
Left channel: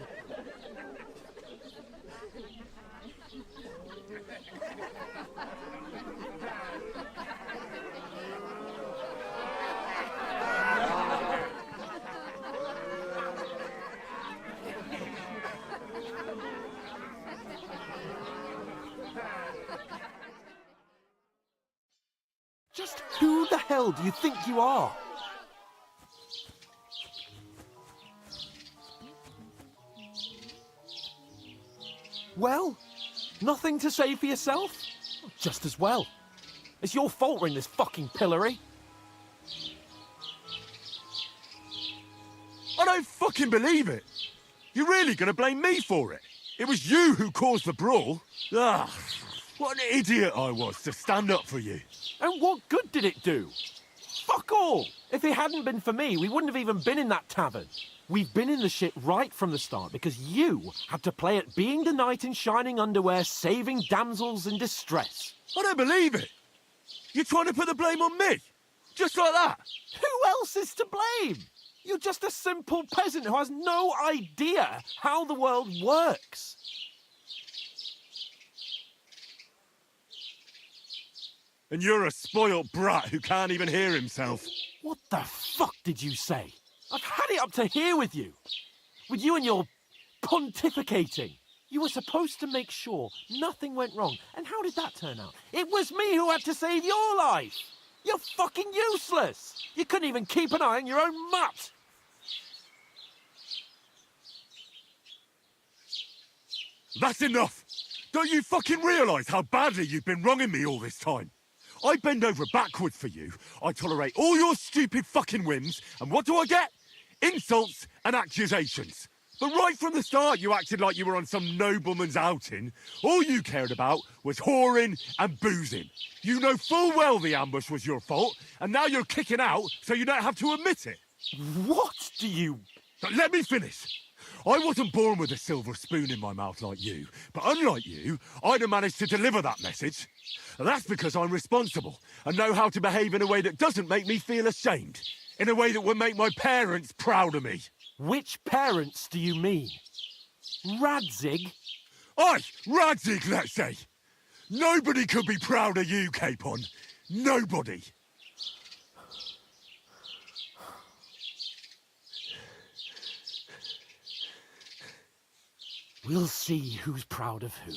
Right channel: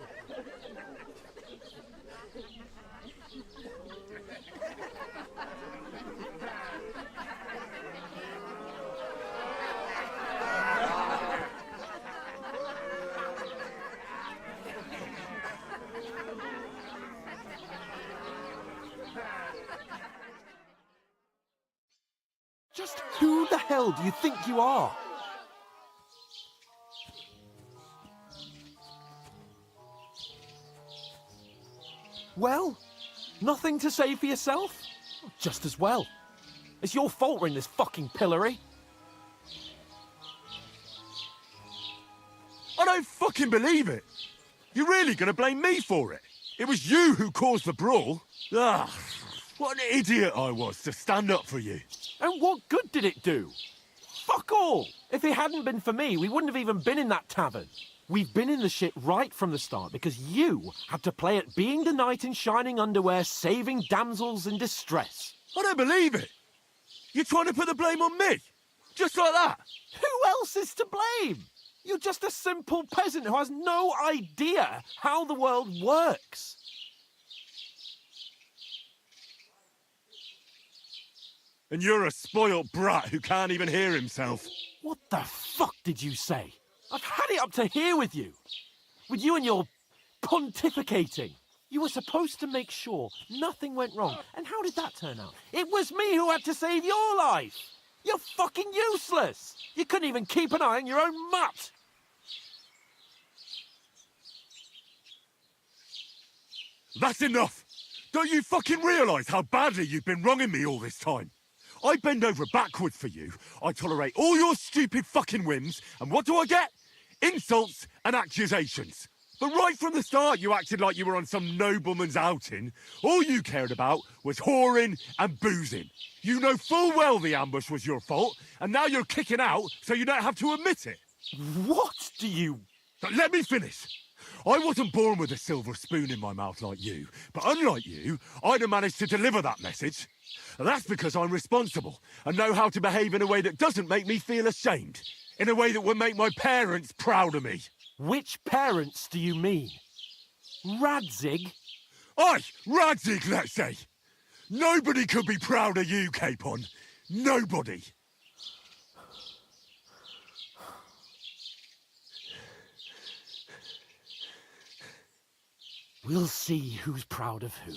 Just who the hell do you think you are? Well, nothing to say for yourself? Just as well. It's your fault we're in this fucking pillory. I don't fucking believe it. You're really gonna blame me for it? It was you who caused the brawl. Ah, what an idiot I was to stand up for you. And what good did it do? Fuck all! If it hadn't been for me, we wouldn't have even been in that tavern. We've been in the shit right from the start because you had to play at being the knight in shining underwear, saving damsels in distress. I don't believe it. You're trying to put the blame on me? Just like that? Who else is to blame? You're just a simple peasant who has no idea how the world works. And you're a spoilt brat who can't even hear himself. What the fuck did you say? I've had it up to here with you. With you and your pontificating. You were supposed to make sure nothing went wrong. And how did that turn out? It was me who had to save your life. You're fucking useless. You couldn't even keep an eye on your own mutt. That's enough. Don't you fucking realise how badly you've been wronging me all this time? I bend over backwards for you. I tolerate all your stupid fucking whims. And what do I get? Insults and accusations. But right from the start, you acted like you were on some nobleman's outing. All you cared about was whoring and boozing. You know full well the ambush was your fault, and now you're kicking out so you don't have to admit it. What do you... But let me finish. I wasn't born with a silver spoon in my mouth like you, but unlike you, I'd have managed to deliver that message. That's because I'm responsible and know how to behave in a way that doesn't make me feel ashamed. In a way that would make my parents proud of me. Which parents do you mean? Radzig? Aye, Radzig, let's say. Nobody could be proud of you, Capon. Nobody. We'll see who's proud of who.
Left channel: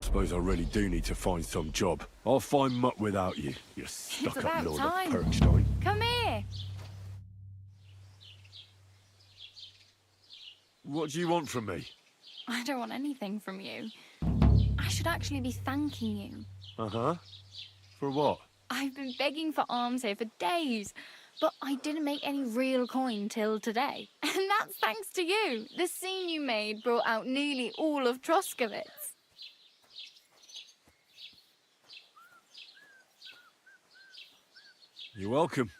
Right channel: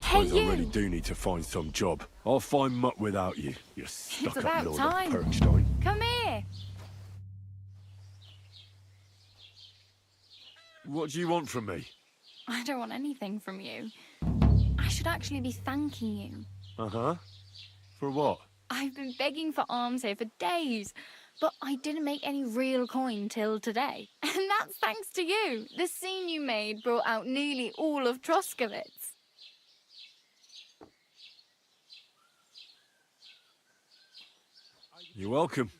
Suppose I really do need to find some job. I'll find mutt without you, you stuck-up about lord time. of Perkstein. Come here. What do you want from me? I don't want anything from you. I should actually be thanking you. Uh-huh. For what? I've been begging for alms here for days, but I didn't make any real coin till today. And that's thanks to you. The scene you made brought out nearly all of Troskowitz. You're welcome.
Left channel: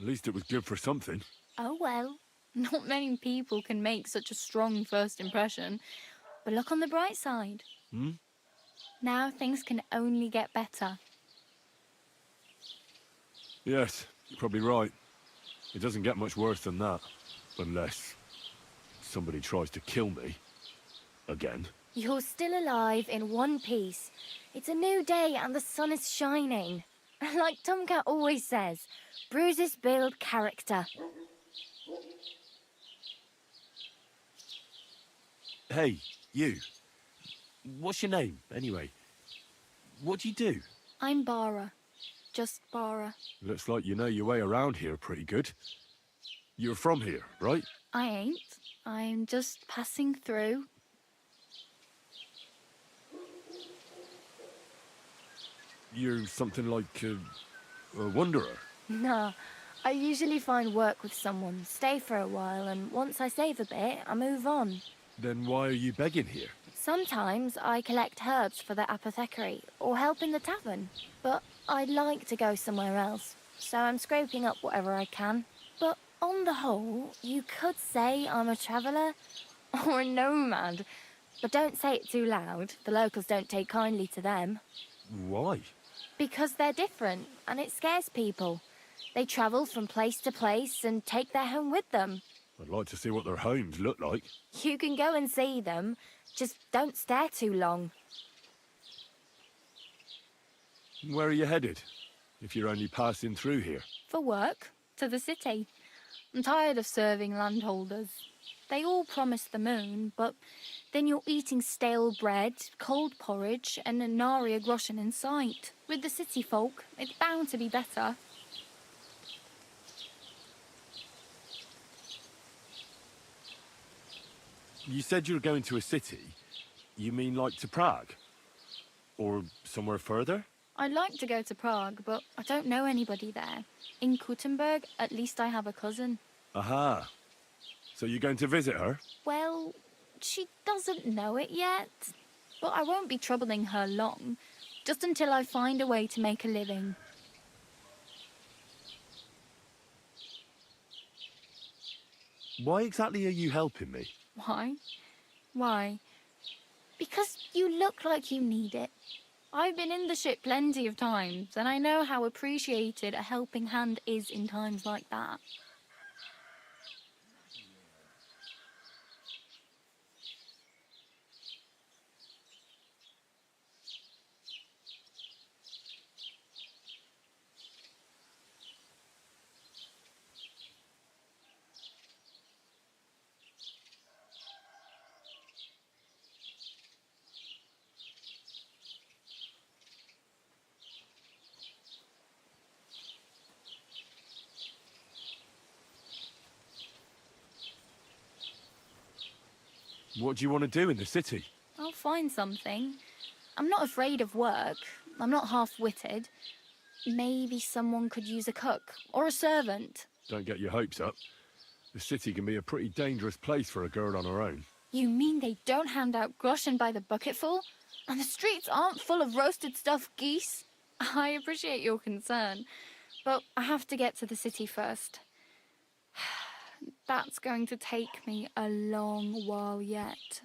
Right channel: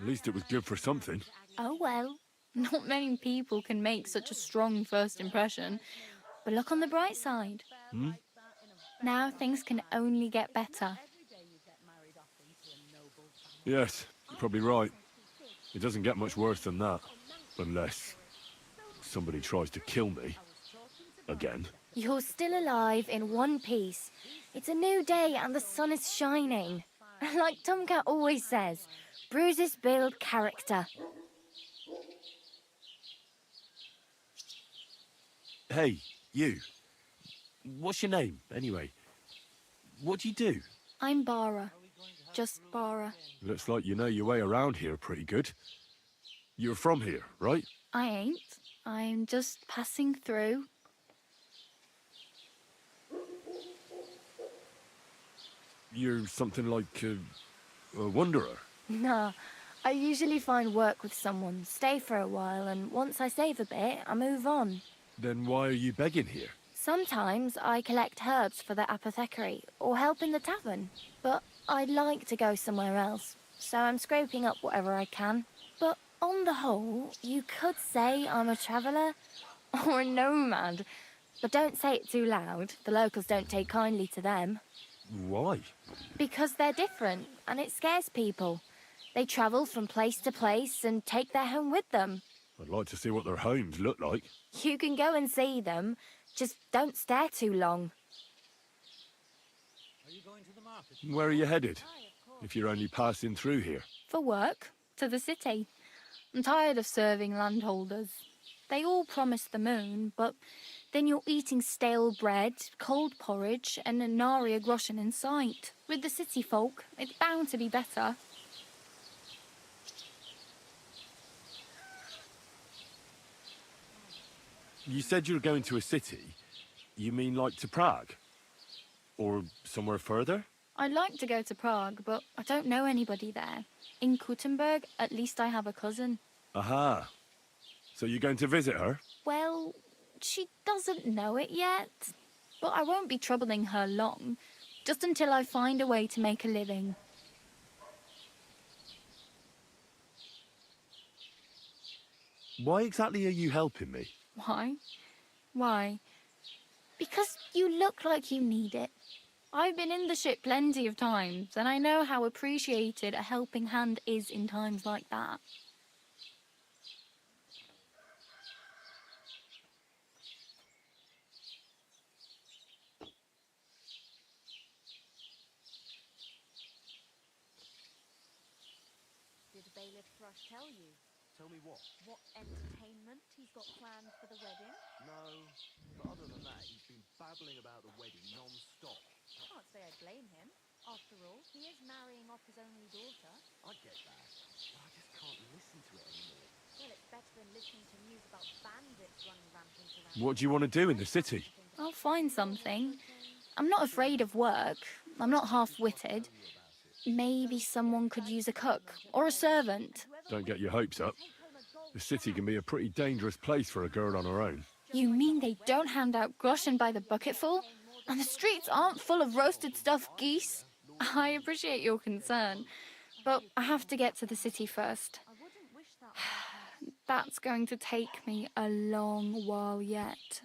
At least it was good for something. Oh well, not many people can make such a strong first impression. But look on the bright side. Hmm? Now things can only get better. Yes, you're probably right. It doesn't get much worse than that. Unless somebody tries to kill me. Again. You're still alive in one piece. It's a new day and the sun is shining. Like Tomcat always says, bruises build character. Hey, you. What's your name, anyway? What do you do? I'm Bara. Just Bara. Looks like you know your way around here pretty good. You're from here, right? I ain't. I'm just passing through. You're something like a wanderer. Nah, I usually find work with someone, stay for a while, and once I save a bit, I move on. Then why are you begging here? Sometimes I collect herbs for the apothecary, or help in the tavern. But I'd like to go somewhere else, so I'm scraping up whatever I can. But on the whole, you could say I'm a traveller, or a nomad. But don't say it too loud, the locals don't take kindly to them. Why? Because they're different, and it scares people. They travel from place to place and take their home with them. I'd like to see what their homes look like. You can go and see them, just don't stare too long. Where are you headed? If you're only passing through here. For work, to the city. I'm tired of serving landholders. They all promise the moon, but then you're eating stale bread, cold porridge, and a nary a groschen in sight. With the city folk, it's bound to be better. You said you were going to a city. You mean like to Prague? Or somewhere further? I'd like to go to Prague, but I don't know anybody there. In Kuttenberg, at least I have a cousin. Aha. So you're going to visit her? Well, she doesn't know it yet. But I won't be troubling her long, just until I find a way to make a living. Why exactly are you helping me? Why? Why? Because you look like you need it. I've been in the ship plenty of times, and I know how appreciated a helping hand is in times like that. Did the bailiff thrush tell you? Tell me what? What entertainment he's got planned for the wedding? No, but other than that, he's been babbling about the wedding non-stop. Can't say I blame him. After all, he is marrying off his only daughter. I get that, but I just can't listen to it anymore. Well, it's better than listening to news about bandits running rampant around. What do you want to do in the city? I'll find something. I'm not afraid of work. I'm not half-witted. Maybe someone could use a cook or a servant. Don't get your hopes up. The city can be a pretty dangerous place for a girl on her own. You mean they don't hand out groschen by the bucketful? And the streets aren't full of roasted stuffed geese? I appreciate your concern, but I have to get to the city first. That's going to take me a long while yet.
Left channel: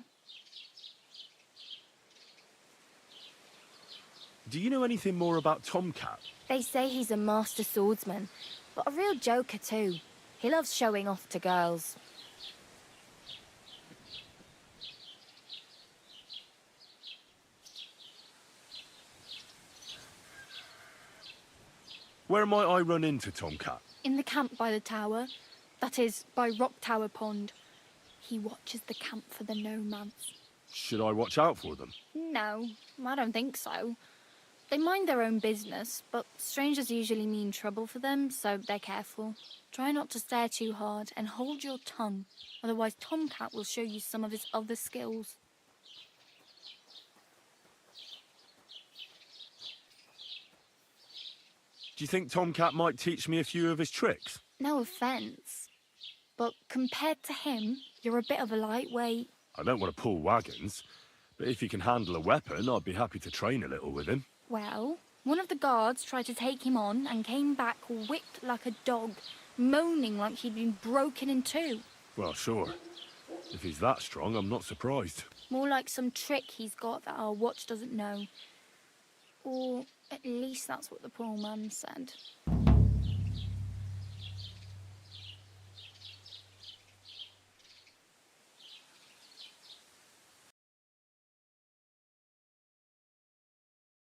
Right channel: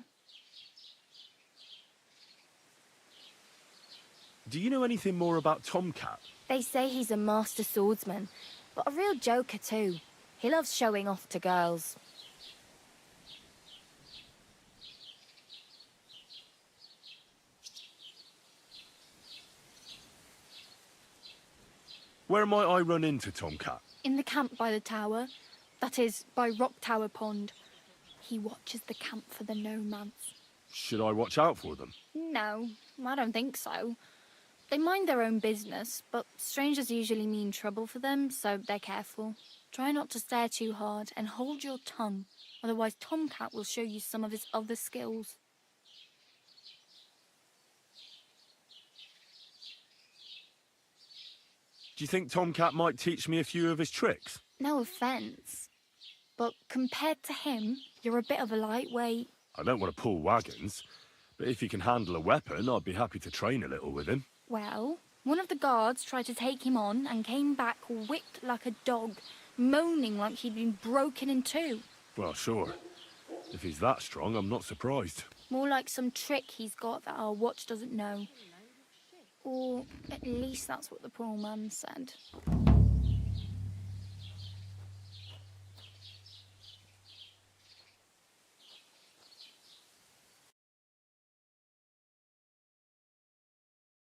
Do you know anything more about Tomcat? They say he's a master swordsman, but a real joker too. He loves showing off to girls. Where might I run into Tomcat? In the camp by the tower. That is, by Rock Tower Pond. He watches the camp for the nomads. Should I watch out for them? No, I don't think so. They mind their own business, but strangers usually mean trouble for them, so they're careful. Try not to stare too hard and hold your tongue, otherwise Tomcat will show you some of his other skills. Do you think Tomcat might teach me a few of his tricks? No offence, but compared to him, you're a bit of a lightweight. I don't want to pull wagons, but if he can handle a weapon, I'd be happy to train a little with him. Well, one of the guards tried to take him on and came back whipped like a dog, moaning like he'd been broken in two. Well, sure. If he's that strong, I'm not surprised. More like some trick he's got that our watch doesn't know. Or at least that's what the poor man said.